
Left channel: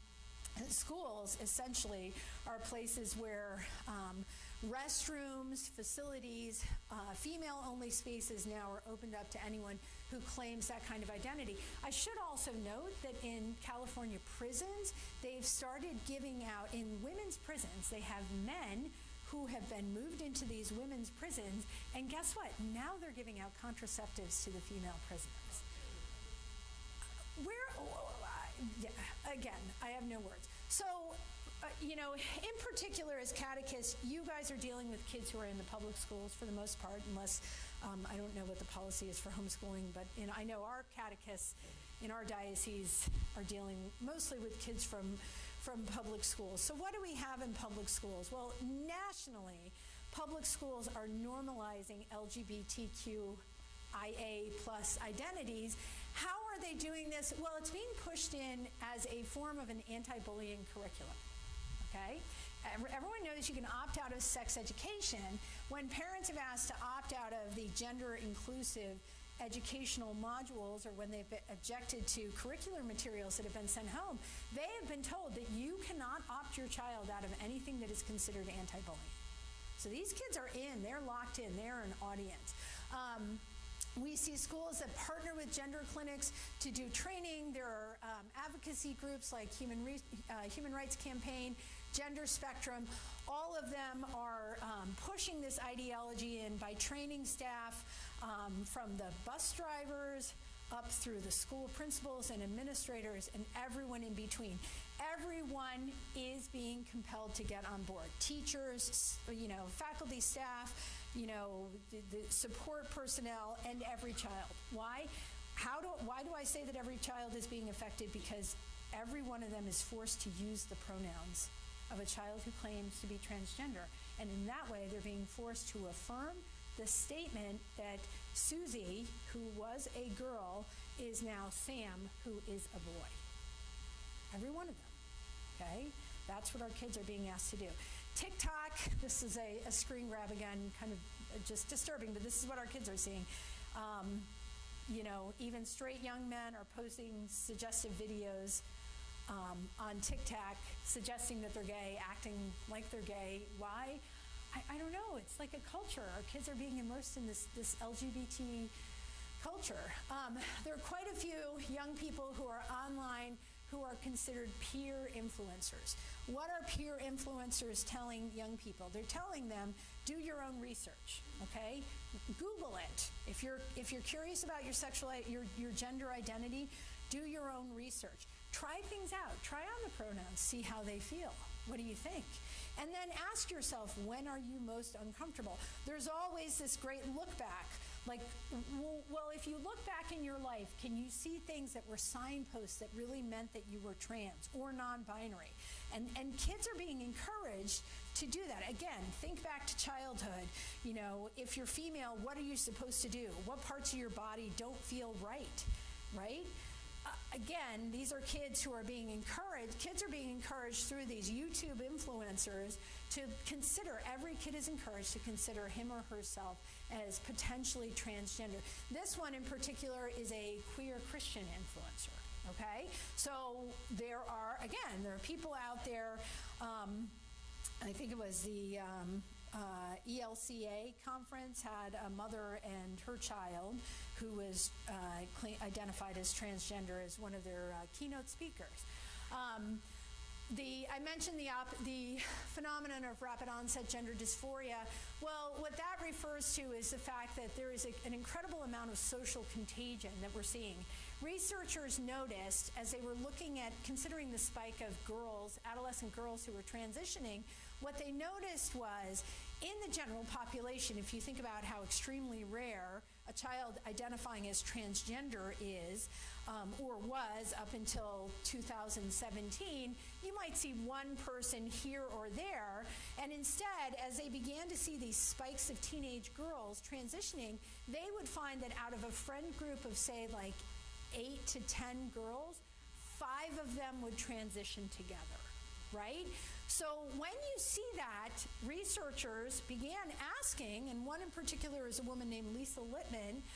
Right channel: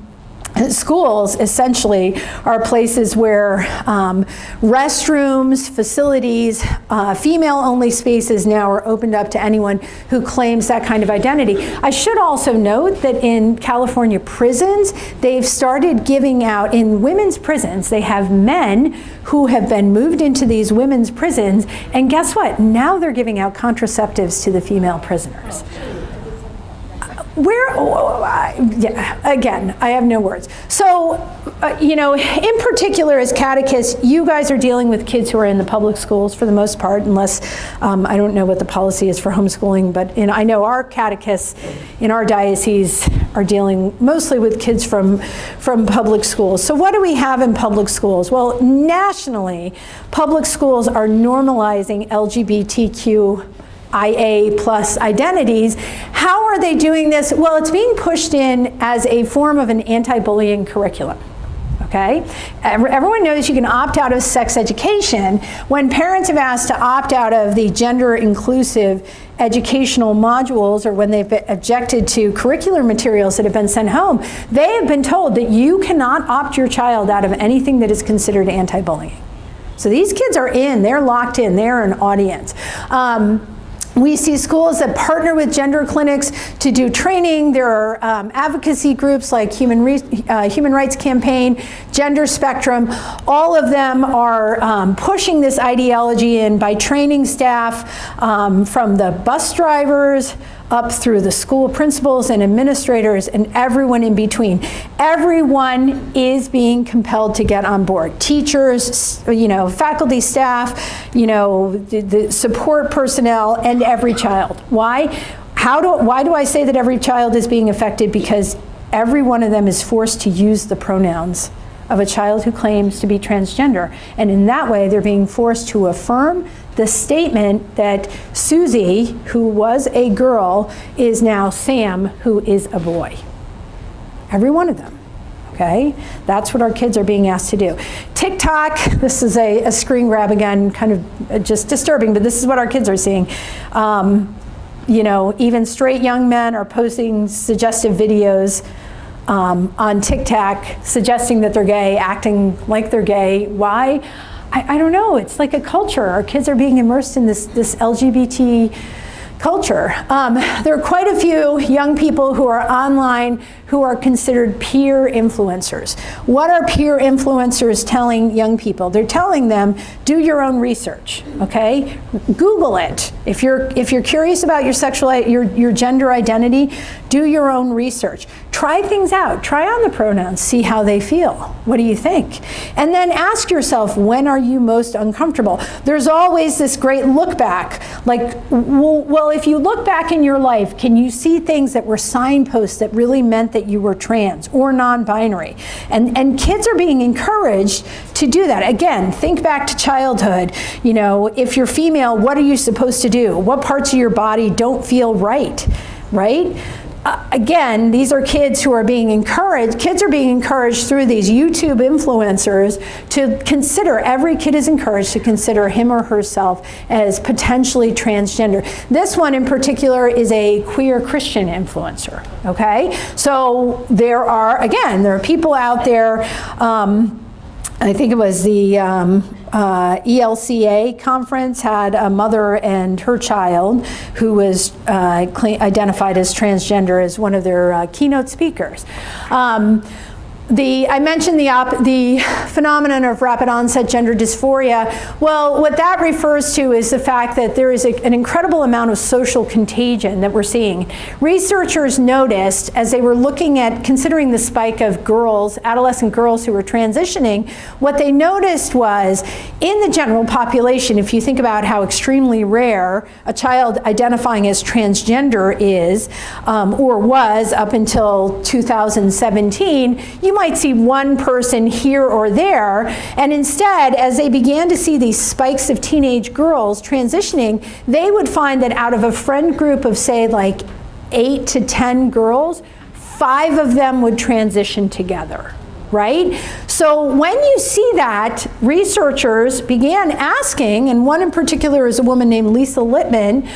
schools essentially are places where restrooms, facilities, female-only spaces now are opened up to anyone who claims that kind of identity. I should also note that in California prisons, they've started giving out, in women's prisons, they have men who have been moved into these women's prisons, and guess what? Now they're giving out contraceptives to the female prisoners. Yeah, again, I have no words. So, you know, in particular as catechists, you guys are dealing with kids who are in the public schools for the most part, unless, I don't know what the policy is for homeschooling, but I know our catechists in our diocese are dealing mostly with kids from public schools. So what do we have in public schools? Well, nationally, public schools are normalizing LGBTQ IA plus identities. How are they doing this? Well, it's being pushed in as a form of an anti-bullying curriculum. Okay? Everyone knows you can opt out of sex education. When parents have asked to opt out of the gender inclusive educational modules, or when they've objected to curricular materials that have been sent home, they have been told that you cannot opt your child out of anything that is considered anti-bullying. So these kids are in, they're locked in, they're an audience. We see schools that partner with gender clinics to do training. There are advocacy groups like Human Rights Campaign, Gender Spectrum. All of them are pushing this ideology in by training staff from the bus drivers up through the school principals and administrators and everyone in between. Everyone is being compelled to get on board. Teachers, you know, faculty, staff, you know, the support personnel, and every child. Why? Why do I say that every child is being affected? Because every one of them is forced to use the pronouns of a child who claims to be transgender. And in that way, they're being forced to affirm the statement that Susie, who was a girl, is now Sam, who is a boy. Every one of them, okay? That's what our kids are being asked to do. TikTok, this is a screen grab again, kind of just disturbing, but this is what our kids are seeing. You know, even straight young men are posting suggestive videos on TikTok suggesting that they're gay, acting like they're gay. Why? I don't know. It's like a culture. Our kids are being immersed in this LGBT culture. There are quite a few young people who are online who are considered peer influencers. What are peer influencers telling young people? They're telling them, do your own research, okay? Google it. If you're curious about your gender identity, do your own research. Try things out. Try on the pronouns. See how they feel. What do you think? And then ask yourself, when are you most uncomfortable? There's always this great look back. Like, well, if you look back in your life, can you see things that were signposts that really meant that you were trans or non-binary? And kids are being encouraged to do that. Again, think back to childhood. You know, if you're female, what are you supposed to do? What parts of your body don't feel right? Right? Again, these are kids who are being encouraged. Kids are being encouraged through these YouTube influencers to consider, every kid is encouraged to consider him or herself as potentially transgender. This one in particular is a queer Christian influencer, okay? So there are people out there, I think it was the ELCA conference had a mother and her child who was identified as transgender as one of their keynote speakers. I mentioned the phenomenon of rapid onset gender dysphoria. Well, what that refers to is the fact that there is an incredible amount of social contagion that we're seeing. Researchers noticed, as they were looking at considering the spike of girls, adolescent girls who were transitioning, what they noticed was in the general population, if you think about how extremely rare a child identifying as transgender is, or was up until 2017, you might see one person here or there, and instead, as they began to see these spikes of teenage girls transitioning, they would find that out of a friend group of, say, like 8 to 10 girls, 5 of them would transition together, right? So when you see that, researchers began asking, and one in particular is a woman named Lisa Littman,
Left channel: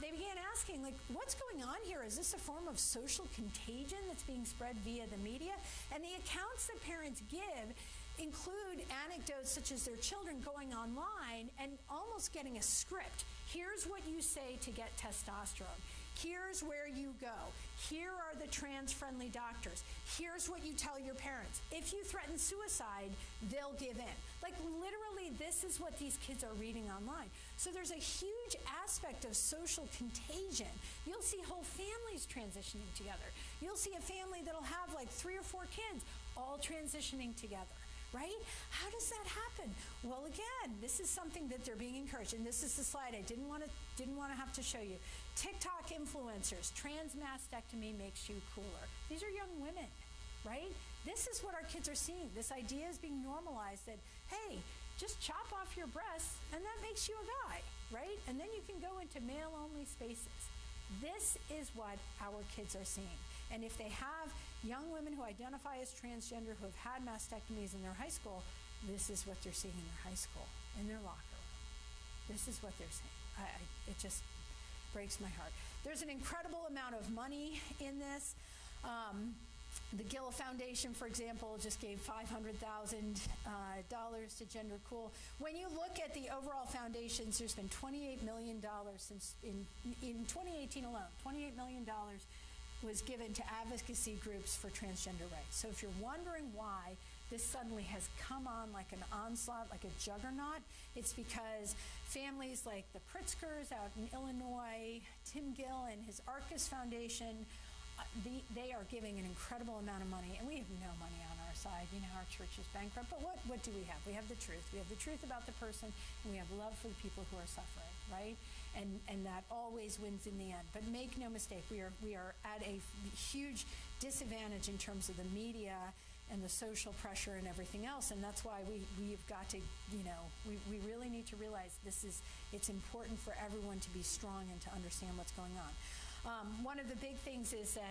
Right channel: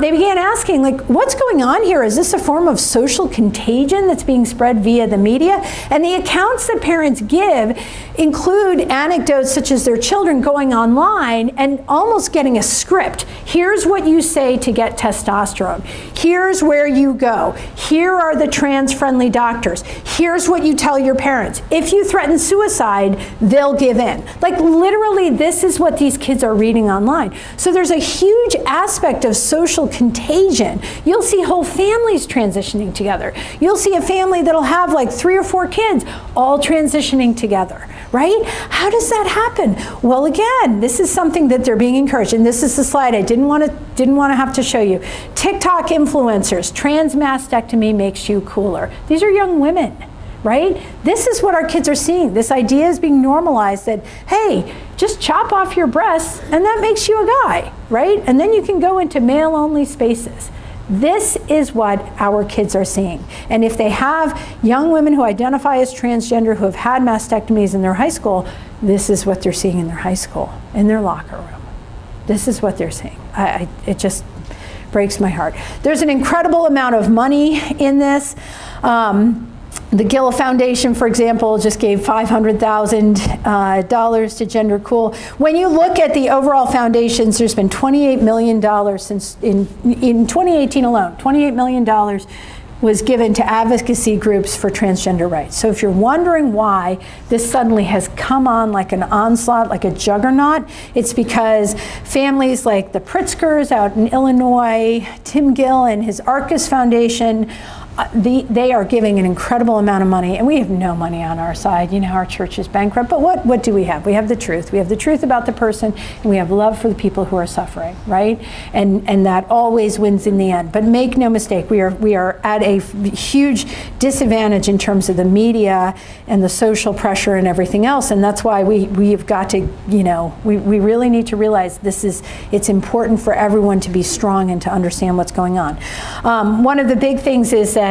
they began asking, like, what's going on here? Is this a form of social contagion that's being spread via the media? And the accounts that parents give include anecdotes such as their children going online and almost getting a script. Here's what you say to get testosterone. Here's where you go. Here are the trans-friendly doctors. Here's what you tell your parents. If you threaten suicide, they'll give in. Like, literally, this is what these kids are reading online. So there's a huge aspect of social contagion. You'll see whole families transitioning together. You'll see a family that'll have like 3 or 4 kids all transitioning together, right? How does that happen? Well, again, this is something that they're being encouraged, and this is the slide I didn't want to have to show you. TikTok influencers, trans mastectomy makes you cooler. These are young women, right? This is what our kids are seeing. This idea is being normalized that, hey, just chop off your breasts and that makes you a guy, right? And then you can go into male-only spaces. This is what our kids are seeing. And if they have young women who identify as transgender who have had mastectomies in their high school, this is what they're seeing in their high school, in their locker room. This is what they're seeing. It just breaks my heart. There's an incredible amount of money in this. The Gilla Foundation, for example, just gave $500,000 to Gender Cool. When you look at the overall foundations, there's been $28 million since in 2018 alone. $28 million was given to advocacy groups for transgender rights. So if you're wondering why this suddenly has come on like an onslaught, like a juggernaut, it's because families like the Pritzkers out in Illinois, Tim Gill and his Arcus Foundation, they are giving an incredible amount of money, and we have no money on our side. You know, our church is bankrupt, but what do we have? We have the truth. We have the truth about the person, and we have love for the people who are suffering, right? And that always wins in the end. But make no mistake, we are at a huge disadvantage in terms of the media and the social pressure and everything else, and that's why we've got to, you know, we really need to realize it's important for everyone to be strong and to understand what's going on. One of the big things is that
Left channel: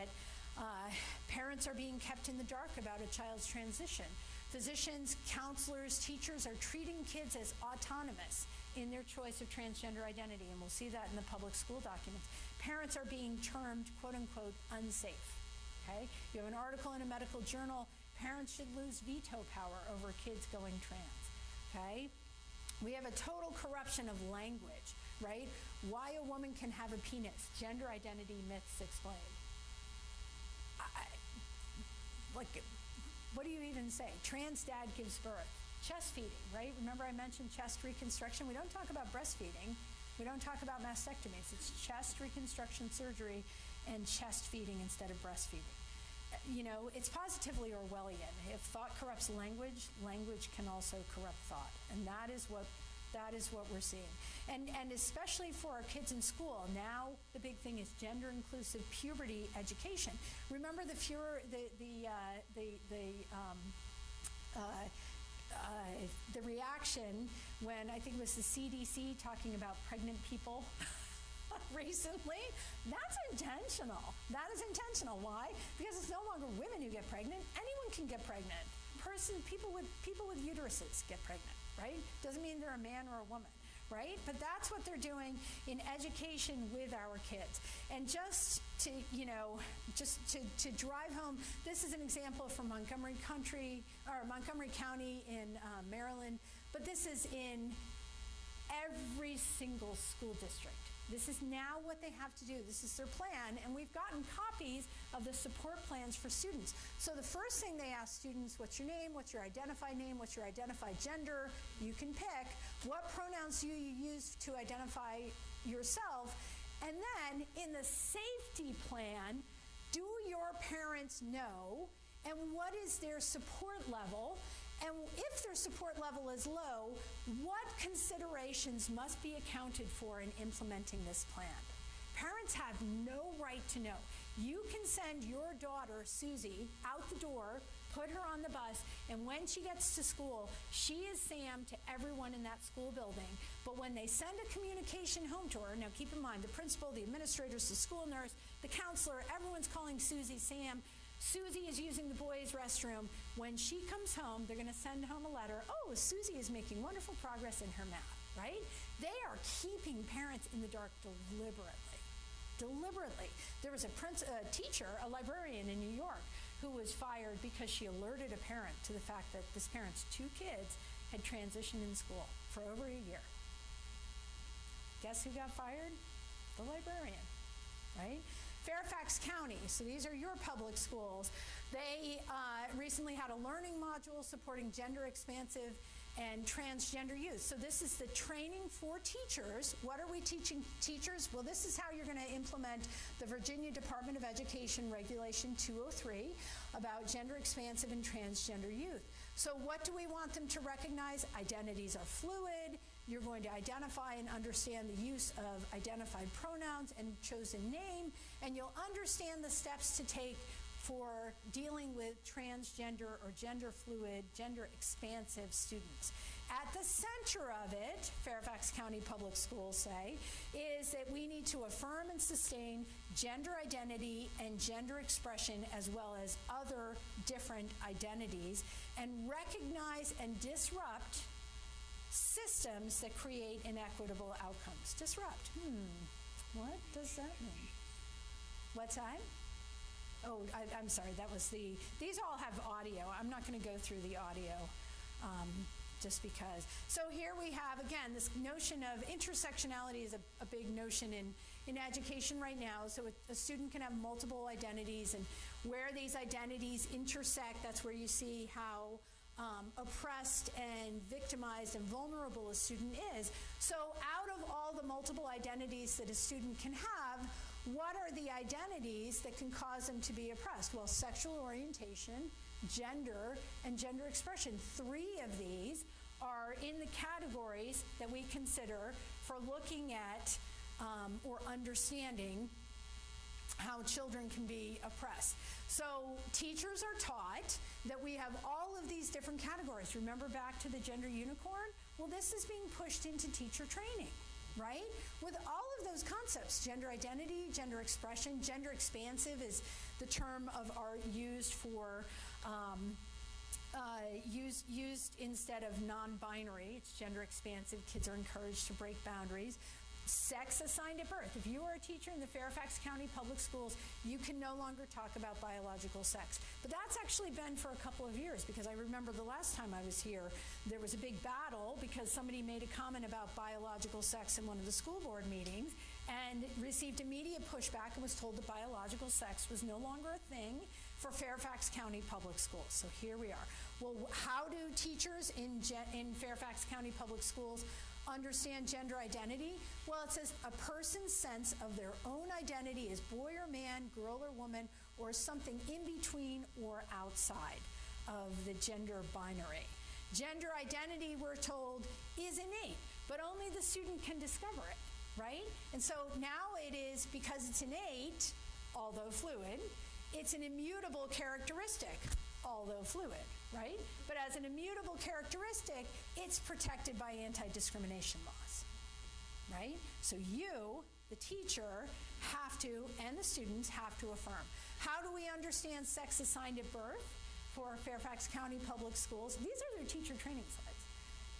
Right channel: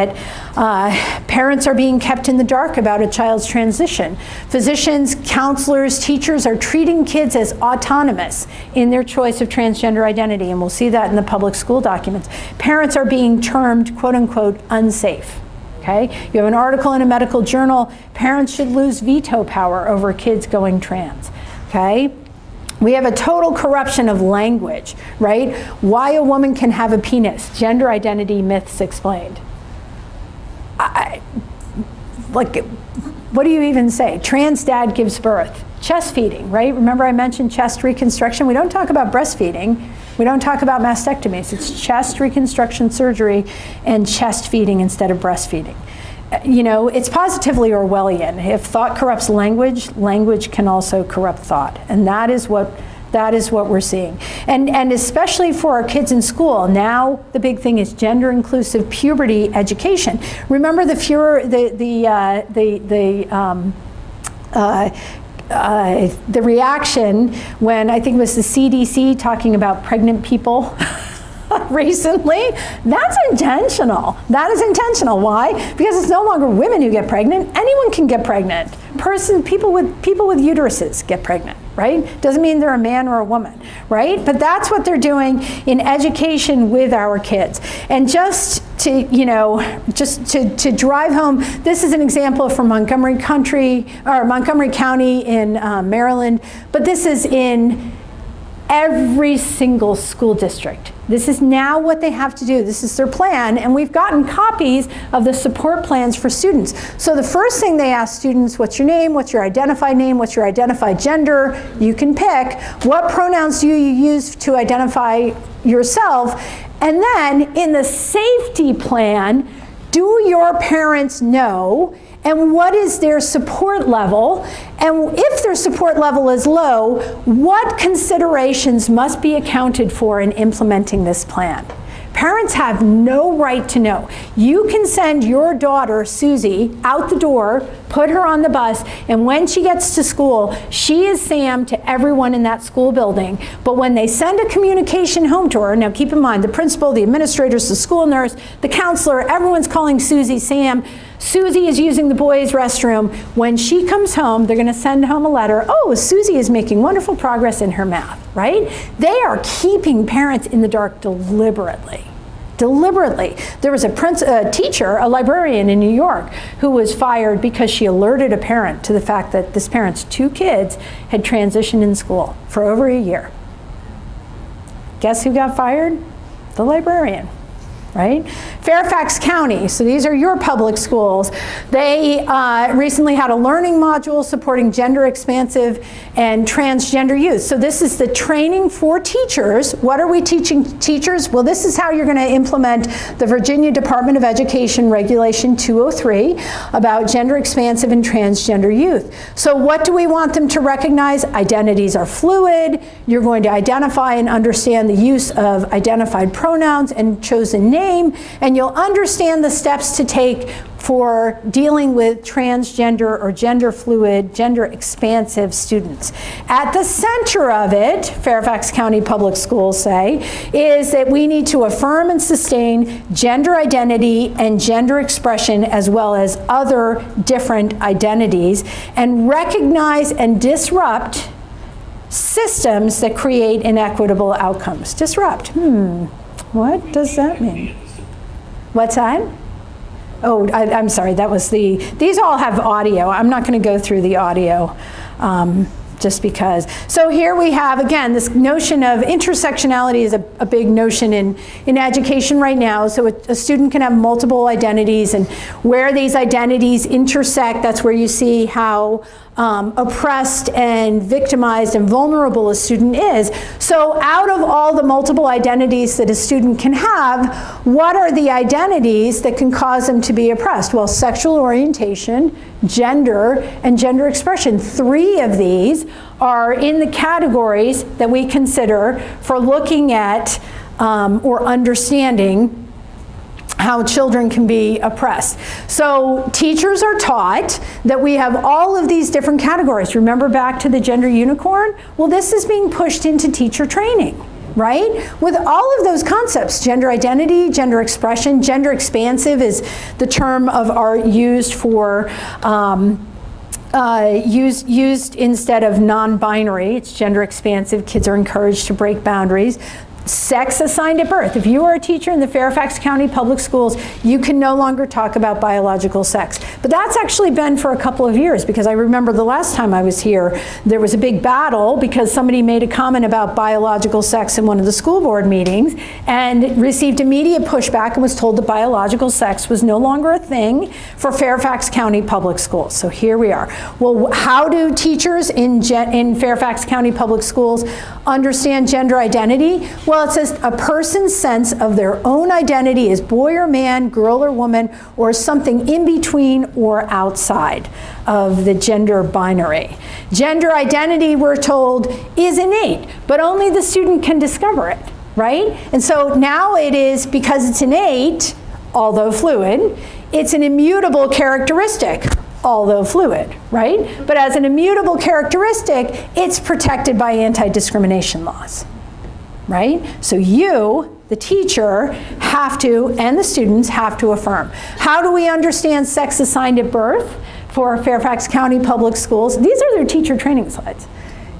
parents are being kept in the dark about a child's transition. Physicians, counselors, teachers are treating kids as autonomous in their choice of transgender identity, and we'll see that in the public school documents. Parents are being termed, quote unquote, unsafe. Okay? You have an article in a medical journal, parents should lose veto power over kids going trans. Okay? We have a total corruption of language, right? Why a woman can have a penis, gender identity myths explained. Like, what do you even say? Trans dad gives birth. Chest feeding, right? Remember I mentioned chest reconstruction? We don't talk about breastfeeding. We don't talk about mastectomies. It's chest reconstruction surgery and chest feeding instead of breastfeeding. You know, it's positively Orwellian. If thought corrupts language, language can also corrupt thought. And that is what we're seeing. And especially for our kids in school, now the big thing is gender inclusive puberty education. Remember the reaction when I think it was the CDC talking about pregnant people recently? That's intentional. That is intentional. Why? Because it's no longer women who get pregnant. Anyone can get pregnant. People with uteruses get pregnant, right? Doesn't mean they're a man or a woman, right? But that's what they're doing in education with our kids. And just to drive home, this is an example from Montgomery County in Maryland, but this is in every single school district. This is now what they have to do. This is their plan, and we've gotten copies of the support plans for students. So the first thing they ask students, what's your name, what's your identified name, what's your identified gender? You can pick. What pronouns do you use to identify yourself? And then in the safety plan, do your parents know, and what is their support level? And if their support level is low, what considerations must be accounted for in implementing this plan? Parents have no right to know. You can send your daughter, Susie, out the door, put her on the bus, and when she gets to school, she is Sam to everyone in that school building. But when they send a communication home to her, now keep in mind, the principal, the administrators, the school nurse, the counselor, everyone's calling Susie Sam. Susie is using the boys' restroom. When she comes home, they're going to send home a letter. Oh, Susie is making wonderful progress in her math, right? They are keeping parents in the dark deliberately. Deliberately. There was a teacher, a librarian in New York, who was fired because she alerted a parent to the fact that this parent's 2 kids had transitioned in school for over a year. Guess who got fired? The librarian. Right? Fairfax County, so these are your public schools. They recently had a learning module supporting gender expansive and transgender youth. So this is the training for teachers. What are we teaching teachers? Well, this is how you're going to implement the Virginia Department of Education Regulation 203 about gender expansive and transgender youth. So what do we want them to recognize? Identities are fluid. You're going to identify and understand the use of identified pronouns and chosen names. And you'll understand the steps to take for dealing with transgender or gender fluid, gender expansive students. At the center of it, Fairfax County Public Schools say, is that we need to affirm and sustain gender identity and gender expression as well as other different identities, and recognize and disrupt systems that create inequitable outcomes. Disrupt. What does that mean? What's that? Oh, I'm sorry, that was these all have audio. I'm not going to go through the audio just because. So here we have, again, this notion of intersectionality is a big notion in education right now. So a student can have multiple identities, and where these identities intersect, that's where you see how oppressed and victimized and vulnerable a student is. So out of all the multiple identities that a student can have, what are the identities that can cause them to be oppressed? Well, sexual orientation, gender, and gender expression. 3 of these are in the categories that we consider for looking at or understanding how children can be oppressed. So teachers are taught that we have all of these different categories. Remember back to the gender unicorn? Well, this is being pushed into teacher training, right? With all of those concepts, gender identity, gender expression, gender expansive is the term of art used for used instead of non-binary. It's gender expansive. Kids are encouraged to break boundaries. Sex assigned at birth. If you are a teacher in the Fairfax County Public Schools, you can no longer talk about biological sex. But that's actually been for a couple of years, because I remember the last time I was here, there was a big battle because somebody made a comment about biological sex in one of the school board meetings and received immediate pushback and was told that biological sex was no longer a thing for Fairfax County Public Schools. So here we are. Well, how do teachers in Fairfax County Public Schools understand gender identity? Well, it says a person's sense of their own identity is boy or man, girl or woman, or something in between or outside of the gender binary. Gender identity, we're told, is innate, but only the student can discover it, right? And so now it is, because it's innate, although fluid, it's an immutable characteristic, although fluid, right? But as an immutable characteristic, it's protected by anti-discrimination laws. Right? So you, the teacher, have to, and the students have to affirm. How do we understand sex assigned at birth for Fairfax County Public Schools? These are their teacher training slides.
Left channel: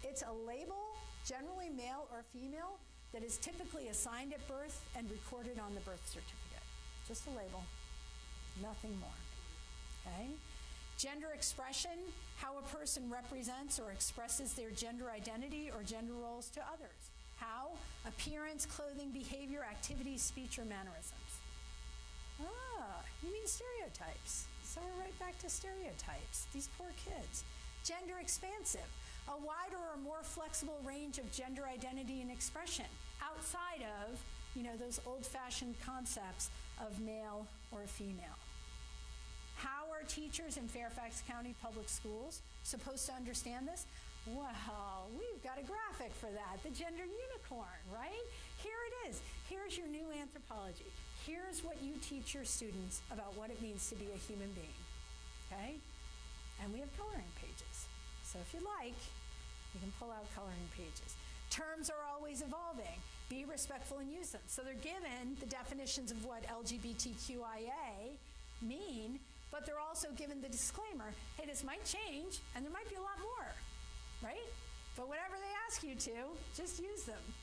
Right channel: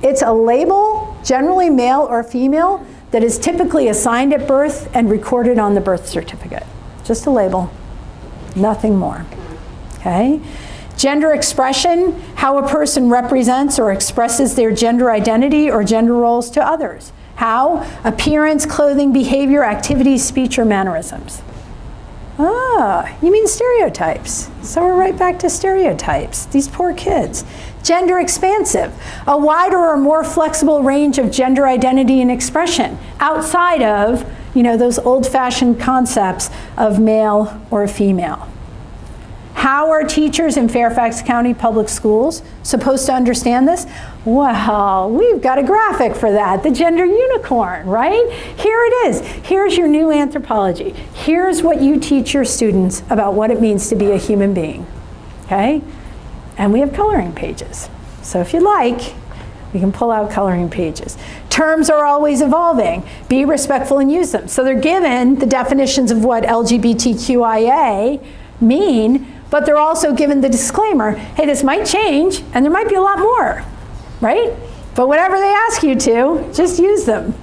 It's a label, generally male or female, that is typically assigned at birth and recorded on the birth certificate. Just a label, nothing more. Okay? Gender expression, how a person represents or expresses their gender identity or gender roles to others. How? Appearance, clothing, behavior, activities, speech, or mannerisms. Ah, you mean stereotypes. So we're right back to stereotypes. These poor kids. Gender expansive, a wider or more flexible range of gender identity and expression outside of, those old-fashioned concepts of male or female. How are teachers in Fairfax County Public Schools supposed to understand this? Well, we've got a graphic for that, the gender unicorn, right? Here it is. Here's your new anthropology. Here's what you teach your students about what it means to be a human being, okay? And we have coloring pages. So if you like, we can pull out coloring pages. Terms are always evolving. Be respectful and use them. So they're given the definitions of what LGBTQIA mean, but they're also given the disclaimer, hey, this might change, and there might be a lot more, right? But whatever they ask you to, just use them,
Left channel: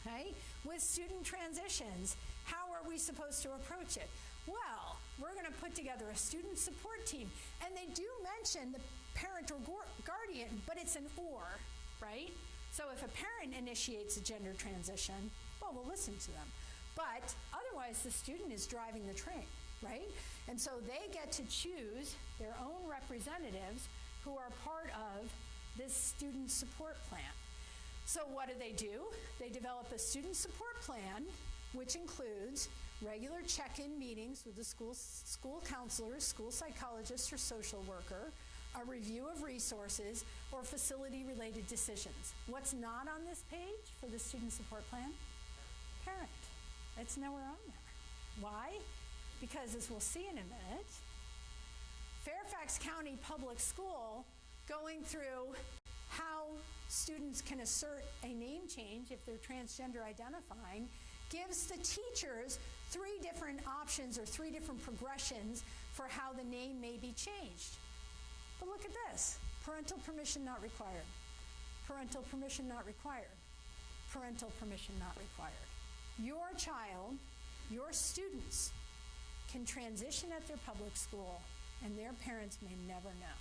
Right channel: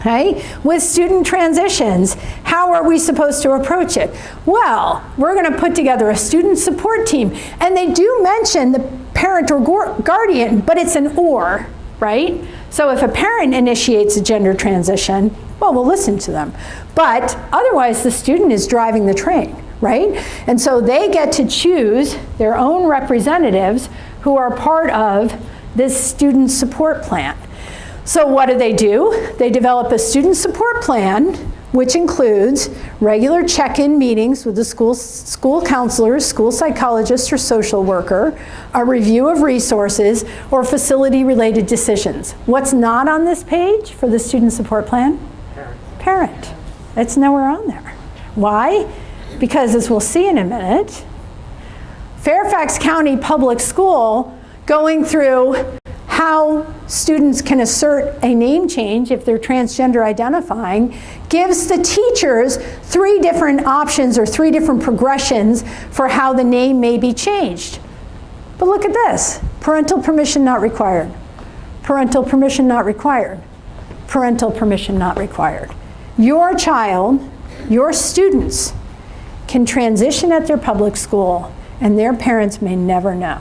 okay? With student transitions, how are we supposed to approach it? Well, we're gonna put together a student support team, and they do mention the parent or guardian, but it's an or, right? So if a parent initiates a gender transition, well, we'll listen to them. But otherwise, the student is driving the train, right? And so they get to choose their own representatives who are part of this student support plan. So what do? They develop a student support plan, which includes regular check-in meetings with the school counselors, school psychologist, or social worker, a review of resources, or facility-related decisions. What's not on this page for the student support plan? Parent. It's nowhere on there. Why? Because, as we'll see in a minute, Fairfax County Public School, going through how students can assert a name change if they're transgender identifying, gives the teachers 3 different options or 3 different progressions for how the name may be changed. But look at this. Parental permission not required. Parental permission not required. Parental permission not required. Your child, your students, can transition at their public school, and their parents may never know.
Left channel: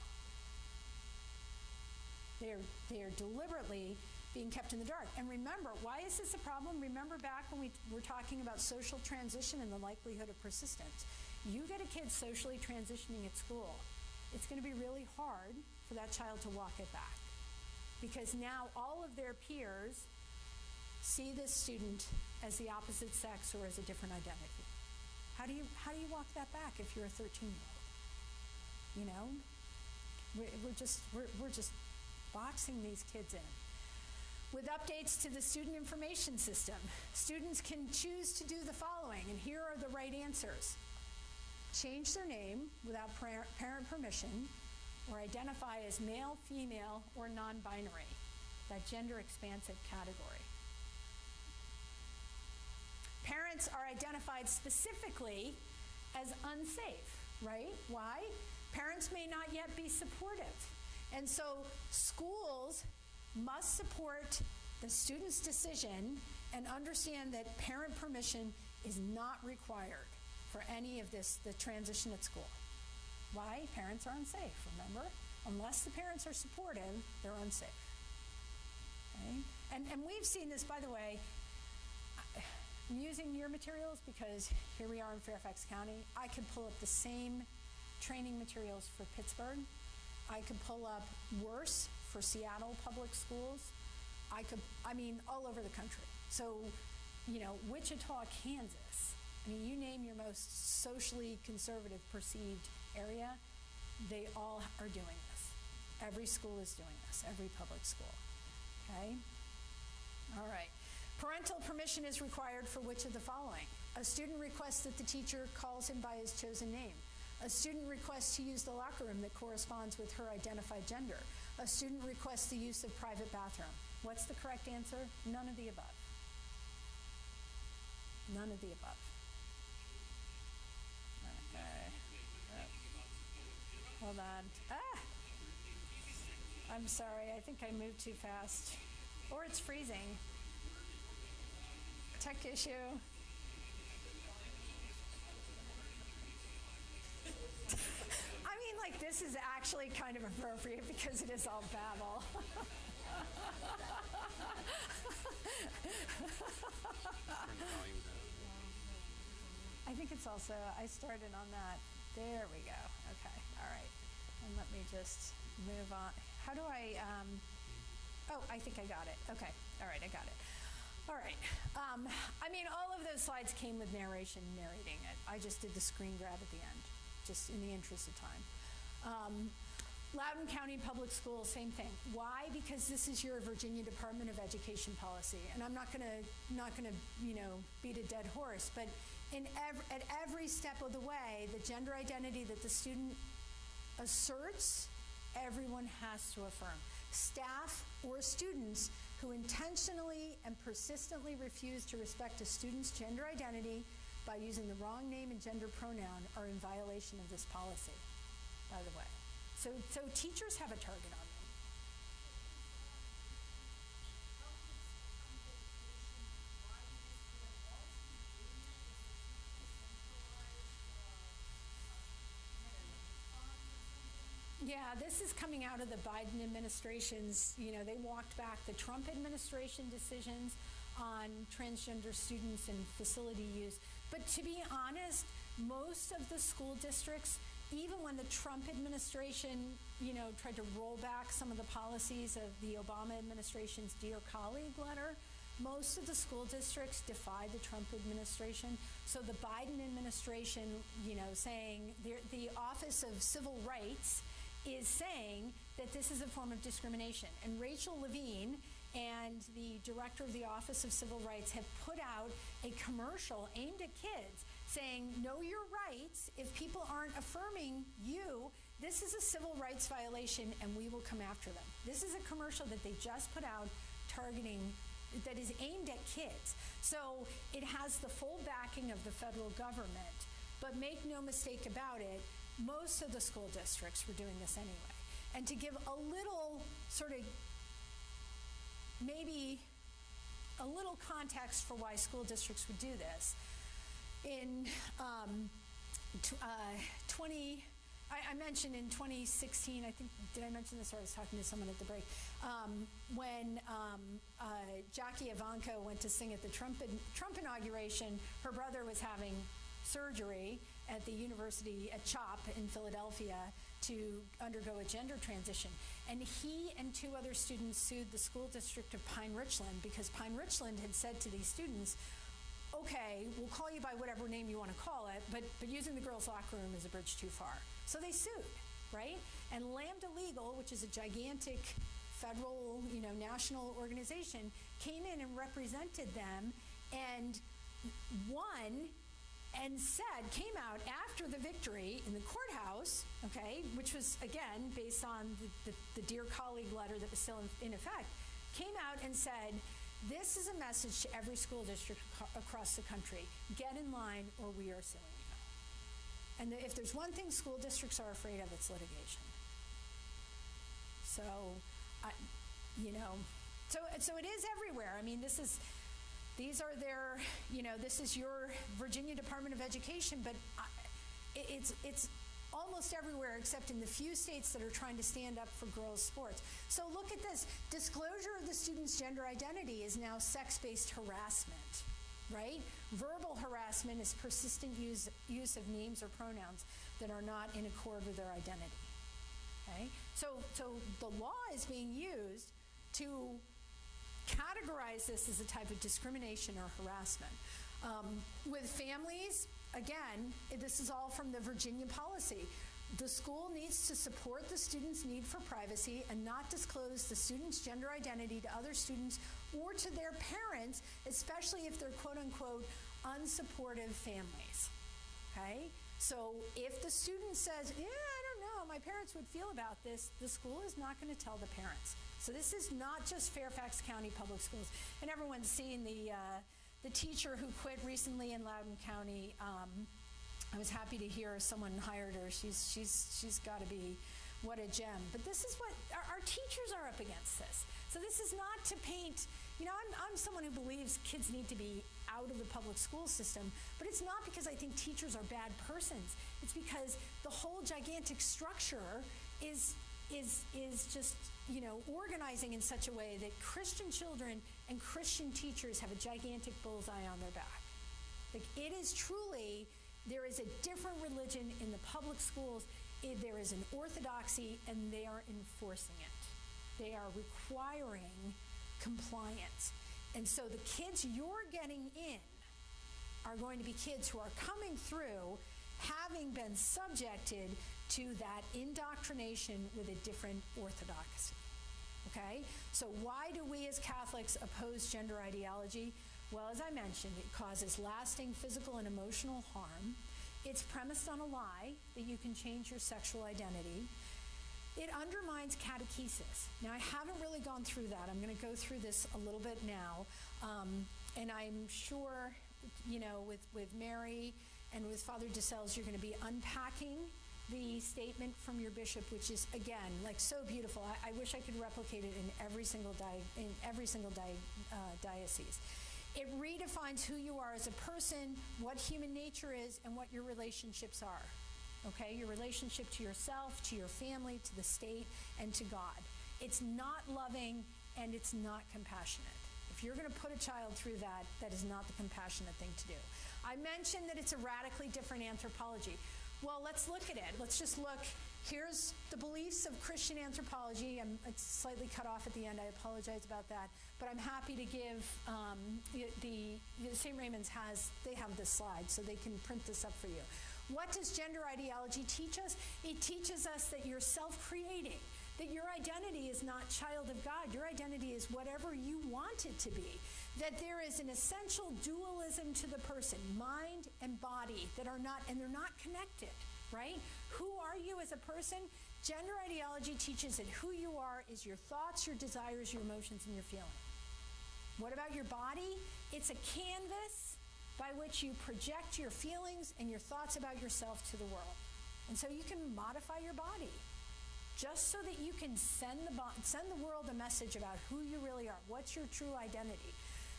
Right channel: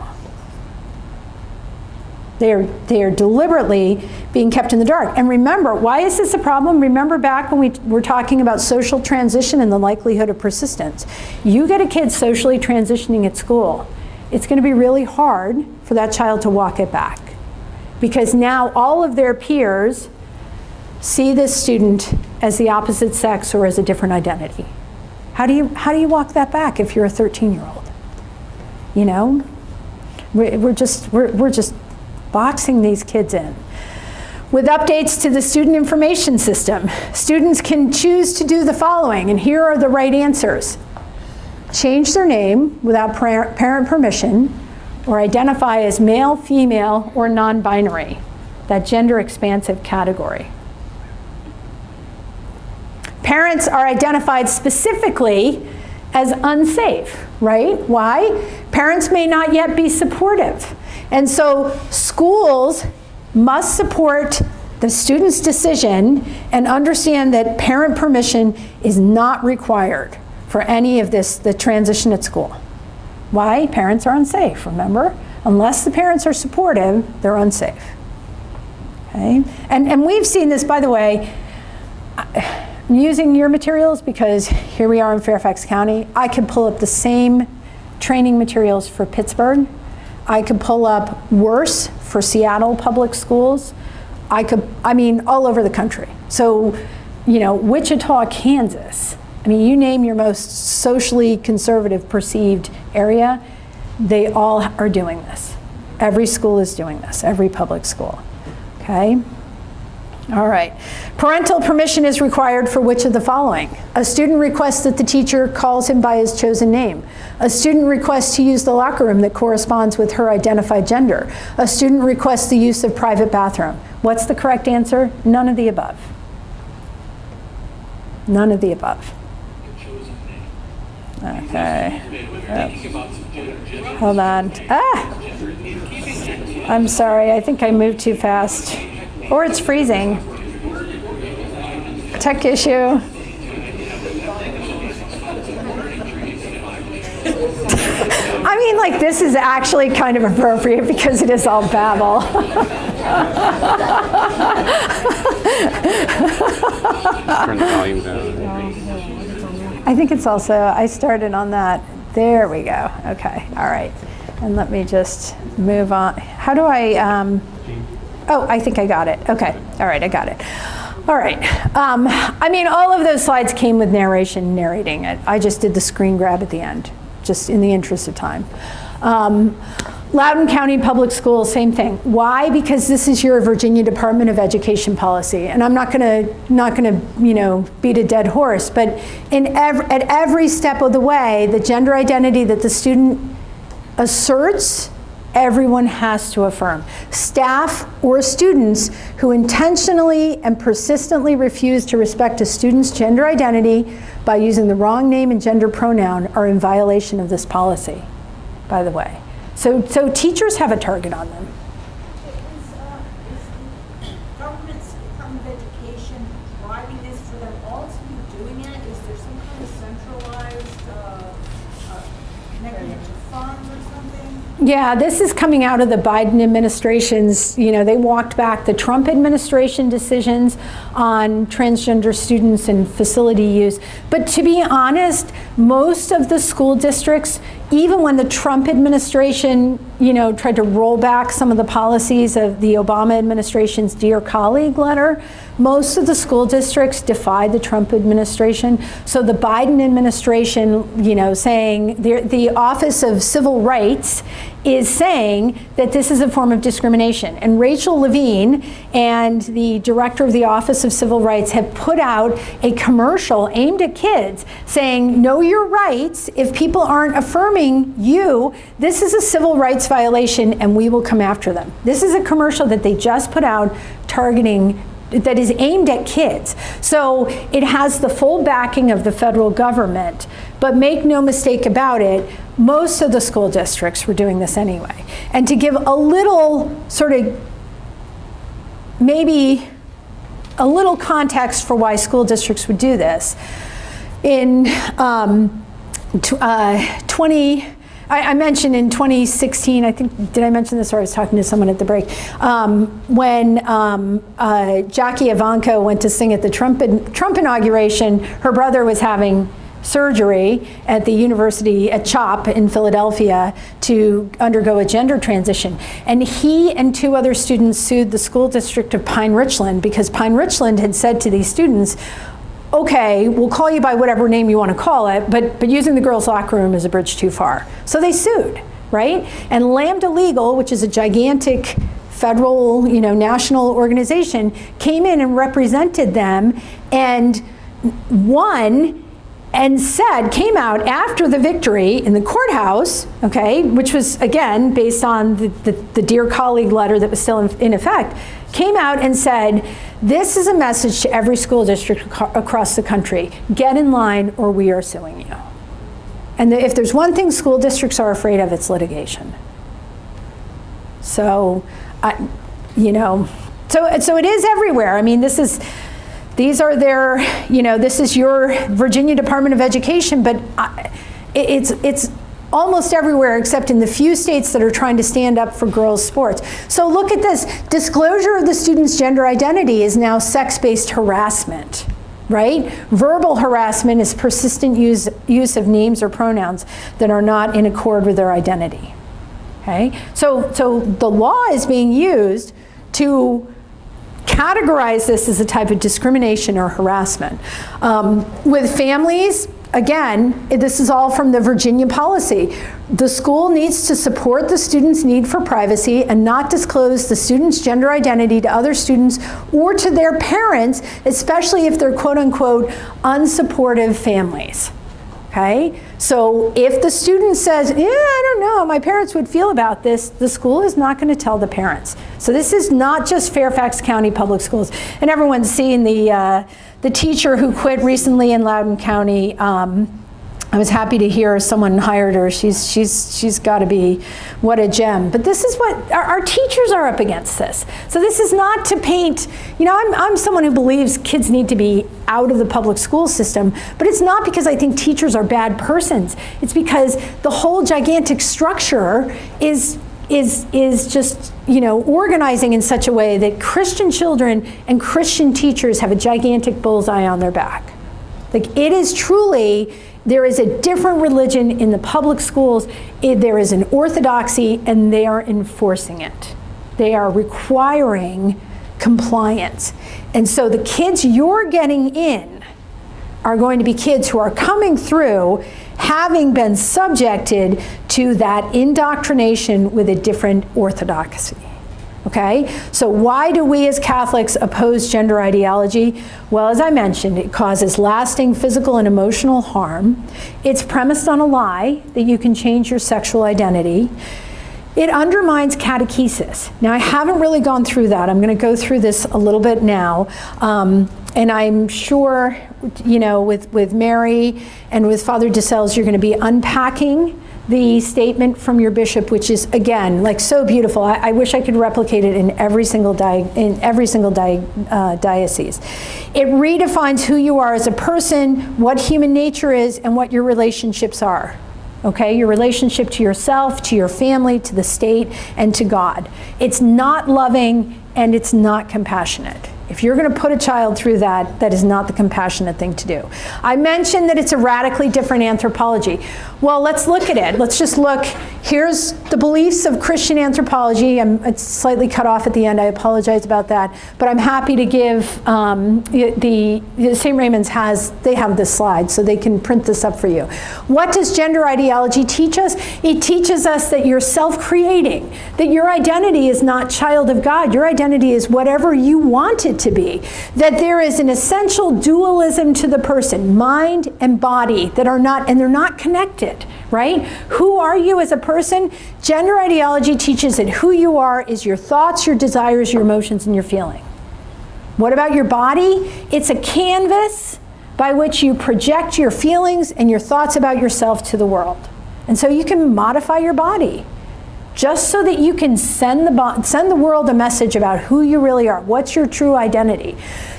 They are deliberately being kept in the dark. And remember, why is this a problem? Remember back when we were talking about social transition and the likelihood of persistence. You get a kid socially transitioning at school, it's going to be really hard for that child to walk it back. Because now all of their peers see this student as the opposite sex or as a different identity. How do you walk that back if you're a 13-year-old? We're just boxing these kids in. With updates to the student information system, students can choose to do the following, and here are the right answers. Change their name without parent permission, or identify as male, female, or non-binary, that gender expansive category. Parents are identified specifically as unsafe, right? Why? Parents may not yet be supportive. And so schools must support the student's decision and understand that parent permission is not required for any of this, the transition at school. Why? Parents are unsafe, remember? Unless the parents are supportive, they're unsafe. Okay? And we've seen this, by the way, I'm using your materials because here we are in Fairfax County. I could pull up the same training materials for Pittsburgh. I could pull up worse for Seattle public schools. All over the country. So, Wichita, Kansas. You name your most socially conservative perceived area, they all are doing this. Every school is doing this, every public school, okay? All right. Parental permission is required for which of the following? A student requests that the teacher calls him by his chosen name. A student requests to use the locker room that corresponds with her identified gender. A student requests the use of private bathroom. What's the correct answer? None of the above. None of the above. Okay. Hold on. I'm sorry. I think I moved too fast. Or it's freezing. Tech issue. I mean, like, this is actually kind of appropriate because it is all Babel. Turn the volume down. I think it's also, I started on that. There we go. Okay, all right. And let me just move on. How do I, oh, I think I got it. Okay, all right, I got it. All right. I mean, all of those slides came with narration, narrating it. I just did the screen grab at the end, just in the interest of time. Loudoun County Public Schools, same thing. Why? Because this is your Virginia Department of Education policy, and I'm not gonna beat a dead horse, but at every step of the way, the gender identity that the student asserts, everyone has to affirm. Staff or students who intentionally and persistently refuse to respect a student's gender identity by using the wrong name and gender pronoun are in violation of this policy, by the way. So teachers have a target on them. Is government's Department of Education driving this for them all to be doing it? Is there some kind of centralized mechanism fund or something? Yeah, this is coming out of the Biden administration's, they walked back the Trump administration decisions on transgender students and facility use. But to be honest, most of the school districts, even when the Trump administration, tried to roll back some of the policies of the Obama administration's Dear Colleague letter, most of the school districts defied the Trump administration. So the Biden administration, saying the Office of Civil Rights is saying that this is a form of discrimination. And Rachel Levine and the director of the Office of Civil Rights have put out a commercial aimed at kids saying, know your rights. If people aren't affirming you, this is a civil rights violation and we will come after them. This is a commercial that they just put out targeting, that is aimed at kids. So it has the full backing of the federal government, but make no mistake about it, most of the school districts were doing this anyway. And to give a little sort of, maybe a little context for why school districts would do this, in I mentioned in 2016, I think, did I mention this or I was talking to someone at the break, when Jackie Ivanko went to sing at the Trump inauguration, her brother was having surgery at the university at CHOP in Philadelphia to undergo a gender transition. And he and two other students sued the school district of Pine Richland because Pine Richland had said to these students, okay, we'll call you by whatever name you want to call it, but using the girls' locker room is a bridge too far. So they sued, right? And Lambda Legal, which is a gigantic federal, national organization, came in and represented them and won and came out after the victory in the courthouse, okay, which was, again, based on the Dear Colleague letter that was still in effect, came out and said, this is a message to every school district across the country. Get in line or we are suing you. And if there's one thing school districts are afraid of, it's litigation. So, so it is everywhere. I mean, these are their, this is your Virginia Department of Education, but it's almost everywhere except in the few states that are trying to stand up for girls' sports. So look at this. Disclosure of the student's gender identity is now sex-based harassment, right? Verbal harassment is persistent use of names or pronouns that are not in accord with their identity, okay? So the law is being used to categorize this as a type of discrimination or harassment. With families, again, this is all from the Virginia policy. The school needs to support the student's need for privacy and not disclose the student's gender identity to other students or to their parents, especially if they're quote unquote unsupportive families. Okay? So if the student says, yeah, I don't know, my parents would feel about this, the school is not going to tell the parents. So this is not just Fairfax County Public Schools. And everyone's seen the teacher who quit recently in Loudoun County, I was happy to hear someone hired her. She's got to be, what a gem. But this is what, our teachers are up against this. So this is not to paint, you know, I'm someone who believes kids need to be out of the public school system, but it's not because I think teachers are bad persons. It's because the whole gigantic structure is just, you know, organizing in such a way that Christian children and Christian teachers have a gigantic bullseye on their back. Like, it is truly, there is a different religion in the public schools. There is an orthodoxy, and they are enforcing it. They are requiring compliance. And so the kids you're getting in are going to be kids who are coming through having been subjected to that indoctrination with a different orthodoxy. Okay? So why do we as Catholics oppose gender ideology? Well, as I mentioned, it causes lasting physical and emotional harm. It's premised on a lie that you can change your sexual identity. It undermines catechesis. Now, I haven't really gone through that. I'm going to go through this a little bit now. And I'm sure, you know, with Mary and with Father DeSales, you're going to be unpacking the statement from your bishop, which is, again, like, so beautiful. I wish I could replicate it in every single diocese. It redefines who you are as a person, what human nature is, and what your relationships are. Okay, your relationship to yourself, to your family, to the state, and to God. It's not loving, and it's not compassionate. If you're going to put a child through that, that is not the compassionate thing to do. I mentioned that it's a radically different anthropology. Well, let's look at it. Let's just look. Here's the beliefs of Christian anthropology. It's slightly cut off at the end. I apologize about that. But I'm happy to give the St. Raymond's they have this slide, so they can print this up for you. What does gender ideology teach us? It teaches us that you're self-creating, that your identity is not child of God. Your identity is whatever you want it to be. That there is an essential dualism to the person, mind and body, that are not, and they're not connected. Right? Who are you as a person? Gender ideology teaches that who you are is your thoughts, your desires, your emotions, and your feeling. What about your body? It's a canvas by which you project your feelings and your thoughts about yourself to the world. And so you can modify your body just so that you can send the world a message about who you really are. What's your true identity?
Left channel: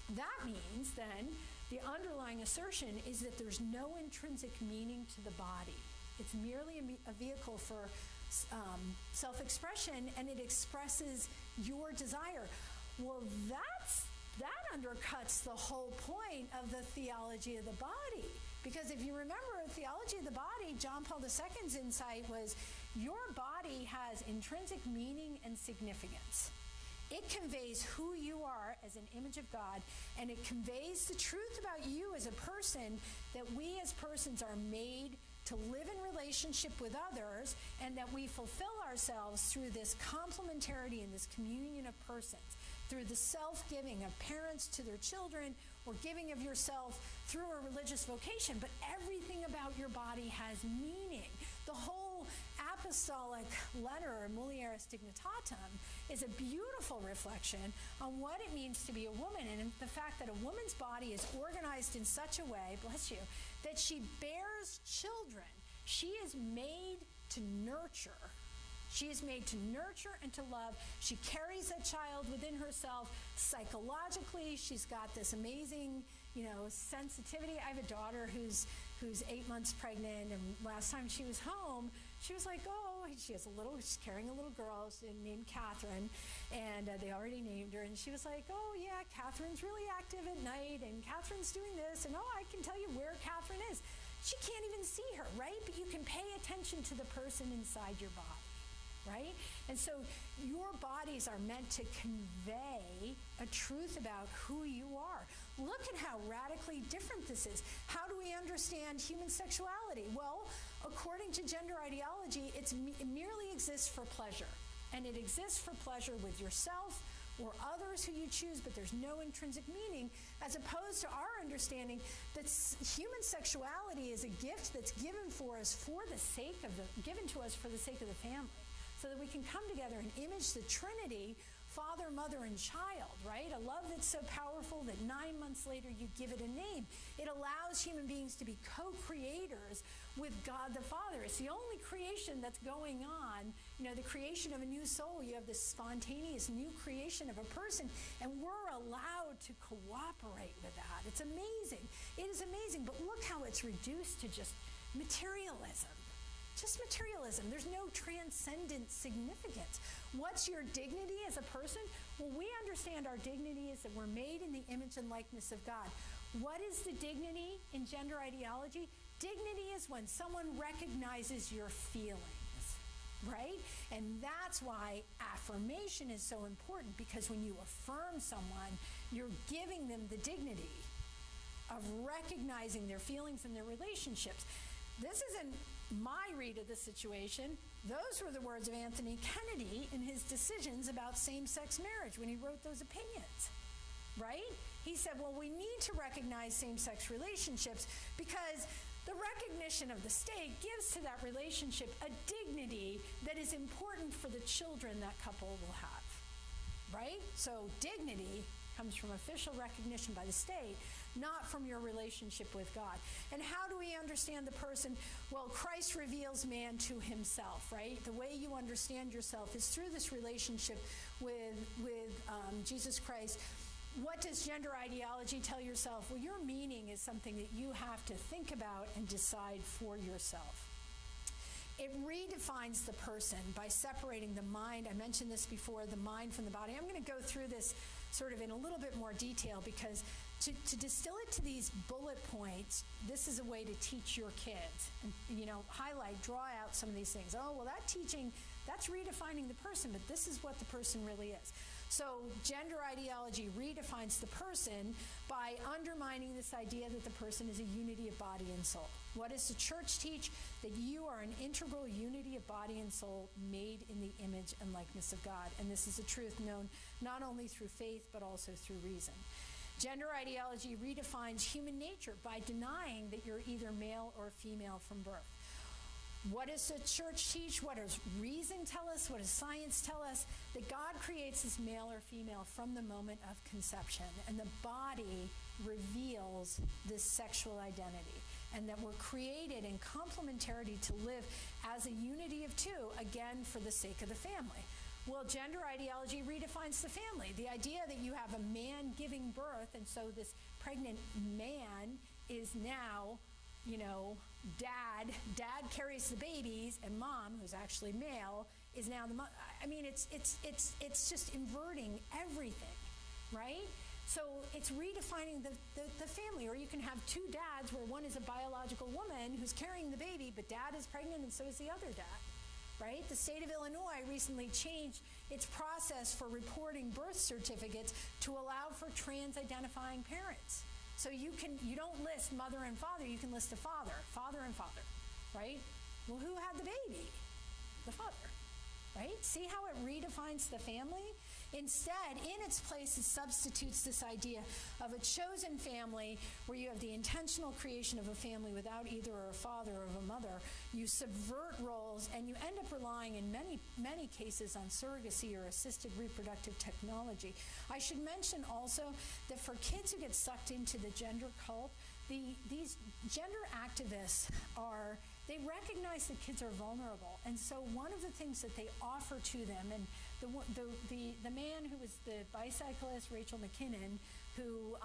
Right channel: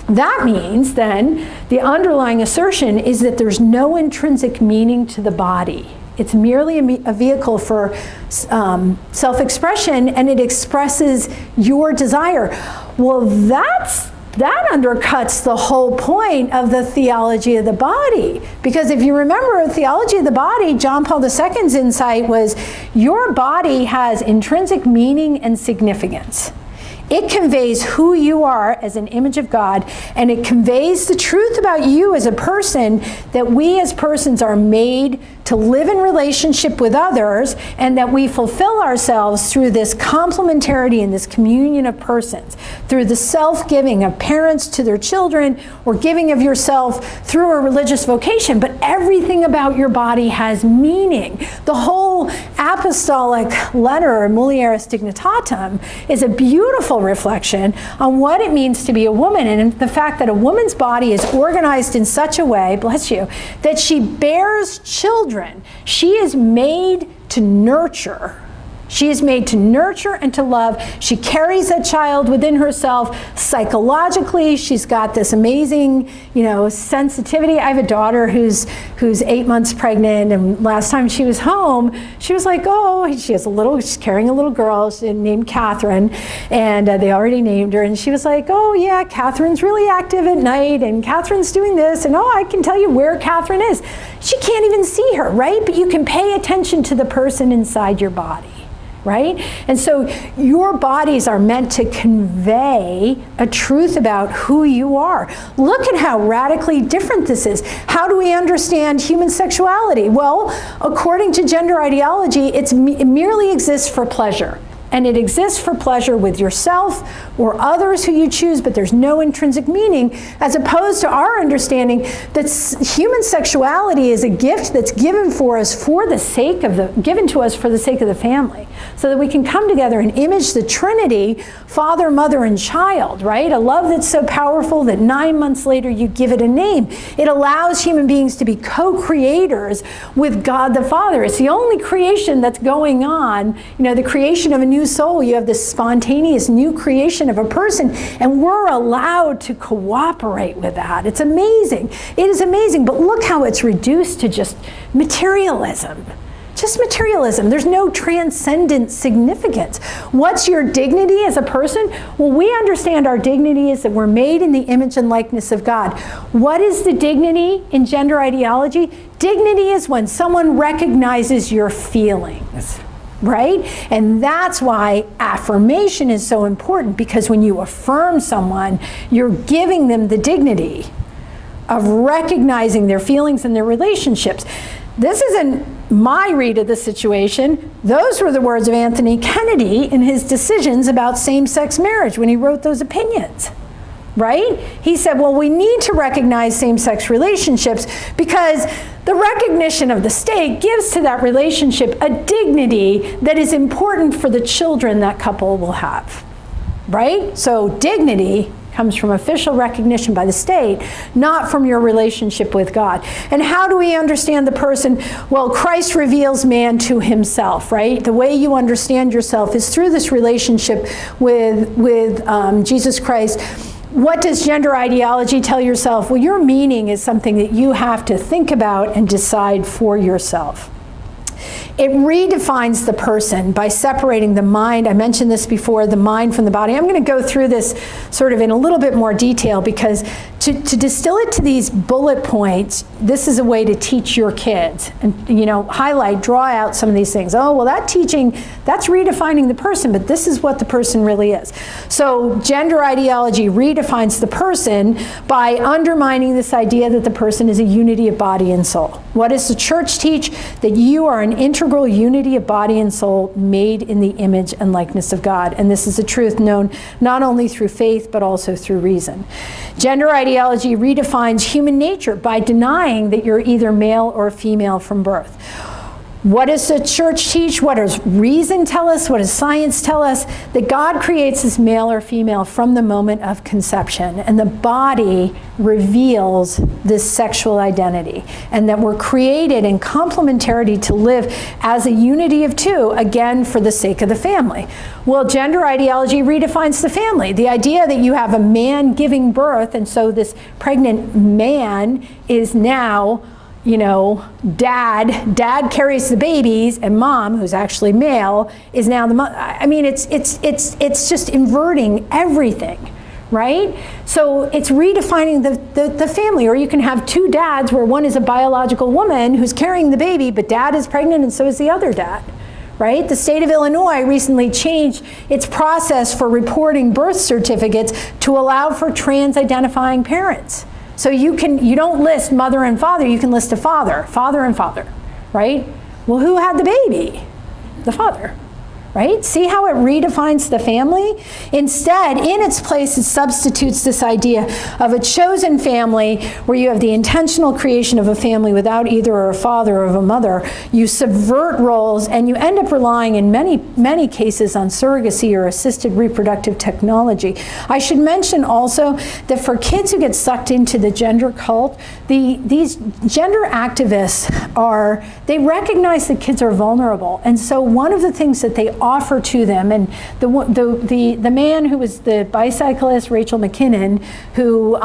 That means then the underlying assertion is that there's no intrinsic meaning to the body. It's merely a vehicle for self-expression, and it expresses your desire. Well, that undercuts the whole point of the theology of the body. Because if you remember, theology of the body, John Paul II's insight was your body has intrinsic meaning and significance. It conveys who you are as an image of God, and it conveys the truth about you as a person, that we as persons are made to live in relationship with others, and that we fulfill ourselves through this complementarity and this communion of persons, through the self-giving of parents to their children, or giving of yourself through a religious vocation. But everything about your body has meaning. The whole apostolic letter, Mulieris Dignitatem, is a beautiful reflection on what it means to be a woman, and the fact that a woman's body is organized in such a way, bless you, that she bears children. She is made to nurture. She is made to nurture and to love. She carries that child within herself psychologically. She's got this amazing, sensitivity. I have a daughter who's 8 months pregnant, and last time she was home, she was like, she's carrying a little girl named Catherine, and they already named her, and she was like, oh yeah, Catherine's really active at night, and Catherine's doing this, and I can tell you where Catherine is. She can't even see her, right? But you can pay attention to the person inside your body. Right? And so your bodies are meant to convey a truth about who you are. Look at how radically different this is. How do we understand human sexuality? Well, according to gender ideology, it merely exists for pleasure. And it exists for pleasure with yourself or others who you choose, but there's no intrinsic meaning, as opposed to our understanding that human sexuality is a gift that's given to us for the sake of the family. so that we can come together and image the Trinity, Father, Mother, and Child, right? A love that's so powerful that 9 months later you give it a name. It allows human beings to be co-creators with God the Father. It's the only creation that's going on, the creation of a new soul. You have this spontaneous new creation of a person, and we're allowed to cooperate with that. It's amazing. It is amazing, but look how it's reduced to just materialism. Just materialism. There's no transcendent significance. What's your dignity as a person? Well, we understand our dignity is that we're made in the image and likeness of God. What is the dignity in gender ideology? Dignity is when someone recognizes your feelings, right? And that's why affirmation is so important, because when you affirm someone, you're giving them the dignity of recognizing their feelings and their relationships. This isn't my read of the situation. Those were the words of Anthony Kennedy in his decisions about same-sex marriage when he wrote those opinions, right? He said, well, we need to recognize same-sex relationships because the recognition of the state gives to that relationship a dignity that is important for the children that couple will have, right? So dignity comes from official recognition by the state, not from your relationship with God. And how do we understand the person? Well, Christ reveals man to himself, right? The way you understand yourself is through this relationship with Jesus Christ. What does gender ideology tell yourself? Well, your meaning is something that you have to think about and decide for yourself. It redefines the person by separating the mind. I mentioned this before, the mind from the body. I'm going to go through this sort of in a little bit more detail, because to distill it to these bullet points, this is a way to teach your kids and, highlight, draw out some of these things. Oh, well, that teaching, that's redefining the person, but this is what the person really is. So gender ideology redefines the person by undermining this idea that the person is a unity of body and soul. What does the church teach? That you are an integral unity of body and soul made in the image and likeness of God. And this is a truth known not only through faith, but also through reason. Gender ideology redefines human nature by denying that you're either male or female from birth. What does the church teach? What does reason tell us? What does science tell us? That God creates as male or female from the moment of conception, and the body reveals this sexual identity, and that we're created in complementarity to live as a unity of two, again, for the sake of the family. Well, gender ideology redefines the family. The idea that you have a man giving birth, and so this pregnant man is now dad carries the babies, and mom, who's actually male, is now the mother. I mean, it's just inverting everything, right? So it's redefining the family. Or you can have two dads where one is a biological woman who's carrying the baby, but dad is pregnant and so is the other dad, right? The state of Illinois recently changed its process for reporting birth certificates to allow for trans-identifying parents. So you don't list mother and father, you can list a father and father, right? Well, who had the baby? The father, right? See how it redefines the family? Instead, in its place, it substitutes this idea of a chosen family where you have the intentional creation of a family without either a father or a mother. You subvert roles, and you end up relying in many cases on surrogacy or assisted reproductive technology. I should mention also that for kids who get sucked into the gender cult, these gender activists they recognize that kids are vulnerable. And so one of the things that they offer to them, and the man who was the bicyclist, Rachel McKinnon, who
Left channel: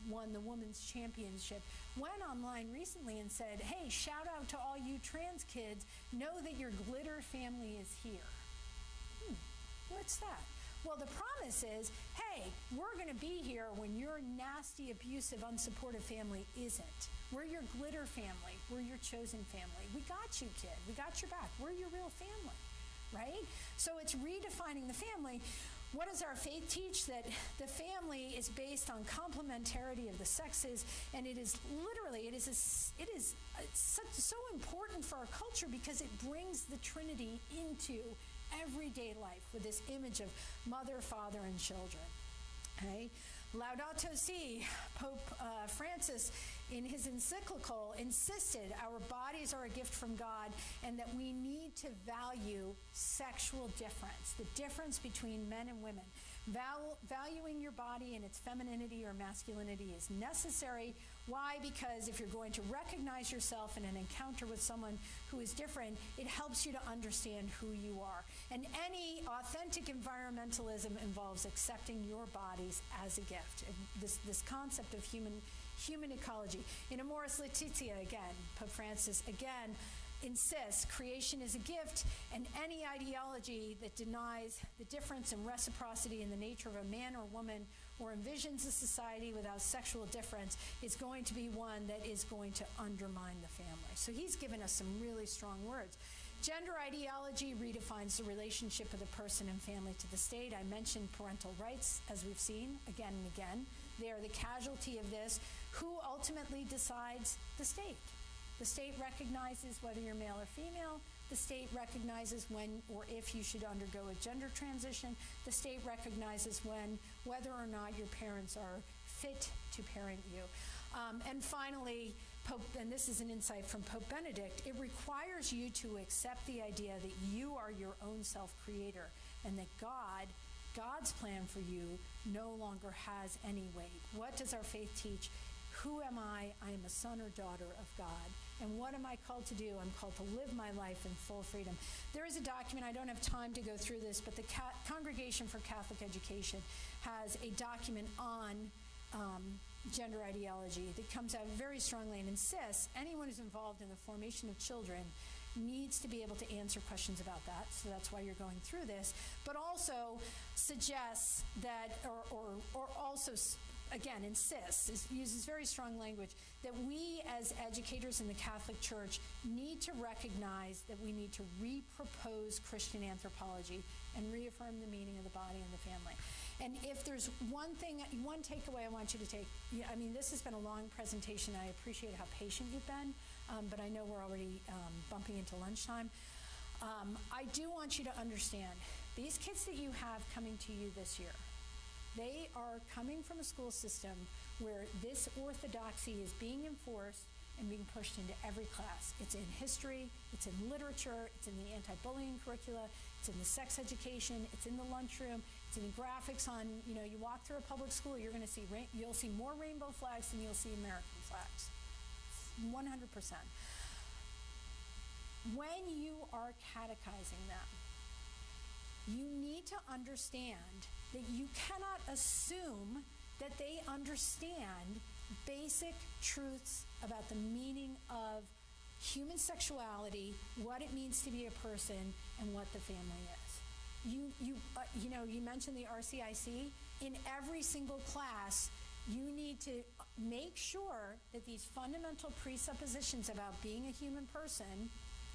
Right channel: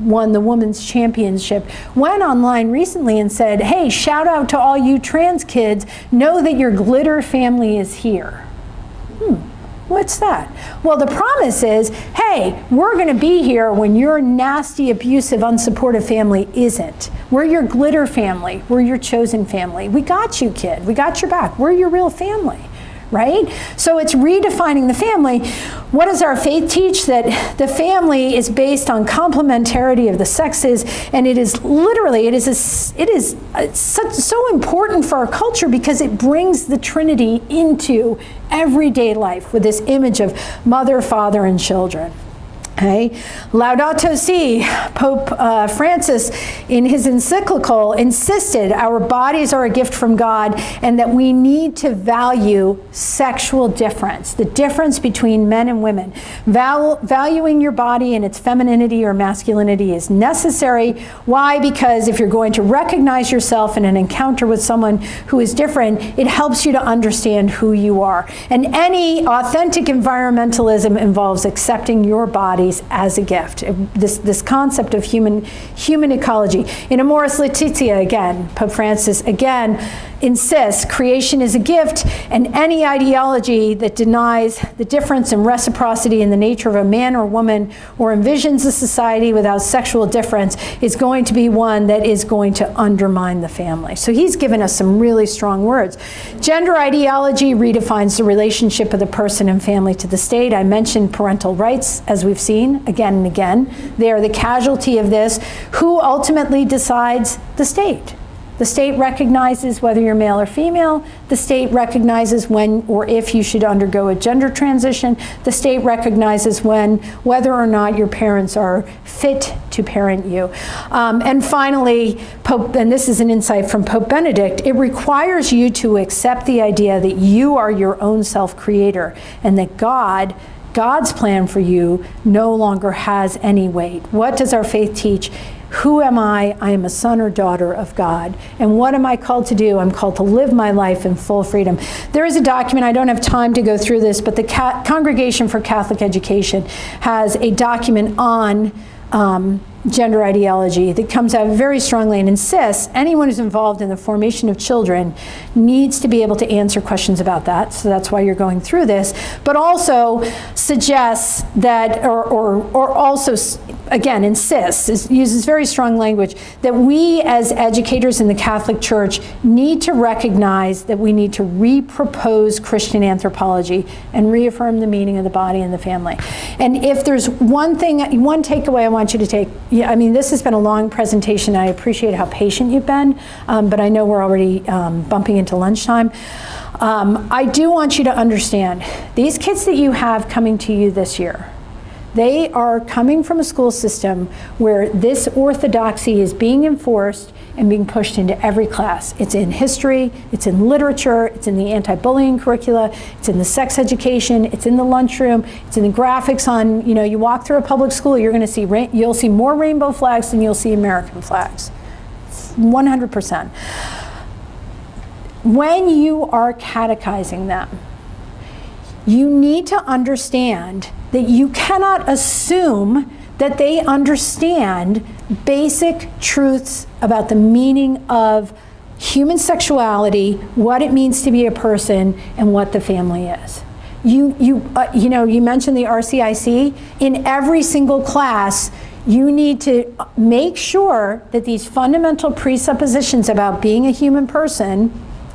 won the women's championship, went online recently and said, hey, shout out to all you trans kids, know that your glitter family is here. What's that? Well, the promise is, hey, we're going to be here when your nasty, abusive, unsupportive family isn't. We're your glitter family. We're your chosen family. We got you, kid. We got your back. We're your real family, right? So it's redefining the family. What does our faith teach? That the family is based on complementarity of the sexes, and it is so important for our culture because it brings the Trinity into everyday life with this image of mother, father, and children. Okay. Laudato Si, Pope Francis, in his encyclical, insisted our bodies are a gift from God and that we need to value sexual difference, the difference between men and women. Valuing your body and its femininity or masculinity is necessary. Why? Because if you're going to recognize yourself in an encounter with someone who is different, it helps you to understand who you are. And any authentic environmentalism involves accepting your body as a gift. This concept of human ecology. In Amoris Laetitia, again, Pope Francis again insists creation is a gift, and any ideology that denies the difference and reciprocity in the nature of a man or woman or envisions a society without sexual difference is going to be one that is going to undermine the family. So he's given us some really strong words. Gender ideology redefines the relationship of the person and family to the state. I mentioned parental rights, as we've seen again and again. They are the casualty of this. Who ultimately decides? The state. The state recognizes whether you're male or female. The state recognizes when or if you should undergo a gender transition. The state recognizes whether or not your parents are fit to parent you. And finally, and this is an insight from Pope Benedict, it requires you to accept the idea that you are your own self-creator and that God's plan for you no longer has any weight. What does our faith teach? Who am I? I am a son or daughter of God. And what am I called to do? I'm called to live my life in full freedom. There is a document, I don't have time to go through this, but the Congregation for Catholic Education has a document on gender ideology that comes out very strongly and insists anyone who's involved in the formation of children needs to be able to answer questions about that. So that's why you're going through this, but also suggests that, or also, again, insists, uses very strong language, that we as educators in the Catholic Church need to recognize that we need to repropose Christian anthropology and reaffirm the meaning of the body and the family. And if there's one takeaway I want you to take, I mean, this has been a long presentation. I appreciate how patient you've been, but I know we're already bumping into lunchtime. I do want you to understand, these kids that you have coming to you this year, they are coming from a school system where this orthodoxy is being enforced and being pushed into every class. It's in history, it's in literature, it's in the anti-bullying curricula, it's in the sex education, it's in the lunchroom, it's in the graphics on, you walk through a public school, you'll see more rainbow flags than you'll see American flags. 100%. When you are catechizing them, you need to understand that you cannot assume that they understand basic truths about the meaning of human sexuality, what it means to be a person, and what the family is. You mentioned the RCIC. In every single class, you need to make sure that these fundamental presuppositions about being a human person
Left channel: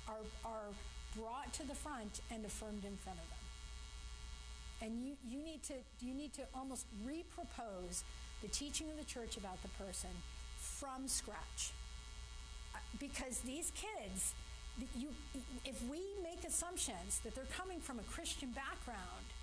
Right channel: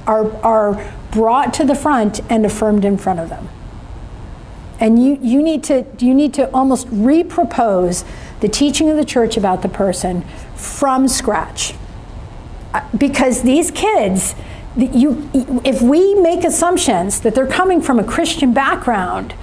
are brought to the front and affirmed in front of them. And you need to almost repropose the teaching of the church about the person from scratch. Because these kids, if we make assumptions that they're coming from a Christian background,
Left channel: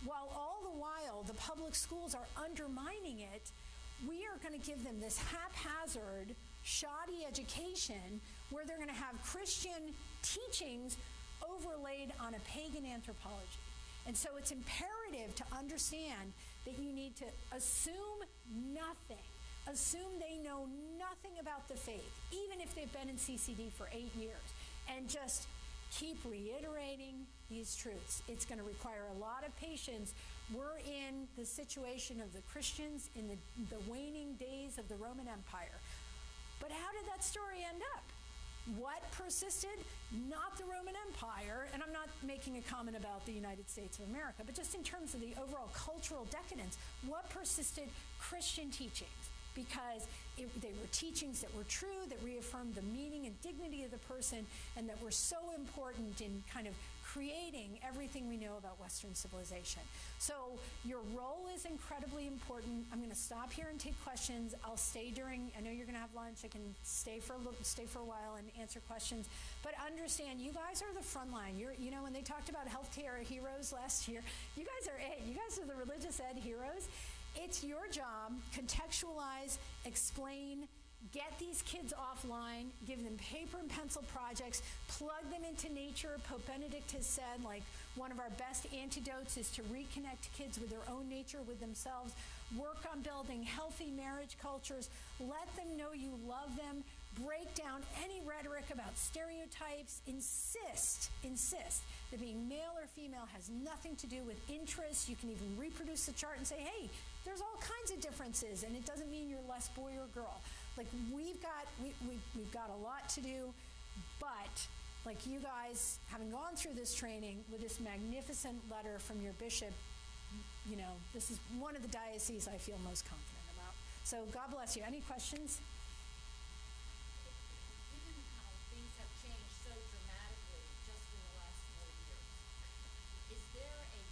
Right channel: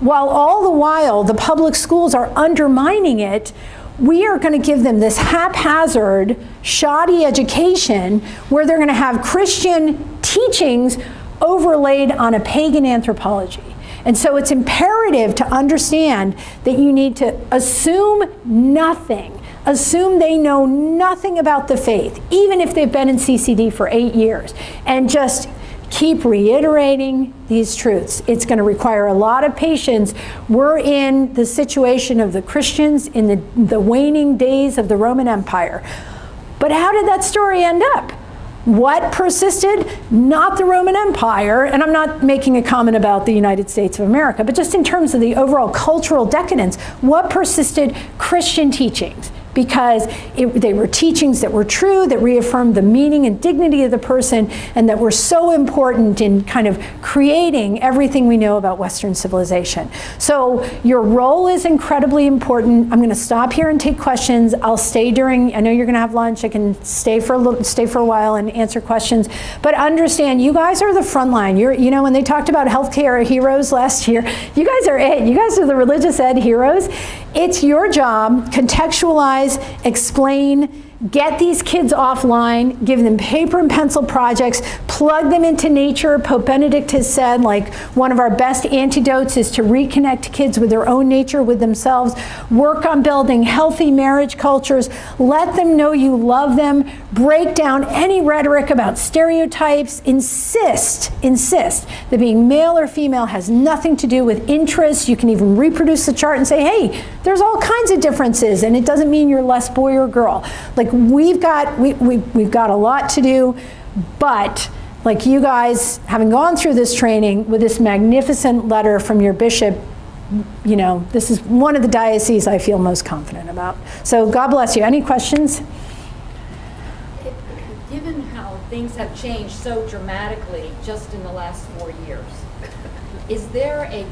while all the while the public schools are undermining it, we are going to give them this haphazard, shoddy education where they're going to have Christian teachings overlaid on a pagan anthropology. And so it's imperative to understand that you need to assume nothing. Assume they know nothing about the faith, even if they've been in CCD for 8 years, and just keep reiterating these truths. It's going to require a lot of patience. We're in the situation of the Christians in the waning days of the Roman Empire. But how did that story end up? What persisted? Not the Roman Empire, and I'm not making a comment about the United States of America, but just in terms of the overall cultural decadence, what persisted? Christian teachings. Because they were teachings that were true, that reaffirmed the meaning and dignity of the person, and that were so important in kind of creating everything we know about Western civilization. So your role is incredibly important. I'm going to stop here and take questions. I'll stay I know you're going to have lunch. I can stay for a while and answer questions. But understand, you guys are the front line. When they talked about healthcare heroes last year, you guys are it. You guys are the religious ed heroes. It's your job, contextualize, explain, get these kids offline, give them paper and pencil projects, plug them into nature. Pope Benedict has said, like, one of our best antidotes is to reconnect kids with their own nature, with themselves. Work on building healthy marriage cultures. Let them know you love them. Break down any rhetoric about stereotypes. Insist that being male or female has nothing to do with interests. You can even reproduce the chart and say, hey, there's all kinds of differences, and it doesn't mean you're less boy or girl. Like, we've got a lot to do, but like, you guys, having gone through this training with this magnificent letter from your bishop, you know, this is one of the dioceses I feel most confident about. So God bless you. Any questions? Given how things have changed so dramatically just in the last 4 years, is there a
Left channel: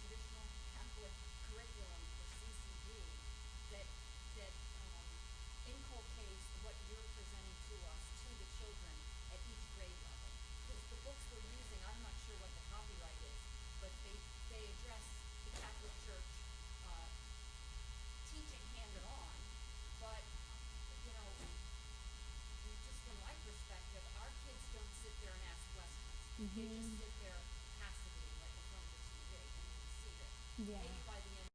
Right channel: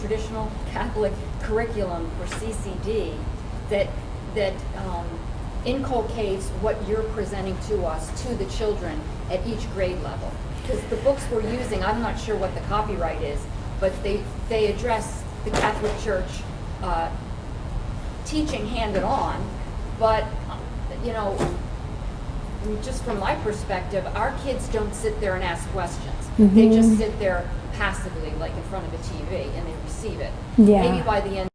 traditional Catholic curriculum for CCD that inculcates what you're presenting to us, to the children at each grade level? Because the books we're using, I'm not sure what the copyright is, but they address the Catholic Church teaching hand-on, but, you know, just from my perspective, our kids don't sit there and ask questions. They just sit there passively, like in front of a TV, and they receive it. Yeah. Maybe by the end